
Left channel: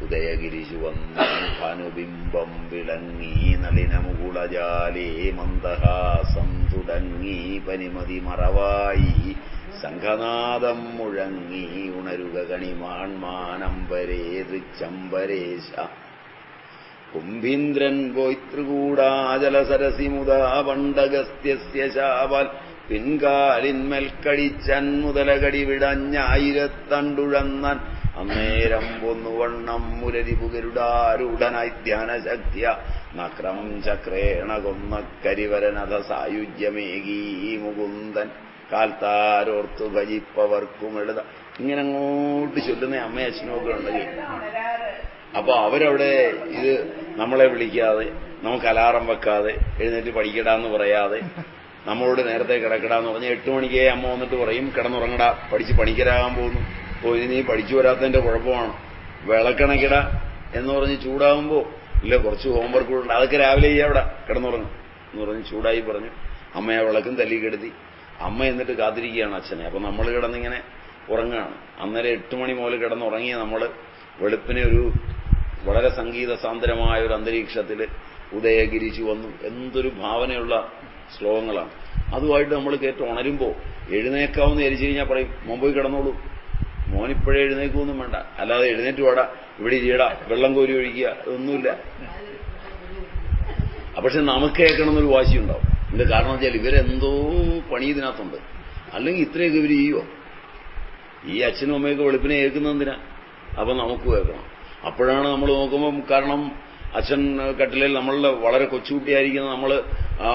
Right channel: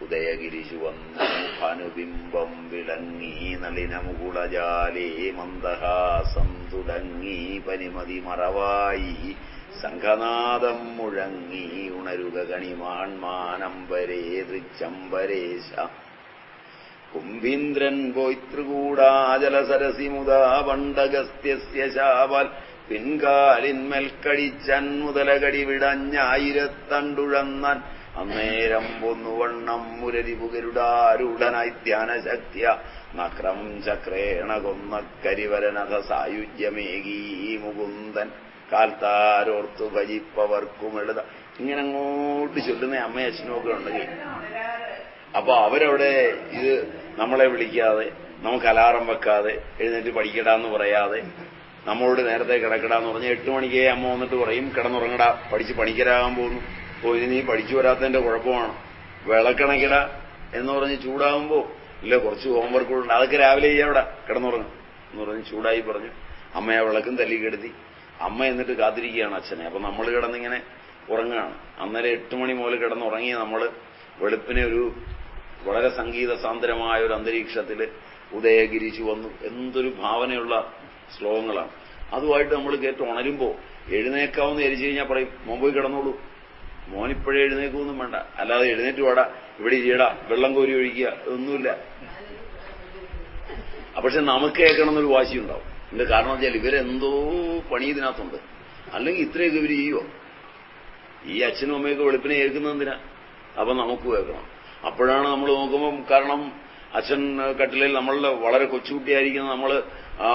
ഉദയഗിരി ചുവന്നു ഭാനുബിംബം വിളങ്ങി നളിനമുകുളജാലേ മന്ദഹാസം തുടങ്ങി പനിമതി മറവായി സംഘനാദം മുഴങ്ങി ഉണരുക കണിമാൺമാനമ്പരേ തൃച്ചമ്പരേശ കുംഭീന്ദ്രൻ പോയിതൃകൂടാചലസരസി മുതാ പണ്ടഗസ്ത്യസ്യ ശാപാൽ പിൻകാലിന്മേൽ കടിച്ചൻ മുതലകടി വിടഞ്ഞായിരത്തണ്ടുഴന്നാൻ അന്നേരം പൊന്നുവണ്ണം മുരരിപുകരുടാരൂഢനായി ധ്യാനശക്തിയ നക്രം ചക്രേണ കൊന്ന കരിവരനഥ സായുജ്യമേകീ മുകുന്ദൻ കാൽത്താരോർത്തു ഭജിപ്പവർക്കും എഴുത. ഇങ്ങനെ അങ്ങോട്ട് ചൊല്ലുന്ന അമ്മയും അച്ഛനും ഒക്കെ ഉണ്ടെങ്കിൽ അപ്പൊ അവരവിടെ ഇത് നമ്മളെ വിളിക്കാതെ, നമുക്ക് അലാറം വെക്കാതെ, എഴുന്നേറ്റ് പഠിക്കടാന്ന് പറയാതെ, നമ്മളോട് നേരത്തെ കിടക്കടാന്ന് പറഞ്ഞാൽ 8 മണിക്കേ അമ്മ വന്നിട്ട് പറയും കിടന്നുറങ്ങടാ, പഠിച്ച് പണിക്കരാകാൻ പോകുന്നു. ഇനി നീ പഠിച്ചു വരാത്തതിന്റെ കുഴപ്പമാണ്, വിളക്കണക്കിട എന്ന് പറഞ്ഞ് ചൂടാകുമ്പോ ഇല്ല കുറച്ച് ഹോംവർക്ക് ഉണ്ട്, അതൊക്കെ രാവിലെ ചെയ്യാവിടെ കിടന്നുറങ്ങും എന്ന് പറഞ്ഞ് ചൂടായി പറഞ്ഞു. അമ്മയെ വിളക്കും തല്ലിക്കെടുത്തി. അമ്മ എന്നിട്ട് കാത്തിരിക്കുകയാണ് അച്ഛനെ. അപ്പൊ നമ്മൾ കിടന്നിങ്ങനെ ഉറങ്ങുകയാണ്. അന്നേരം 8 മണി മുതൽ കിടന്നുറങ്ങിയ നമ്മൾ വെളുപ്പിനെ ഒരു വളരെ സംഗീത സാന്ദ്രമായ ഒരു അന്തരീക്ഷത്തിൽ ഉദയഗിരിച്ചു വന്നു. എന്തൊരു ഭാവനയുള്ള ശ്ലോകങ്ങളാണ്. അതുമായിട്ട് നമ്മൾ കേട്ട് ഉണരുമ്പോൾ എഴുന്നേക്കാവെന്ന് ധരിച്ചു കഴിഞ്ഞാൽ പറയും മോൻ പോയി കിടന്നോളൂ, മോനിപ്പോഴേ എഴുന്നേക്കൊന്നും വേണ്ട, അല്ലാതെ എഴുന്നേറ്റ് വാടാ, ഇവിടെ ചെയ്യടാ, വെള്ളം കോരി ഒഴിക്കുക, ഇതൊന്നുമില്ല. പക്ഷെ നമുക്ക് കേൾക്കണമെന്നൊരു വാശിയുണ്ടാവും. ഇതിന്റെ കാരണം വെച്ചാൽ ഇവരെന്തോ പണി ഇതിനകത്തുണ്ട്, അല്ലെങ്കിൽ ഇത്രയൊക്കെ ഇവർ ചെയ്യുമോ? ഈ അച്ഛനും അമ്മയൊക്കെ വെളുപ്പിനെ കേൾക്കുന്നതിനാ, അപ്പൊ നമുക്ക് കേൾക്കണം. അപ്പോഴാണ് നമ്മൾ നോക്കുമ്പം, കാരണം അച്ഛൻ കട്ടിലിൽ നമ്മളുടെ വളരെ കൊച്ചുകുട്ടിയായിരിക്കുന്ന നമ്മൾ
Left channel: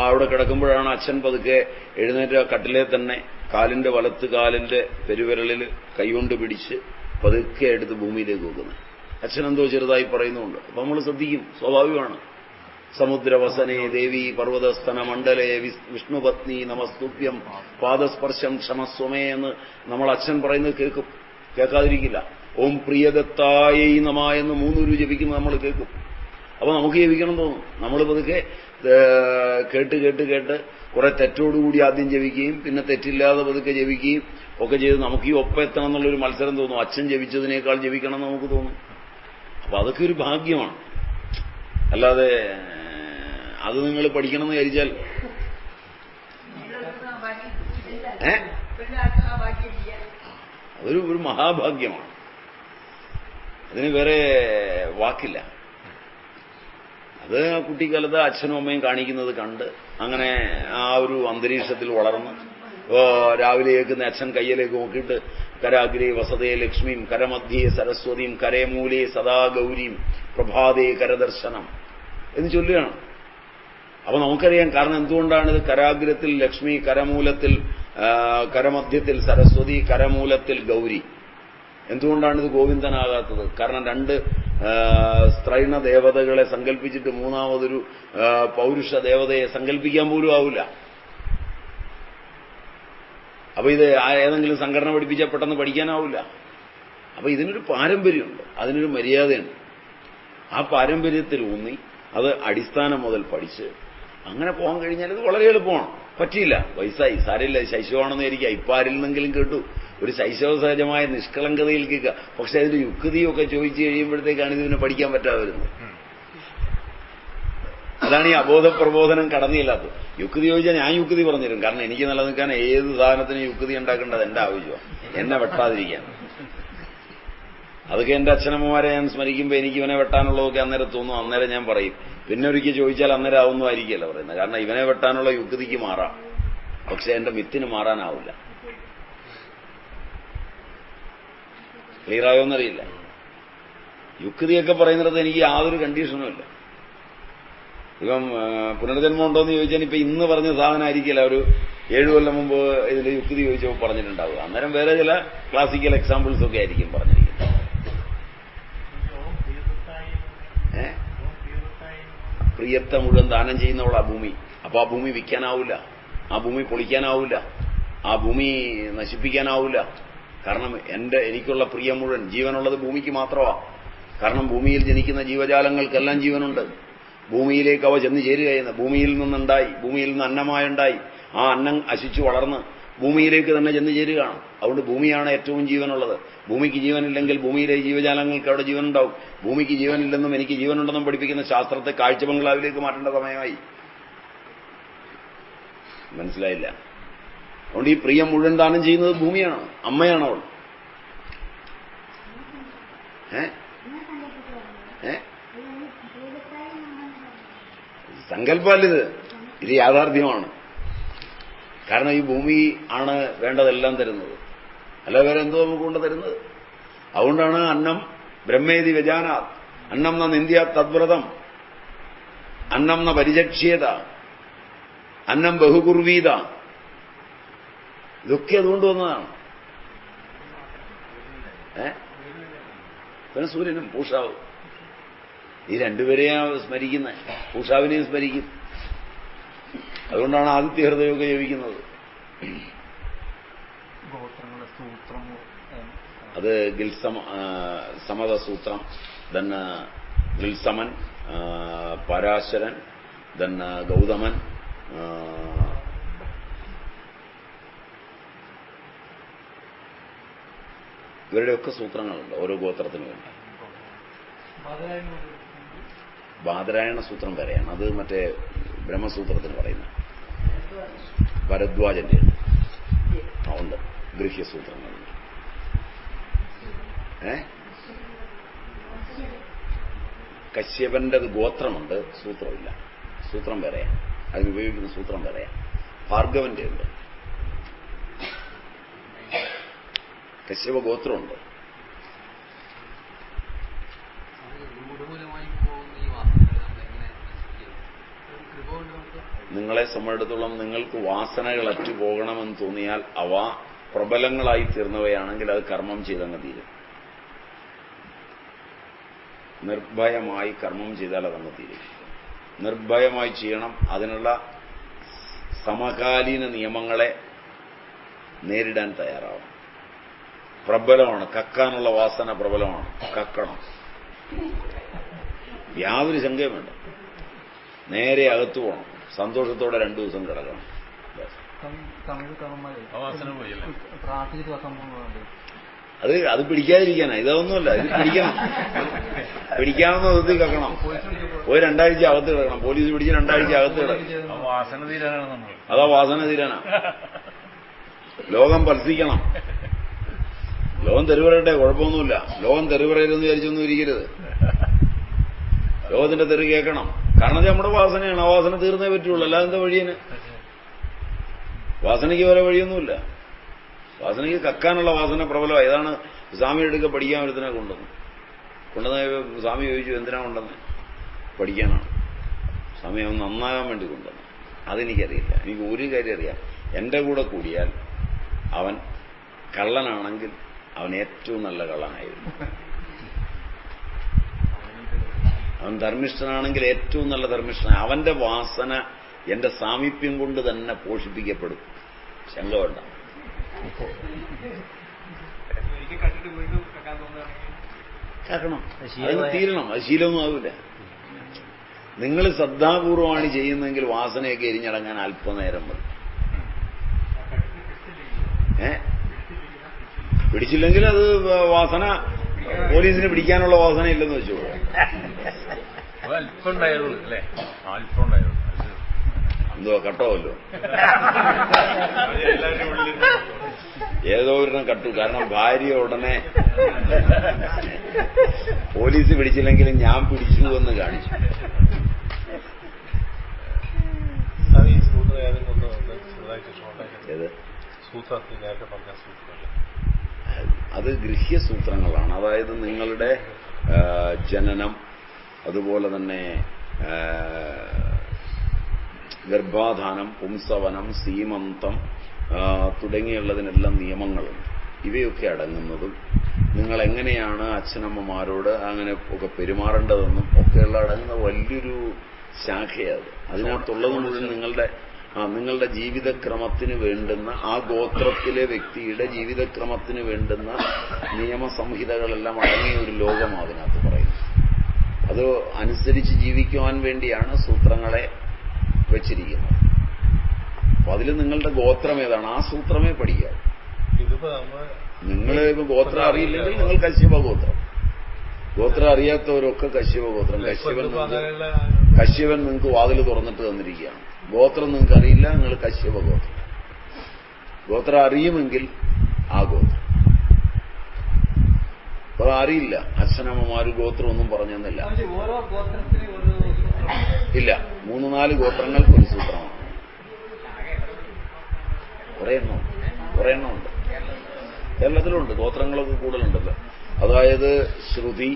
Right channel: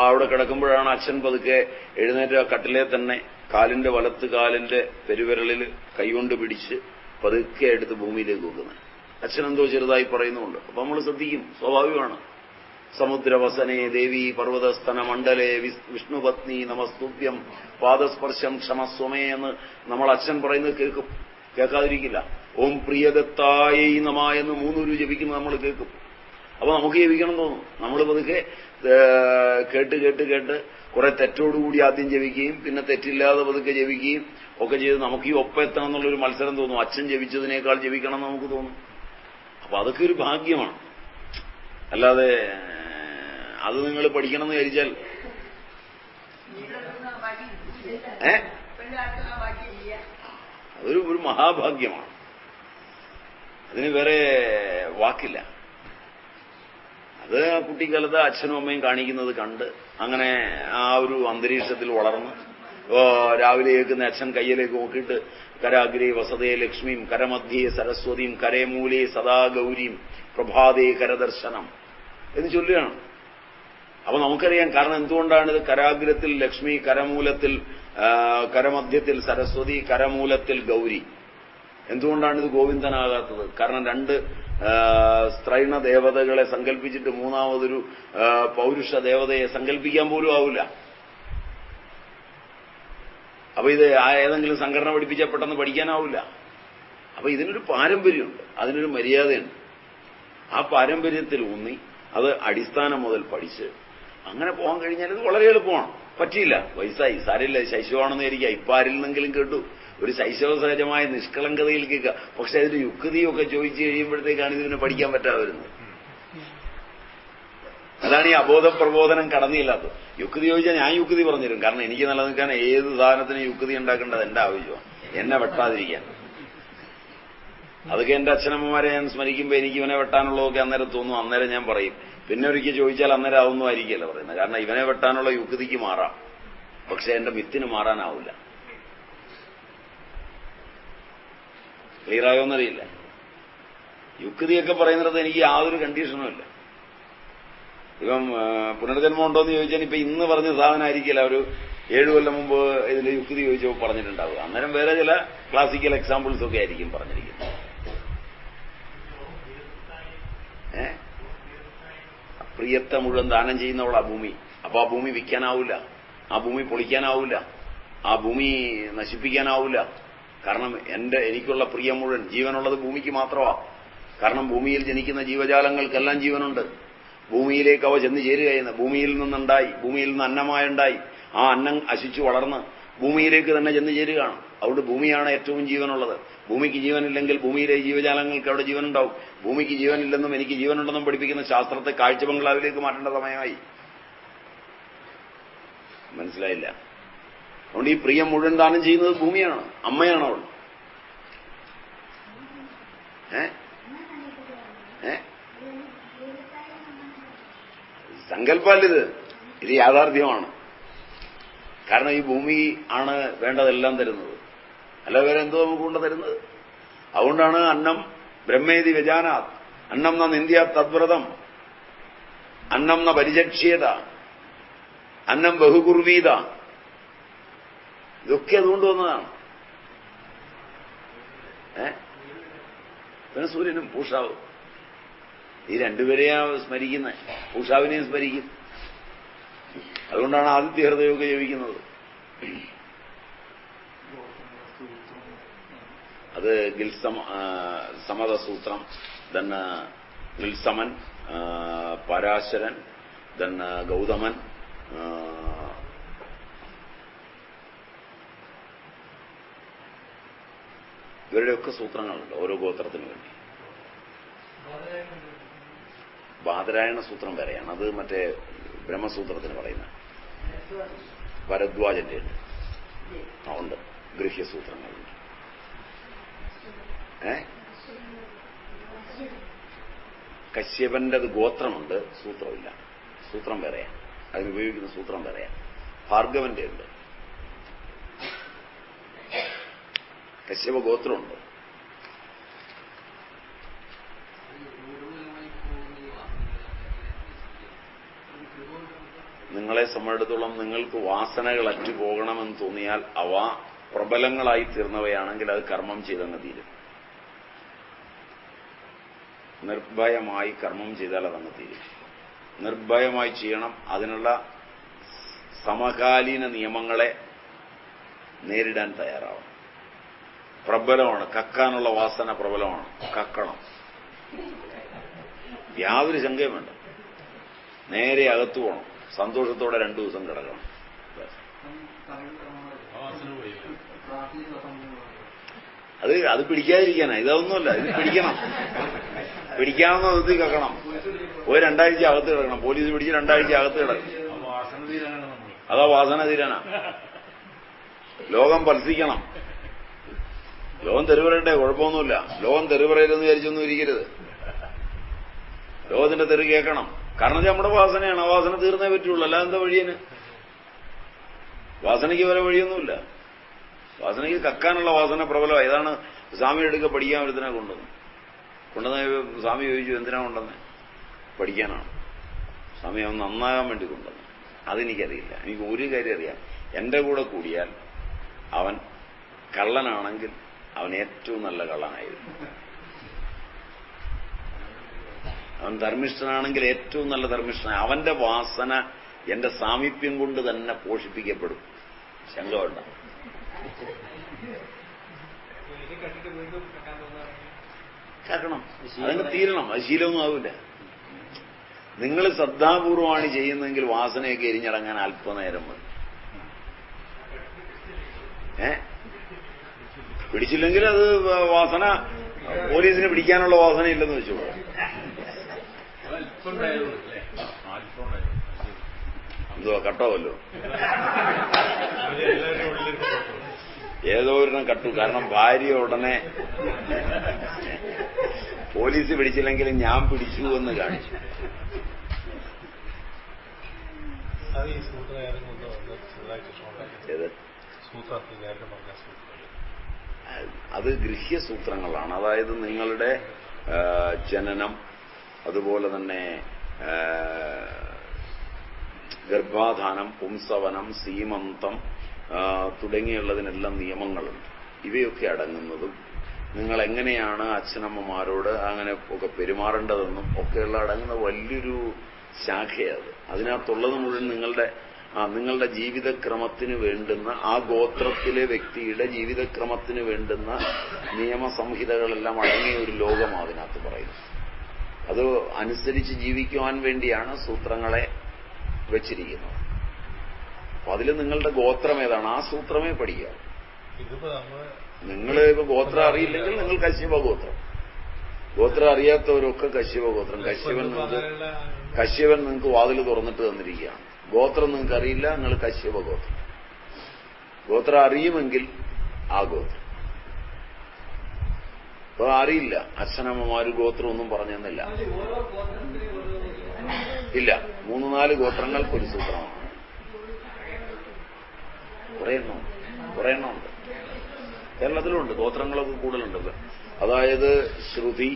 അവിടെ കിടക്കുമ്പോഴാണ് അച്ഛൻ പതുക്കെ എഴുന്നേറ്റ് കട്ടിലെ തന്നെ കാലിന്റെ വലത്ത് കാലിന്റെ പെരുവിരലിൽ കൈകൊണ്ട് പിടിച്ച് പതുക്കെ എടുത്ത് ഭൂമിയിലേക്ക് വെക്കുന്നത്. അച്ഛനെന്തോ ചെറുതായി പറയുന്നുണ്ട്. അപ്പൊ നമ്മൾ ശ്രദ്ധിക്കും, സ്വാഭാവികമാണ്. സമുദ്രവസനേ ദേവി പർവ്വതസ്ഥന മണ്ഡലേ വിഷ്ണുപത്നി നമസ്തുഭ്യം പാദസ്പർശം ക്ഷമസ്വമേ എന്ന് നമ്മൾ അച്ഛൻ പറയുന്നത് കേൾക്കും, കേൾക്കാതിരിക്കില്ല. ഓം പ്രിയദത്തായൈ നമ എന്ന് 3 ജപിക്കുന്നത് നമ്മൾ കേൾക്കും. അപ്പൊ നമുക്ക് ജപിക്കണം തോന്നും. നമ്മൾ പതുക്കെ കേട്ട് കേട്ട് കേട്ട് കുറെ തെറ്റോടുകൂടി ആദ്യം ജപിക്കുകയും പിന്നെ തെറ്റില്ലാതെ പതുക്കെ ജപിക്കുകയും ഒക്കെ ചെയ്ത് നമുക്ക് ഈ ഒപ്പം എത്തണം എന്നുള്ളൊരു മത്സരം തോന്നും. അച്ഛൻ ജപിച്ചതിനേക്കാൾ ജപിക്കണം എന്ന് നമുക്ക് തോന്നും. അപ്പൊ അതൊക്കെ ഒരു ഭാഗ്യമാണ്. അല്ലാതെ അത് നിങ്ങൾ പഠിക്കണം എന്ന് വിചാരിച്ചാൽ അതൊരു മഹാഭാഗ്യമാണ്. അതിന് വേറെ വാക്കില്ല. അത് കുട്ടിക്കാലത്ത് അച്ഛനും അമ്മയും കാണിക്കുന്നത് കണ്ട് അങ്ങനെ ആ ഒരു അന്തരീക്ഷത്തിൽ വളർന്ന് രാവിലെ കേൾക്കുന്ന അച്ഛൻ കയ്യിലേക്ക് നോക്കിയിട്ട് കരാഗ്രേ വസതേ ലക്ഷ്മിയും കരമധ്യേ സരസ്വതിയും കരേമൂലേ സദാ ഗൗരിയും പ്രഭാതേ കരദർശനം എന്ന് ചൊല്ലുകയാണ്. അപ്പൊ നമുക്കറിയാം കാരണം എന്തുകൊണ്ടാണ് ഇത് കരാഗ്രത്തിൽ ലക്ഷ്മി, കരമൂലത്തിൽ കരമധ്യത്തിൽ സരസ്വതി, കരമൂലത്തിൽ ഗൗരി. എന്തുകൊണ്ടാണ് ഇത് ഗോവിന്ദനാകാത്തത്? കാരണം രണ്ട് സ്ത്രൈണ ദേവതകളെ സങ്കല്പിച്ചിട്ട് മൂന്നാമതൊരു പൗരുഷ ദേവതയെ സങ്കല്പിക്കാൻ പോലും ആവില്ല. അപ്പൊ ഇത് ഏതെങ്കിലും സംഘടന പഠിപ്പിച്ചാൽ പെട്ടെന്ന് പഠിക്കാനാവില്ല. അപ്പൊ ഇതിനൊരു പാരമ്പര്യമുണ്ട്, അതിനൊരു മര്യാദയുണ്ട്. ആ പാരമ്പര്യത്തിൽ ഊന്നി അത് അടിസ്ഥാനം മുതൽ പഠിച്ച് അങ്ങനെ പോകാൻ കഴിഞ്ഞാൽ ഇത് വളരെ എളുപ്പമാണ്. പറ്റിയില്ല, വയസ്സായി, സാരമില്ല, ശൈശവമാണെന്ന് വിചാരിക്കുക. ഇപ്പൊ ആരിൽ നിന്നെങ്കിലും കേട്ടു ഒരു ശൈശവ സഹജമായ നിഷ്കളങ്കതയിൽ കേൾക്കുക. പക്ഷെ അതിന്റെ യുക്തിയൊക്കെ ചോദിച്ചു കഴിയുമ്പോഴത്തേക്കാണ് ഇതിനെ പഠിക്കാൻ പറ്റാതെ വരുന്നത്. അതാണ് ഈ അബോധ പ്രബോധനം കടന്നില്ലാത്തത്. യുക്തി ചോദിച്ചാൽ ഞാൻ യുക്തി പറഞ്ഞുതരും. കാരണം എനിക്ക് നിലനിൽക്കാൻ ഏത് സാധനത്തിനും യുക്തി ഉണ്ടാക്കേണ്ടത് എന്റെ ആവശ്യമാണ്, എന്നെ വെട്ടാതിരിക്കാൻ. അതൊക്കെ എന്റെ അച്ഛനമ്മമാരെ ഞാൻ സ്മരിക്കുമ്പോൾ എനിക്ക് ഇവനെ വെട്ടാനുള്ളതൊക്കെ അന്നേരം തോന്നും. അന്നേരം ഞാൻ പറയും. പിന്നെ ഒരിക്കൽ ചോദിച്ചാൽ അന്നേരം അതൊന്നും ആയിരിക്കില്ല പറയുന്നത്. കാരണം ഇവനെ വെട്ടാനുള്ള യുക്തിക്ക് മാറാം, പക്ഷെ എന്റെ മിത്തിന് മാറാനാവില്ല. ക്ലിയറായോന്നറിയില്ല. യുക്തിയൊക്കെ പറയുന്നിടത്ത് എനിക്ക് യാതൊരു കണ്ടീഷനും ഇല്ല. ഇപ്പം പുനർജന്മം ഉണ്ടോയെന്ന് ചോദിച്ചാൽ ഇപ്പൊ ഇന്ന് പറഞ്ഞ സാധനമായിരിക്കില്ല ഒരു 7 കൊല്ലം മുമ്പ് ഇതിൽ യുക്തി ചോദിച്ചപ്പോൾ പറഞ്ഞിട്ടുണ്ടാവുക. അന്നേരം വേറെ ചില ക്ലാസിക്കൽ എക്സാമ്പിൾസ് ഒക്കെ ആയിരിക്കും പറഞ്ഞിരിക്കുന്നത്. പ്രിയത്തെ മുഴുവൻ ദാനം ചെയ്യുന്നവൾ ആ ഭൂമി. അപ്പൊ ആ ഭൂമി വിൽക്കാനാവില്ല, ആ ഭൂമി പൊളിക്കാനാവില്ല, ആ ഭൂമി നശിപ്പിക്കാനാവില്ല. കാരണം എനിക്കുള്ള പ്രിയം മുഴുവൻ, ജീവനുള്ളത് ഭൂമിക്ക് മാത്രമാണ്. കാരണം ഭൂമിയിൽ ജനിക്കുന്ന ജീവജാലങ്ങൾക്കെല്ലാം ജീവനുണ്ട്. ഭൂമിയിലേക്ക് അവ ചെന്ന് ചേരുകയെന്ന്. ഭൂമിയിൽ നിന്നുണ്ടായി, ഭൂമിയിൽ നിന്ന് അന്നമായുണ്ടായി, ആ അന്നം അശിച്ചു വളർന്ന് ഭൂമിയിലേക്ക് തന്നെ ചെന്ന് ചേരുകയാണ്. അതുകൊണ്ട് ഭൂമിയാണ് ഏറ്റവും ജീവനുള്ളത്. ഭൂമിക്ക് ജീവനില്ലെങ്കിൽ ഭൂമിയിലെ ജീവജാലങ്ങൾക്ക് അവിടെ ജീവനുണ്ടാവും. ഭൂമിക്ക് ജീവനില്ലെന്നും എനിക്ക് ജീവനുണ്ടെന്നും പഠിപ്പിക്കുന്ന ശാസ്ത്രത്തെ കാഴ്ച ബംഗ്ലാവിലേക്ക് മാറ്റേണ്ട സമയമായി. മനസ്സിലായില്ല? അതുകൊണ്ട് ഈ പ്രിയം മുഴുവൻ ദാനം ചെയ്യുന്നത് ഭൂമിയാണ്, അമ്മയാണ് അവൾ. സങ്കല്പമല്ലിത്, ഇത് യാഥാർത്ഥ്യമാണ്. കാരണം ഈ ഭൂമി ആണ് വേണ്ടതെല്ലാം തരുന്നത്, അല്ല വേറെ എന്തോ നമുക്ക് കൊണ്ട് തരുന്നത്. അതുകൊണ്ടാണ് അന്നം ബ്രഹ്മേതി വ്യജാനാത്, അന്നം ന നിന്ദ്യ തദ്വ്രതം, അന്നം ന പരിചക്ഷ്യത, അന്നം ബഹുകുർവീത. ഇതൊക്കെ അതുകൊണ്ട് വന്നതാണ്. പിന്നെ സൂര്യനും പൂഷാവും, ഈ രണ്ടുപേരെയാണ് സ്മരിക്കുന്നത്. പൂഷാവിനെയും സ്മരിക്കും. അതുകൊണ്ടാണ് ആദിത്യ ഹൃദയമൊക്കെ ജപിക്കുന്നത്. അത് സമതസൂത്രം, ദൻ ഗിൽസമൻ, പരാശരൻ, ദൻ ഗൗതമൻ, ഇവരുടെയൊക്കെ സൂത്രങ്ങളുണ്ട് ഓരോ ഗോത്രത്തിനു വേണ്ടി. ബാദരായണ സൂത്രം വരെയാണ്, അത് മറ്റേ ബ്രഹ്മസൂത്രത്തിന് പറയുന്ന ഭരദ്വാജന്റെ ഉണ്ട്. ഗൃഹ്യസൂത്രങ്ങളുണ്ട്. കശ്യപന്റെ ഗോത്രമുണ്ട്, സൂത്രമില്ല. സൂത്രം വേറെയാണ്, അതിനുപയോഗിക്കുന്ന സൂത്രം വേറെയാണ്. ഭാർഗവന്റെ ഉണ്ട്, കശ്യപ ഗോത്രമുണ്ട്. നിങ്ങളെ സംബന്ധിച്ചിടത്തോളം നിങ്ങൾക്ക് വാസനകൾ അറ്റുപോകണമെന്ന് തോന്നിയാൽ അവ പ്രബലങ്ങളായി തീർന്നവയാണെങ്കിൽ അത് കർമ്മം ചെയ്തങ്ങ് തീരും. നിർഭയമായി കർമ്മം ചെയ്താൽ അതങ്ങ് തീരും. നിർഭയമായി ചെയ്യണം. അതിനുള്ള സമകാലീന നിയമങ്ങളെ നേരിടാൻ തയ്യാറാവണം. പ്രബലമാണ്, കക്കാനുള്ള വാസന പ്രബലമാണ്, കക്കണം. യാതൊരു ശങ്കയും വേണ്ട. നേരെ അകത്തു പോകണം, സന്തോഷത്തോടെ 2 ദിവസം കിടക്കണം. അത് പിടിക്കാതിരിക്കാനാ, ഇതൊന്നുമല്ല. ഇത് പിടിക്കണം, പിടിക്കാവുന്ന വിധത്തിൽ കക്കണം. ഒരു 2 ആഴ്ച അകത്ത് കിടക്കണം. പോലീസ് പിടിച്ച് 2 ആഴ്ച അകത്ത് കിടക്കണം. അതാ വാസന തീരാനാ. ലോകം പഠിപ്പിക്കണം. ലോകം തെരുവറയട്ടെ, കുഴപ്പമൊന്നുമില്ല. ലോകം തെരുവറയിലെന്ന് വിചാരിച്ചൊന്നും ഇരിക്കരുത്. ലോകത്തിന്റെ തെറി കേൾക്കണം. കാരണം ഇത് നമ്മുടെ വാസനയാണ്. ആ വാസന തീർന്നേ പറ്റുള്ളൂ. അല്ലാതെ എന്താ വഴിയന്? വാസനയ്ക്ക് വേറെ വഴിയൊന്നുമില്ല. വാസനയ്ക്ക് കക്കാനുള്ള വാസന പ്രബലമായി. ഇതാണ് സ്വാമി എടുക്കുക പഠിക്കാൻ ഒരുത്തിനെ കൊണ്ടുവന്നു. സ്വാമി ചോദിച്ചു എന്തിനാ കൊണ്ടുവന്ന്? പഠിക്കാനാണ്. സ്വാമി അവൻ നന്നാകാൻ വേണ്ടി കൊണ്ടുവന്നു. അതെനിക്കറിയില്ല. എനിക്ക് ഒരു കാര്യം അറിയാം, എന്റെ കൂടെ കൂടിയാൽ അവൻ കള്ളനാണെങ്കിൽ അവൻ ഏറ്റവും നല്ല കള്ളനായിരുന്നു. അവൻ ധർമ്മിഷ്ഠനാണെങ്കിൽ ഏറ്റവും നല്ല ധർമ്മിഷ്ഠനാണ്. അവന്റെ വാസന എന്റെ സാമീപ്യം കൊണ്ട് തന്നെ പോഷിപ്പിക്കപ്പെടും. ശങ്ക വേണ്ട. കേൾക്കണം, അതിന് തീരണം. അത് ശീലമൊന്നും ആവില്ല. നിങ്ങൾ ശ്രദ്ധാപൂർവമാണ് ചെയ്യുന്നതെങ്കിൽ വാസനയൊക്കെ എരിഞ്ഞടങ്ങാൻ അല്പനേരം മതി. പിടിച്ചില്ലെങ്കിൽ അത് വാസന പോലീസിന് പിടിക്കാനുള്ള വാസന ഇല്ലെന്ന് വെച്ചോളൂ. എന്തുവാ കട്ടോല്ലോ? ഏതോ ഒരെണ്ണം കട്ടു. കാരണം ഭാര്യ ഉടനെ പോലീസ് പിടിച്ചില്ലെങ്കിലും ഞാൻ പിടിച്ചു എന്ന് കാണിച്ചു. അത് ഗൃഹ്യസൂത്രങ്ങളാണ്. അതായത് നിങ്ങളുടെ ജനനം, അതുപോലെ തന്നെ ഗർഭാധാനം, പുംസവനം, സീമന്തം തുടങ്ങിയുള്ളതിനെല്ലാം നിയമങ്ങളുണ്ട്. ഇവയൊക്കെ അടങ്ങുന്നതും നിങ്ങൾ എങ്ങനെയാണ് അച്ഛനമ്മമാരോട് അങ്ങനെ ഒക്കെ പെരുമാറേണ്ടതെന്നും ഒക്കെയുള്ള അടങ്ങുന്ന വലിയൊരു ശാഖയത്. അതിനകത്തുള്ളത് മുഴുവൻ നിങ്ങളുടെ ജീവിതക്രമത്തിന് വേണ്ടുന്ന, ആ ഗോത്രത്തിലെ വ്യക്തിയുടെ ജീവിതക്രമത്തിന് വേണ്ടുന്ന നിയമസംഹിതകളെല്ലാം അടങ്ങിയ ഒരു ലോകമാണ് അതിനകത്ത് പറയുന്നത്. അത് അനുസരിച്ച് ജീവിക്കുവാൻ വേണ്ടിയാണ് സൂത്രങ്ങളെ വെച്ചിരിക്കുന്നത്. അപ്പൊ അതിൽ നിങ്ങളുടെ ഗോത്രം ഏതാണ് ആ സൂത്രമേ പഠിക്കുക. നിങ്ങൾ ഇപ്പൊ ഗോത്രം അറിയില്ലെങ്കിൽ നിങ്ങൾ കശ്യപ ഗോത്രം, ഗോത്രം അറിയാത്തവരൊക്കെ കശ്യപ ഗോത്രം. കശ്യപൻ നിങ്ങൾക്ക് വാതിൽ തുറന്നിട്ട് തന്നിരിക്കുകയാണ്. ഗോത്രം നിങ്ങൾക്ക് അറിയില്ല, നിങ്ങൾ കശ്യപ ഗോത്രം. ഗോത്രം അറിയുമെങ്കിൽ ആ ഗോത്രം. അപ്പൊ അറിയില്ല, അച്ഛനമ്മമാര് ഗോത്രം ഒന്നും പറഞ്ഞു തന്നില്ല. ഇല്ല, 3-4 ഗോത്രങ്ങൾക്ക് ഒരു സൂത്രമാണ്. കുറെ എണ്ണമുണ്ട്. കേരളത്തിലുണ്ട്, ഗോത്രങ്ങളൊക്കെ കൂടുതലുണ്ടല്ലോ. അതായത് ശ്രുതി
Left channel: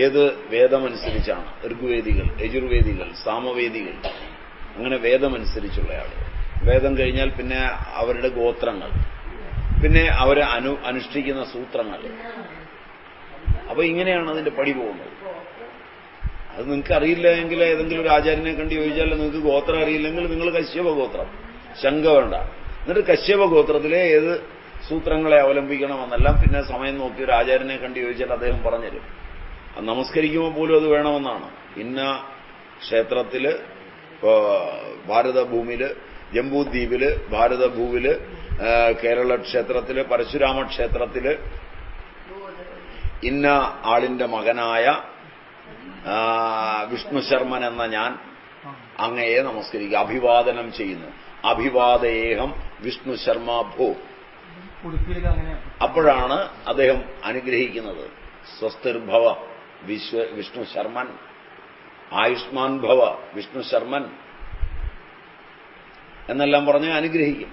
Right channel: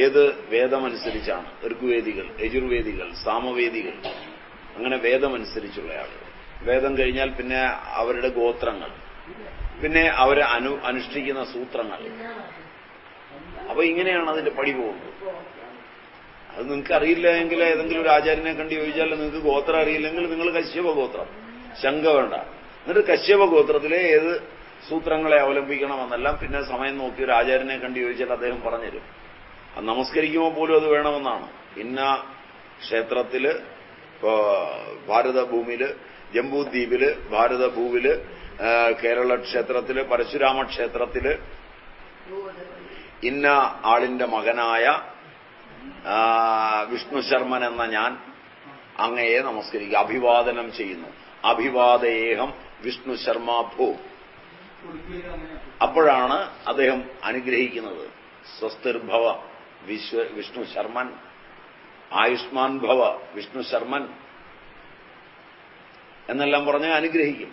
ഏത് വേദമനുസരിച്ചാണ്, ഋഗ്വേദികൾ, യജുർവേദികൾ, സാമവേദികൾ, അങ്ങനെ വേദമനുസരിച്ചുള്ള ആളുകൾ. വേദം കഴിഞ്ഞാൽ പിന്നെ അവരുടെ ഗോത്രങ്ങൾ, പിന്നെ അവരെ അനുഷ്ഠിക്കുന്ന സൂത്രങ്ങൾ. അപ്പൊ ഇങ്ങനെയാണ് അതിന്റെ പടി പോകുന്നത്. അത് നിങ്ങൾക്ക് അറിയില്ല എങ്കിൽ ഏതെങ്കിലും ഒരു ആചാര്യനെ കണ്ട് ചോദിച്ചാൽ, നിങ്ങൾക്ക് ഗോത്രം അറിയില്ലെങ്കിൽ നിങ്ങൾ കശ്യപ ഗോത്രം, ശങ്ക വേണ്ട. എന്നിട്ട് കശ്യപ ഗോത്രത്തിലെ ഏത് സൂത്രങ്ങളെ അവലംബിക്കണമെന്നെല്ലാം പിന്നെ സമയം നോക്കി ഒരു ആചാര്യനെ കണ്ട് ചോദിച്ചാൽ അദ്ദേഹം പറഞ്ഞുതരും. നമസ്കരിക്കുമ്പോൾ പോലും അത് വേണമെന്നാണ്. ഇന്ന ക്ഷേത്രത്തില്, ഭാരതഭൂമിയില്, ജംബൂദ്വീപില്, ഭാരതഭൂവില്, കേരള ക്ഷേത്രത്തില്, പരശുരാമ ക്ഷേത്രത്തില് ഇന്ന ആളിന്റെ മകനായ വിഷ്ണു ശർമ്മൻ എന്ന ഞാൻ അങ്ങയെ നമസ്കരിക്കുക, അഭിവാദനം ചെയ്യുന്നു. അഭിവാദേഹം വിഷ്ണു ശർമ്മ ഭോ. അപ്പോഴാണ് അദ്ദേഹം അനുഗ്രഹിക്കുന്നത്. സ്വസ്തിർഭവ വിഷ്ണു ശർമ്മൻ, ആയുഷ്മാൻ ഭവ വിഷ്ണു ശർമ്മൻ എന്നെല്ലാം പറഞ്ഞ് അനുഗ്രഹിക്കും.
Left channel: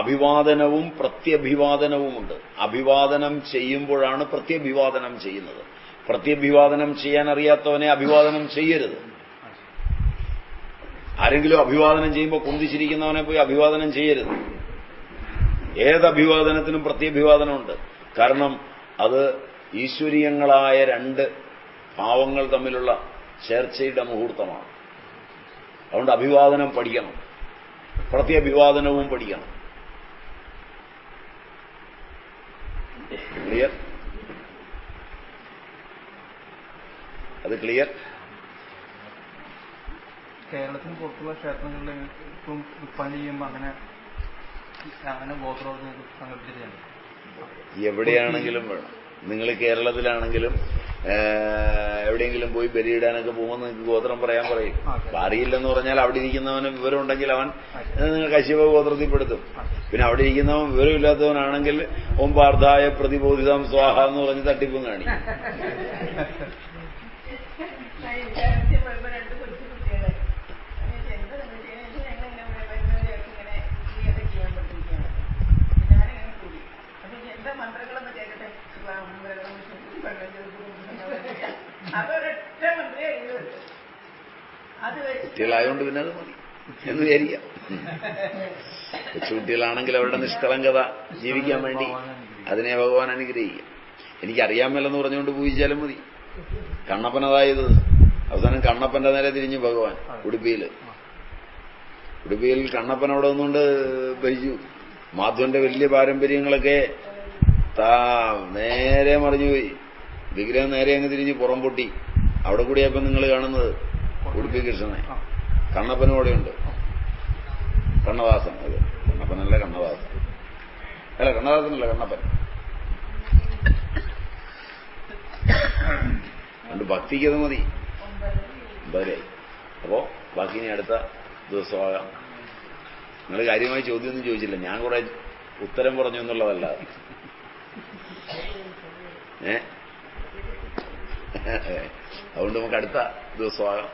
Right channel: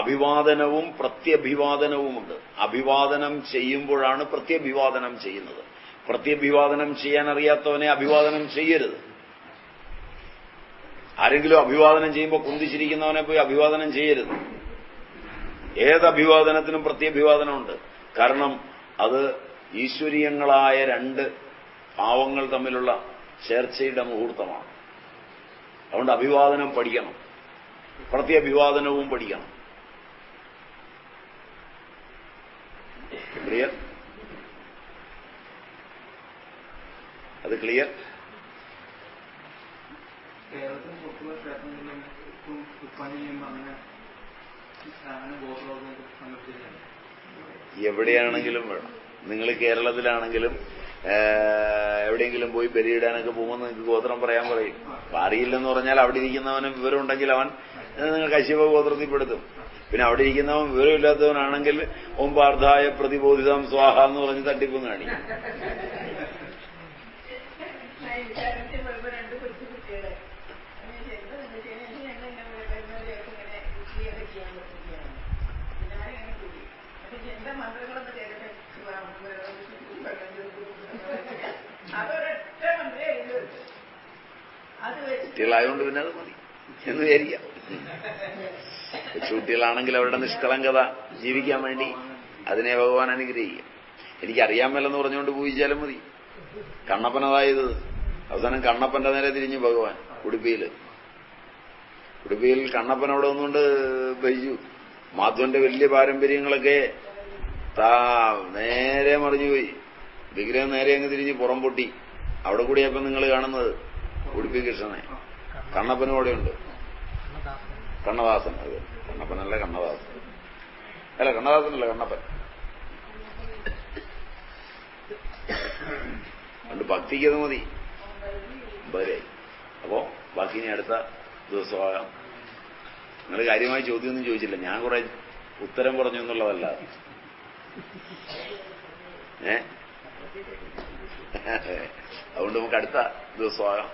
അഭിവാദനവും പ്രത്യഭിവാദനവുമുണ്ട്. അഭിവാദനം ചെയ്യുമ്പോഴാണ് പ്രത്യഭിവാദനം ചെയ്യുന്നത്. പ്രത്യഭിവാദനം ചെയ്യാൻ അറിയാത്തവനെ അഭിവാദനം ചെയ്യരുത്. ആരെങ്കിലും അഭിവാദനം ചെയ്യുമ്പോൾ കുന്തിച്ചിരിക്കുന്നവനെ പോയി അഭിവാദനം ചെയ്യരുത്. ഏത് അഭിവാദനത്തിനും പ്രത്യഭിവാദനമുണ്ട്. കാരണം അത് ഈശ്വരീയങ്ങളായ 2 ഭാവങ്ങൾ തമ്മിലുള്ള ചേർച്ചയുടെ മുഹൂർത്തമാണ്. അതുകൊണ്ട് അഭിവാദനം പഠിക്കണം, പ്രത്യഭിവാദനവും പഠിക്കണം. ക്ലിയർ? അത് ക്ലിയർ? കേരളത്തിന് പുറത്തുള്ള ക്ഷേത്രങ്ങളിലും ഇപ്പം ഉപ്പാനി ചെയ്യുമ്പോൾ അങ്ങനെ ഗോത്രം സങ്കല്പിച്ചിരിക്കുകയാണ്. എവിടെയാണെങ്കിലും വേണം. നിങ്ങൾ കേരളത്തിലാണെങ്കിലും എവിടെയെങ്കിലും പോയി ബലിയിടാനൊക്കെ പോകുമ്പോൾ നിങ്ങൾക്ക് ഗോത്രം പറയാൻ പറയും. അറിയില്ലെന്ന് പറഞ്ഞാൽ അവിടെ ഇരിക്കുന്നവന് വിവരം ഉണ്ടെങ്കിൽ അവൻ നിങ്ങൾ കശ്യപ ഗോത്രത്തിൽപ്പെടുത്തും. പിന്നെ അവിടെ ഇരിക്കുന്നവൻ വിവരമില്ലാത്തവനാണെങ്കിൽ ഓം പാർത്ഥായ പ്രതിബോധിതം സ്വാഹ എന്ന് പറഞ്ഞ് തട്ടിപ്പും കാണിക്കും. കുട്ടികളായതുകൊണ്ട് പിന്നെ അത് മതി എന്ന് വിചാരിക്കാം. കൊച്ചുകുട്ടികളാണെങ്കിൽ അവരുടെ നിഷ്കളങ്കത ജീവിക്കാൻ വേണ്ടി അതിനെ ഭഗവാൻ അനുഗ്രഹിക്കും. എനിക്കറിയാൻ മേലെന്ന് പറഞ്ഞുകൊണ്ട് പൂജിച്ചാലും മതി. കണ്ണപ്പനതായത് അവസാനം കണ്ണപ്പന്റെ നേരെ തിരിഞ്ഞു ഭഗവാൻ ഉടുപ്പിയിൽ കണ്ണപ്പൻ അവിടെ ഒന്നുകൊണ്ട് ഭരിച്ചു. മാധവന്റെ വലിയ പാരമ്പര്യങ്ങളൊക്കെ നേരെ മറിഞ്ഞുപോയി. വിഗ്രഹം നേരെ അങ്ങ് തിരിഞ്ഞ് പുറം പൊട്ടി. അവിടെ കൂടിയപ്പം നിങ്ങൾ കാണുന്നത് ഉടുപ്പി കൃഷ്ണനെ. കണ്ണപ്പനും അവിടെയുണ്ട്. കണ്ണദാസൻ. കണ്ണപ്പനല്ല കണ്ണദാസൻ. അല്ല കണ്ണദാസനല്ല കണ്ണപ്പൻ. അതുകൊണ്ട് ഭക്തിക്കത് മതി. ബലായി. അപ്പോ ബാക്കി ഇനി അടുത്ത ദിവസമാകാം. നിങ്ങൾ കാര്യമായി ചോദ്യമൊന്നും ചോദിച്ചില്ല. ഞാൻ കുറെ ഉത്തരം പറഞ്ഞു എന്നുള്ളതല്ല. അതുകൊണ്ട് നമുക്ക് അടുത്ത ദിവസമാകാം.